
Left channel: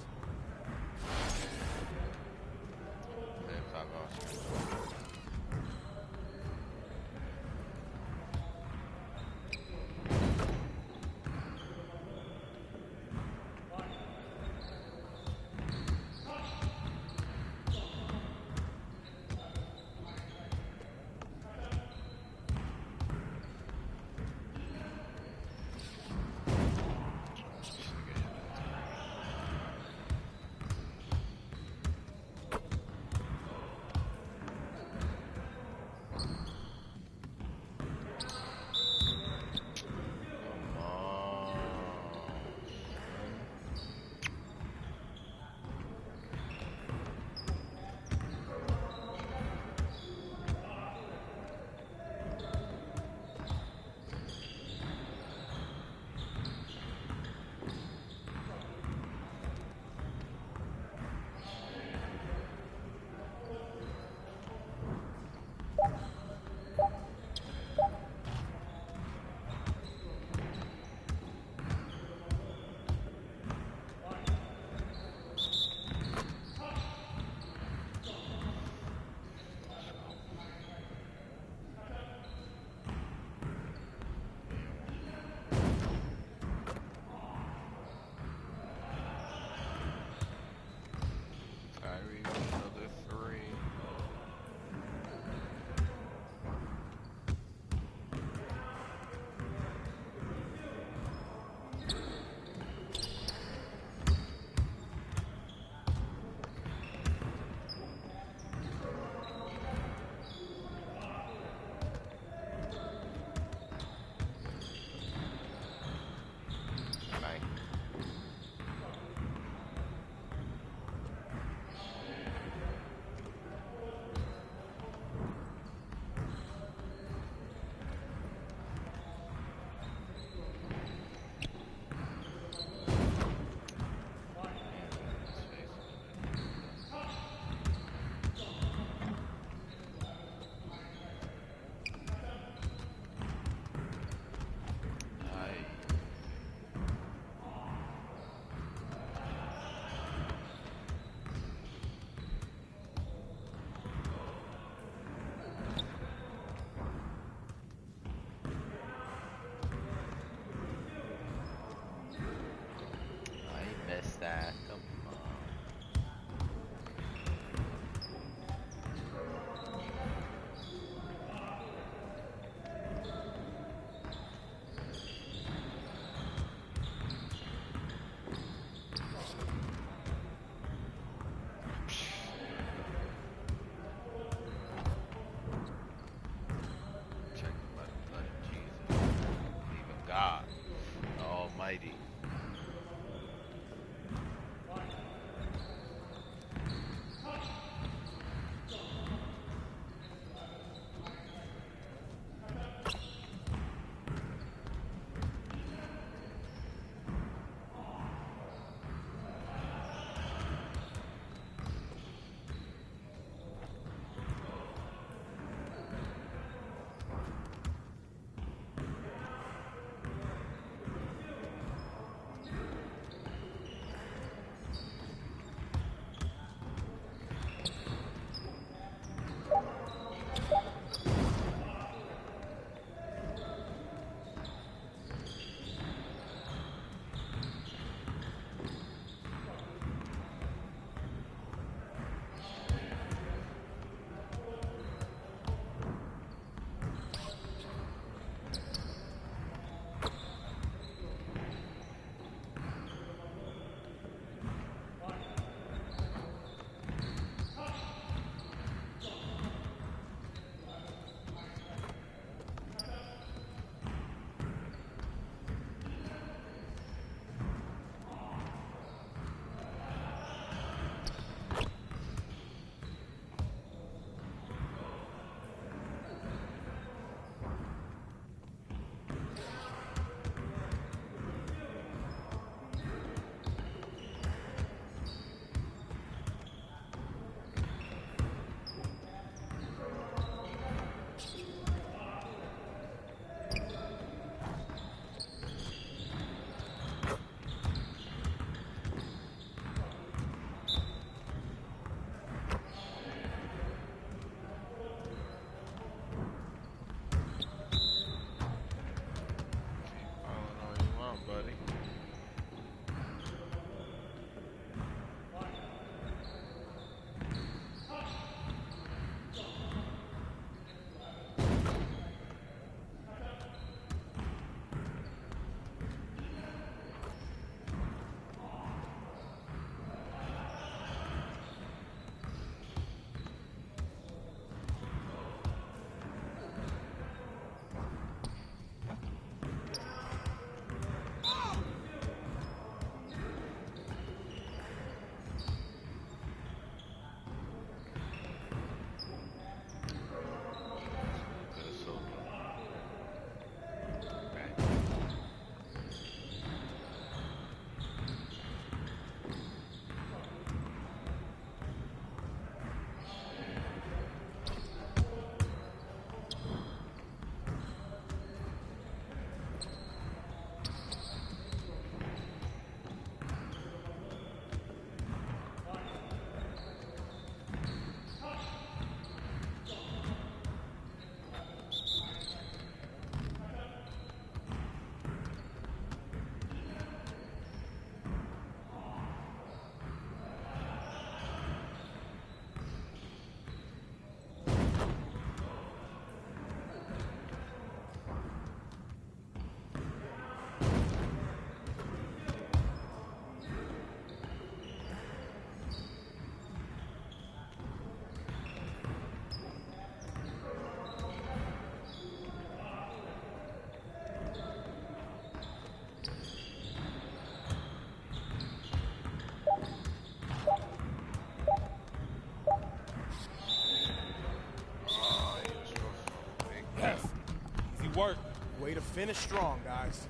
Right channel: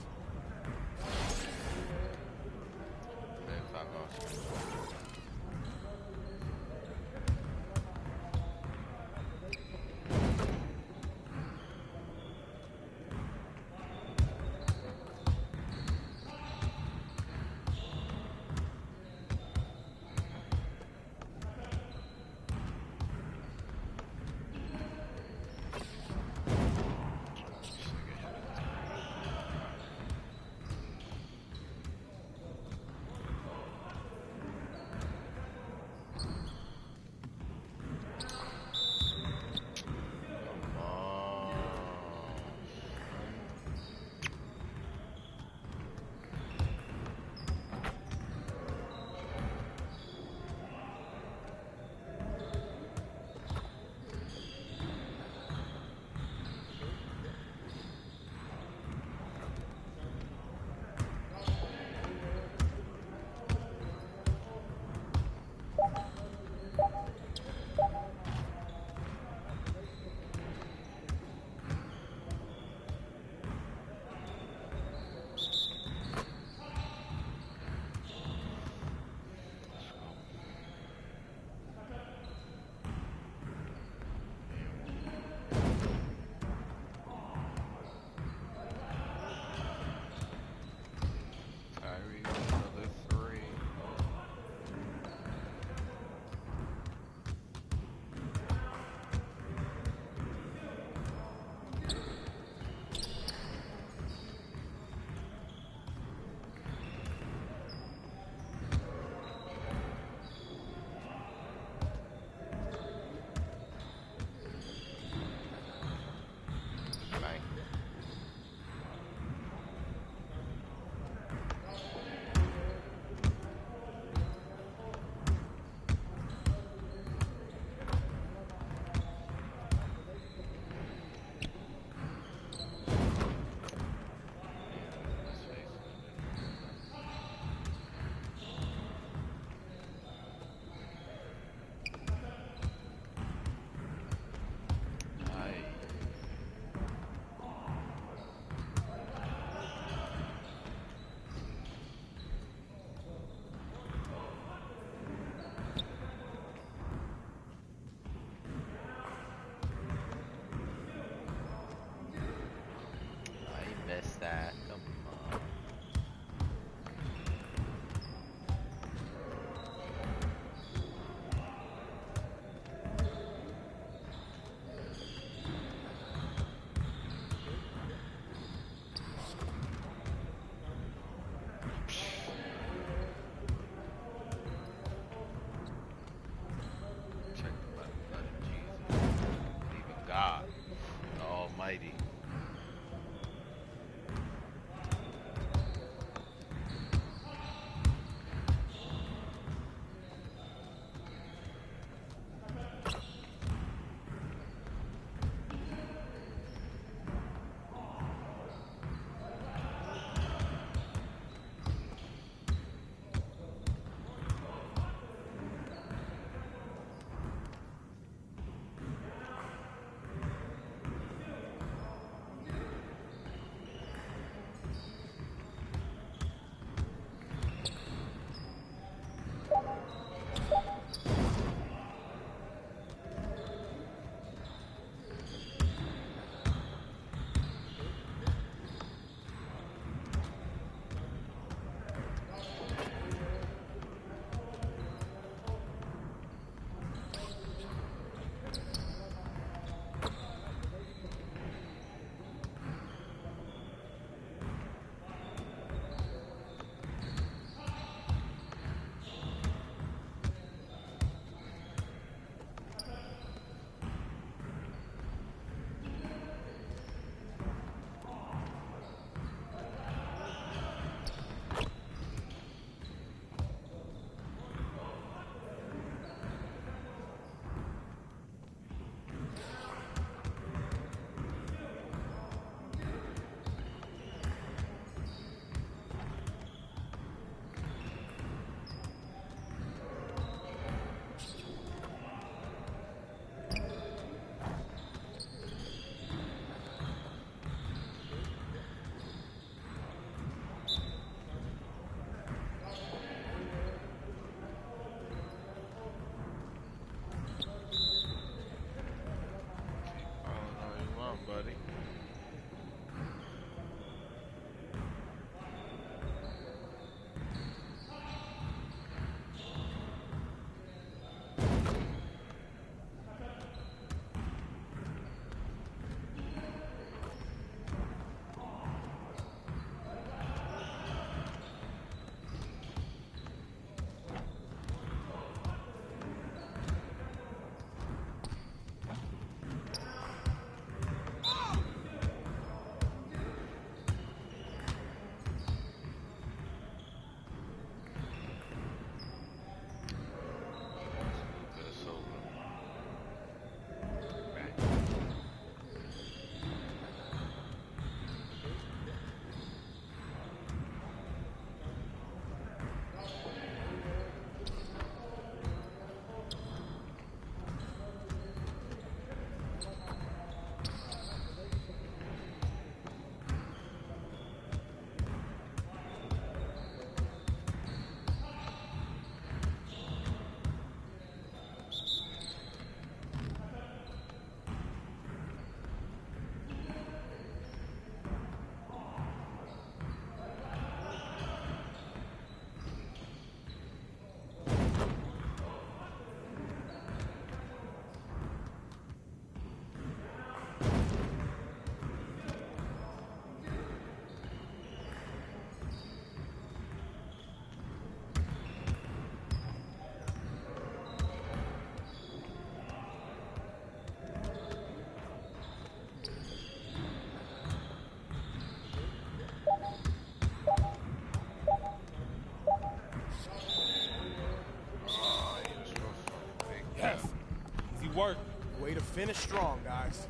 work. Way to finish strong, guys.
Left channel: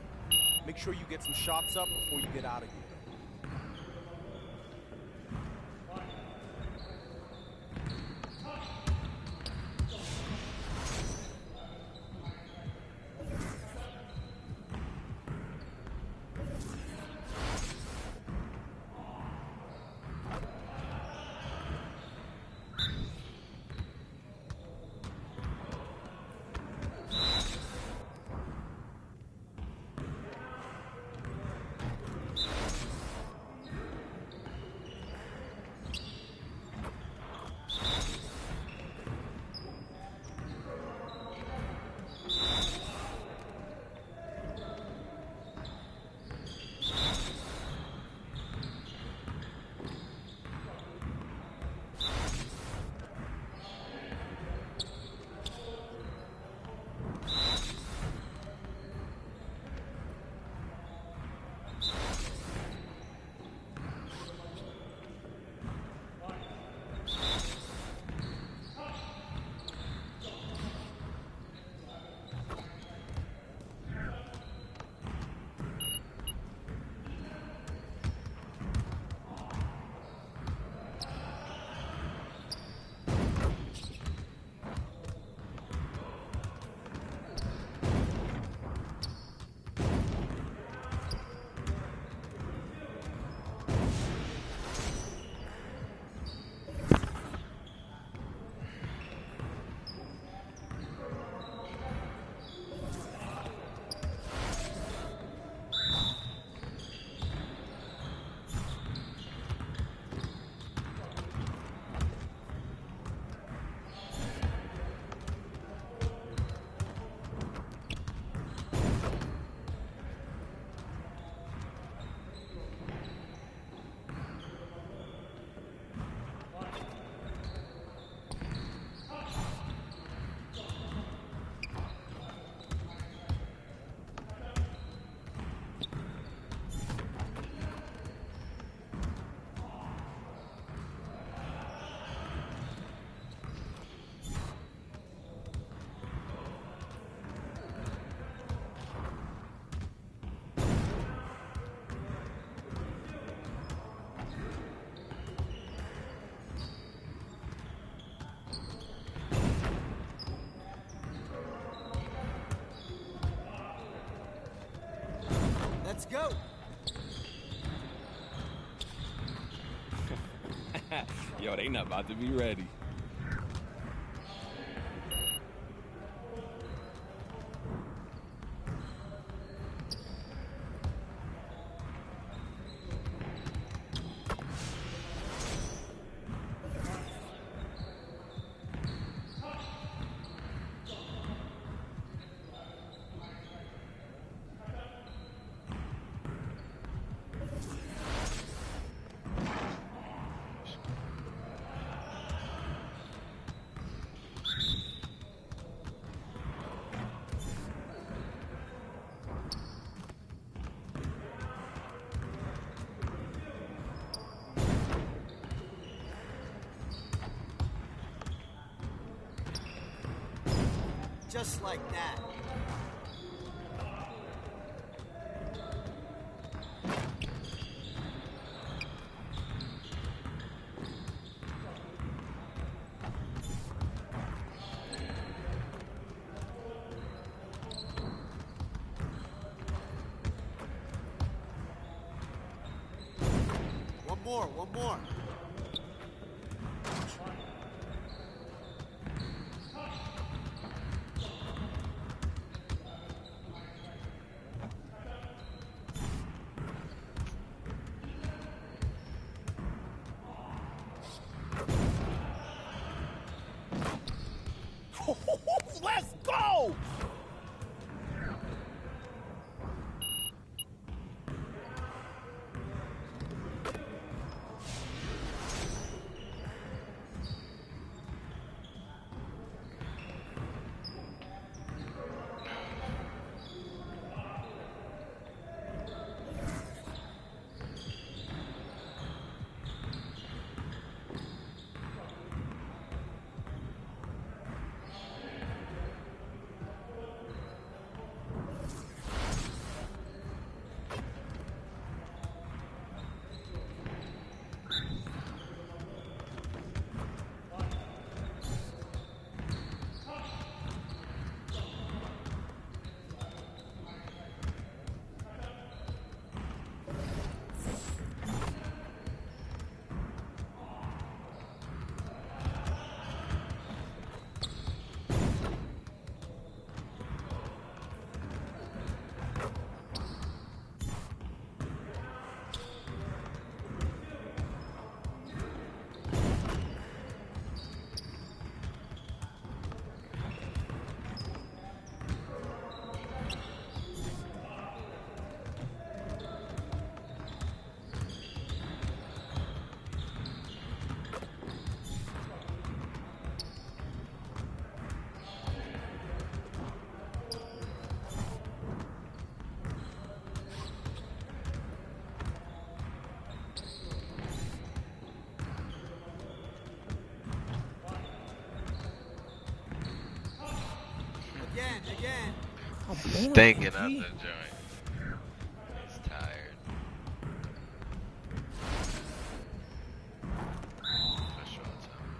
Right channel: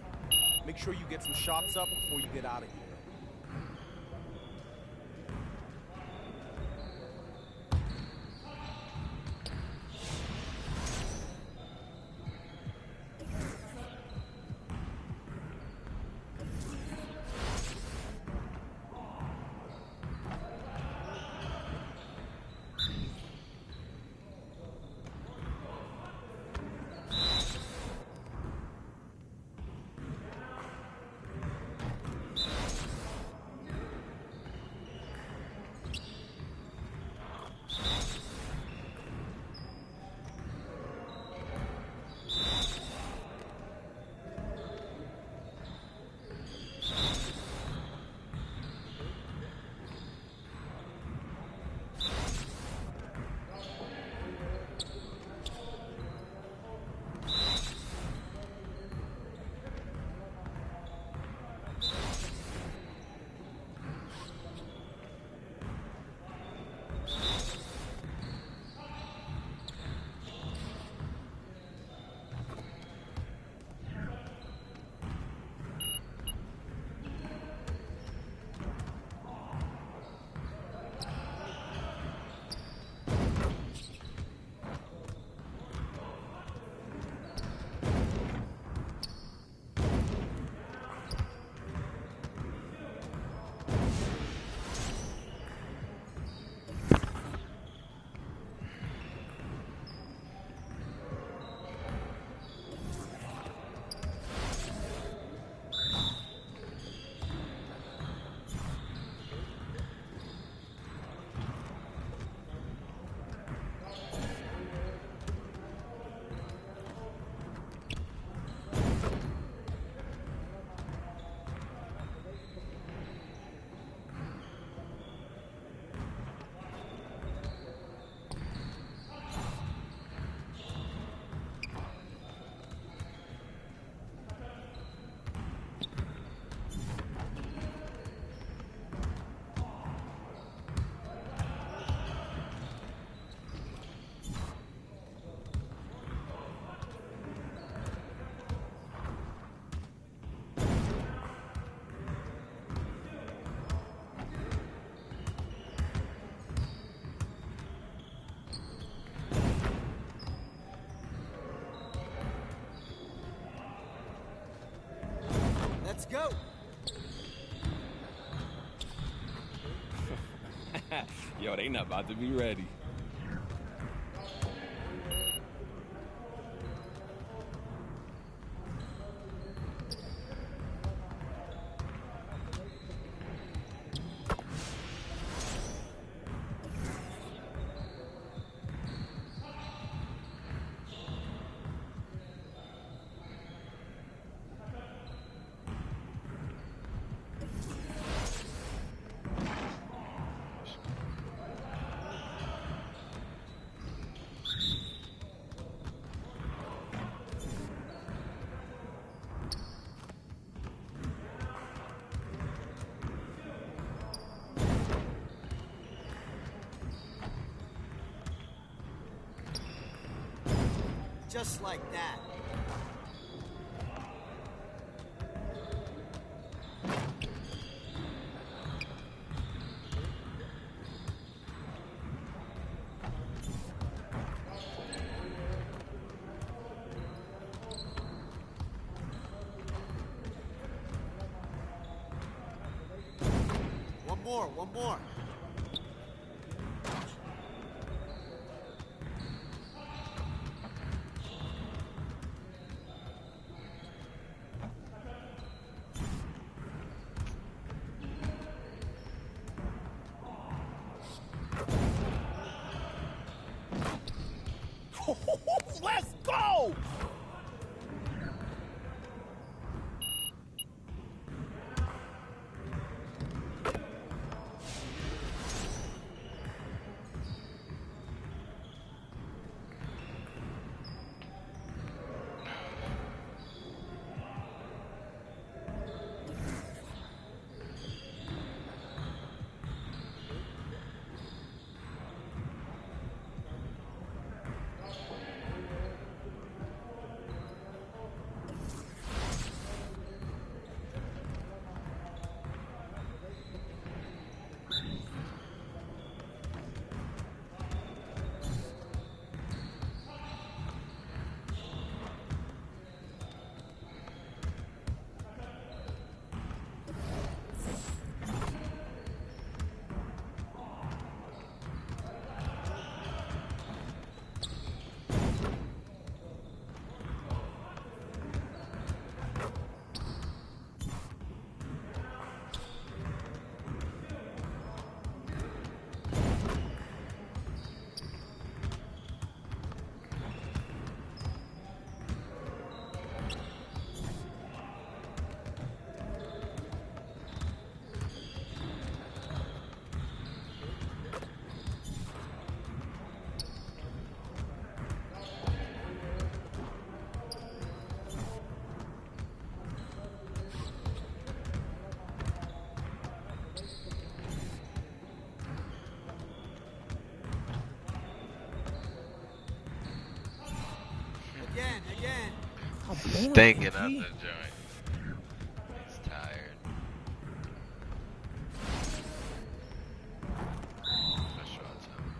Make sure you get some shots up before you get out of here. Let's go. Yo, they not about to be ready. Just like that. One more. Let's go! Again. Stinking up the joint. He's tired. That's short time.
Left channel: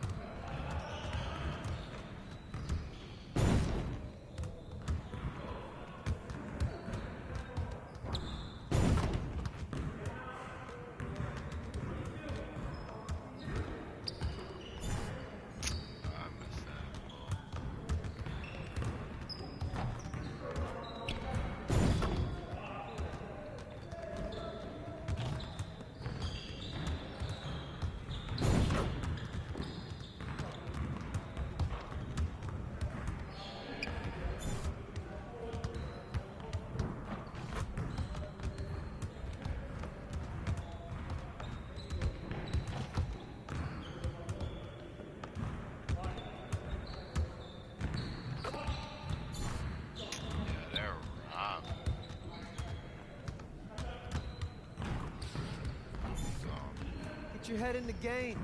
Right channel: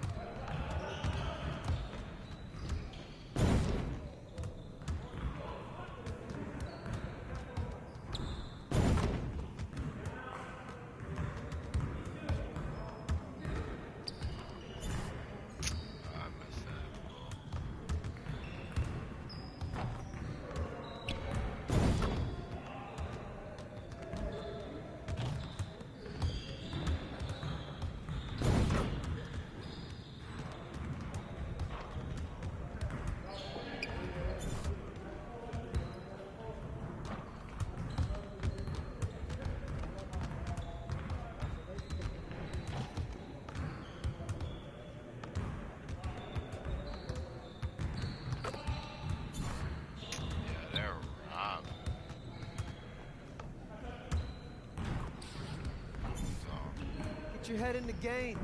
Get your head in the game.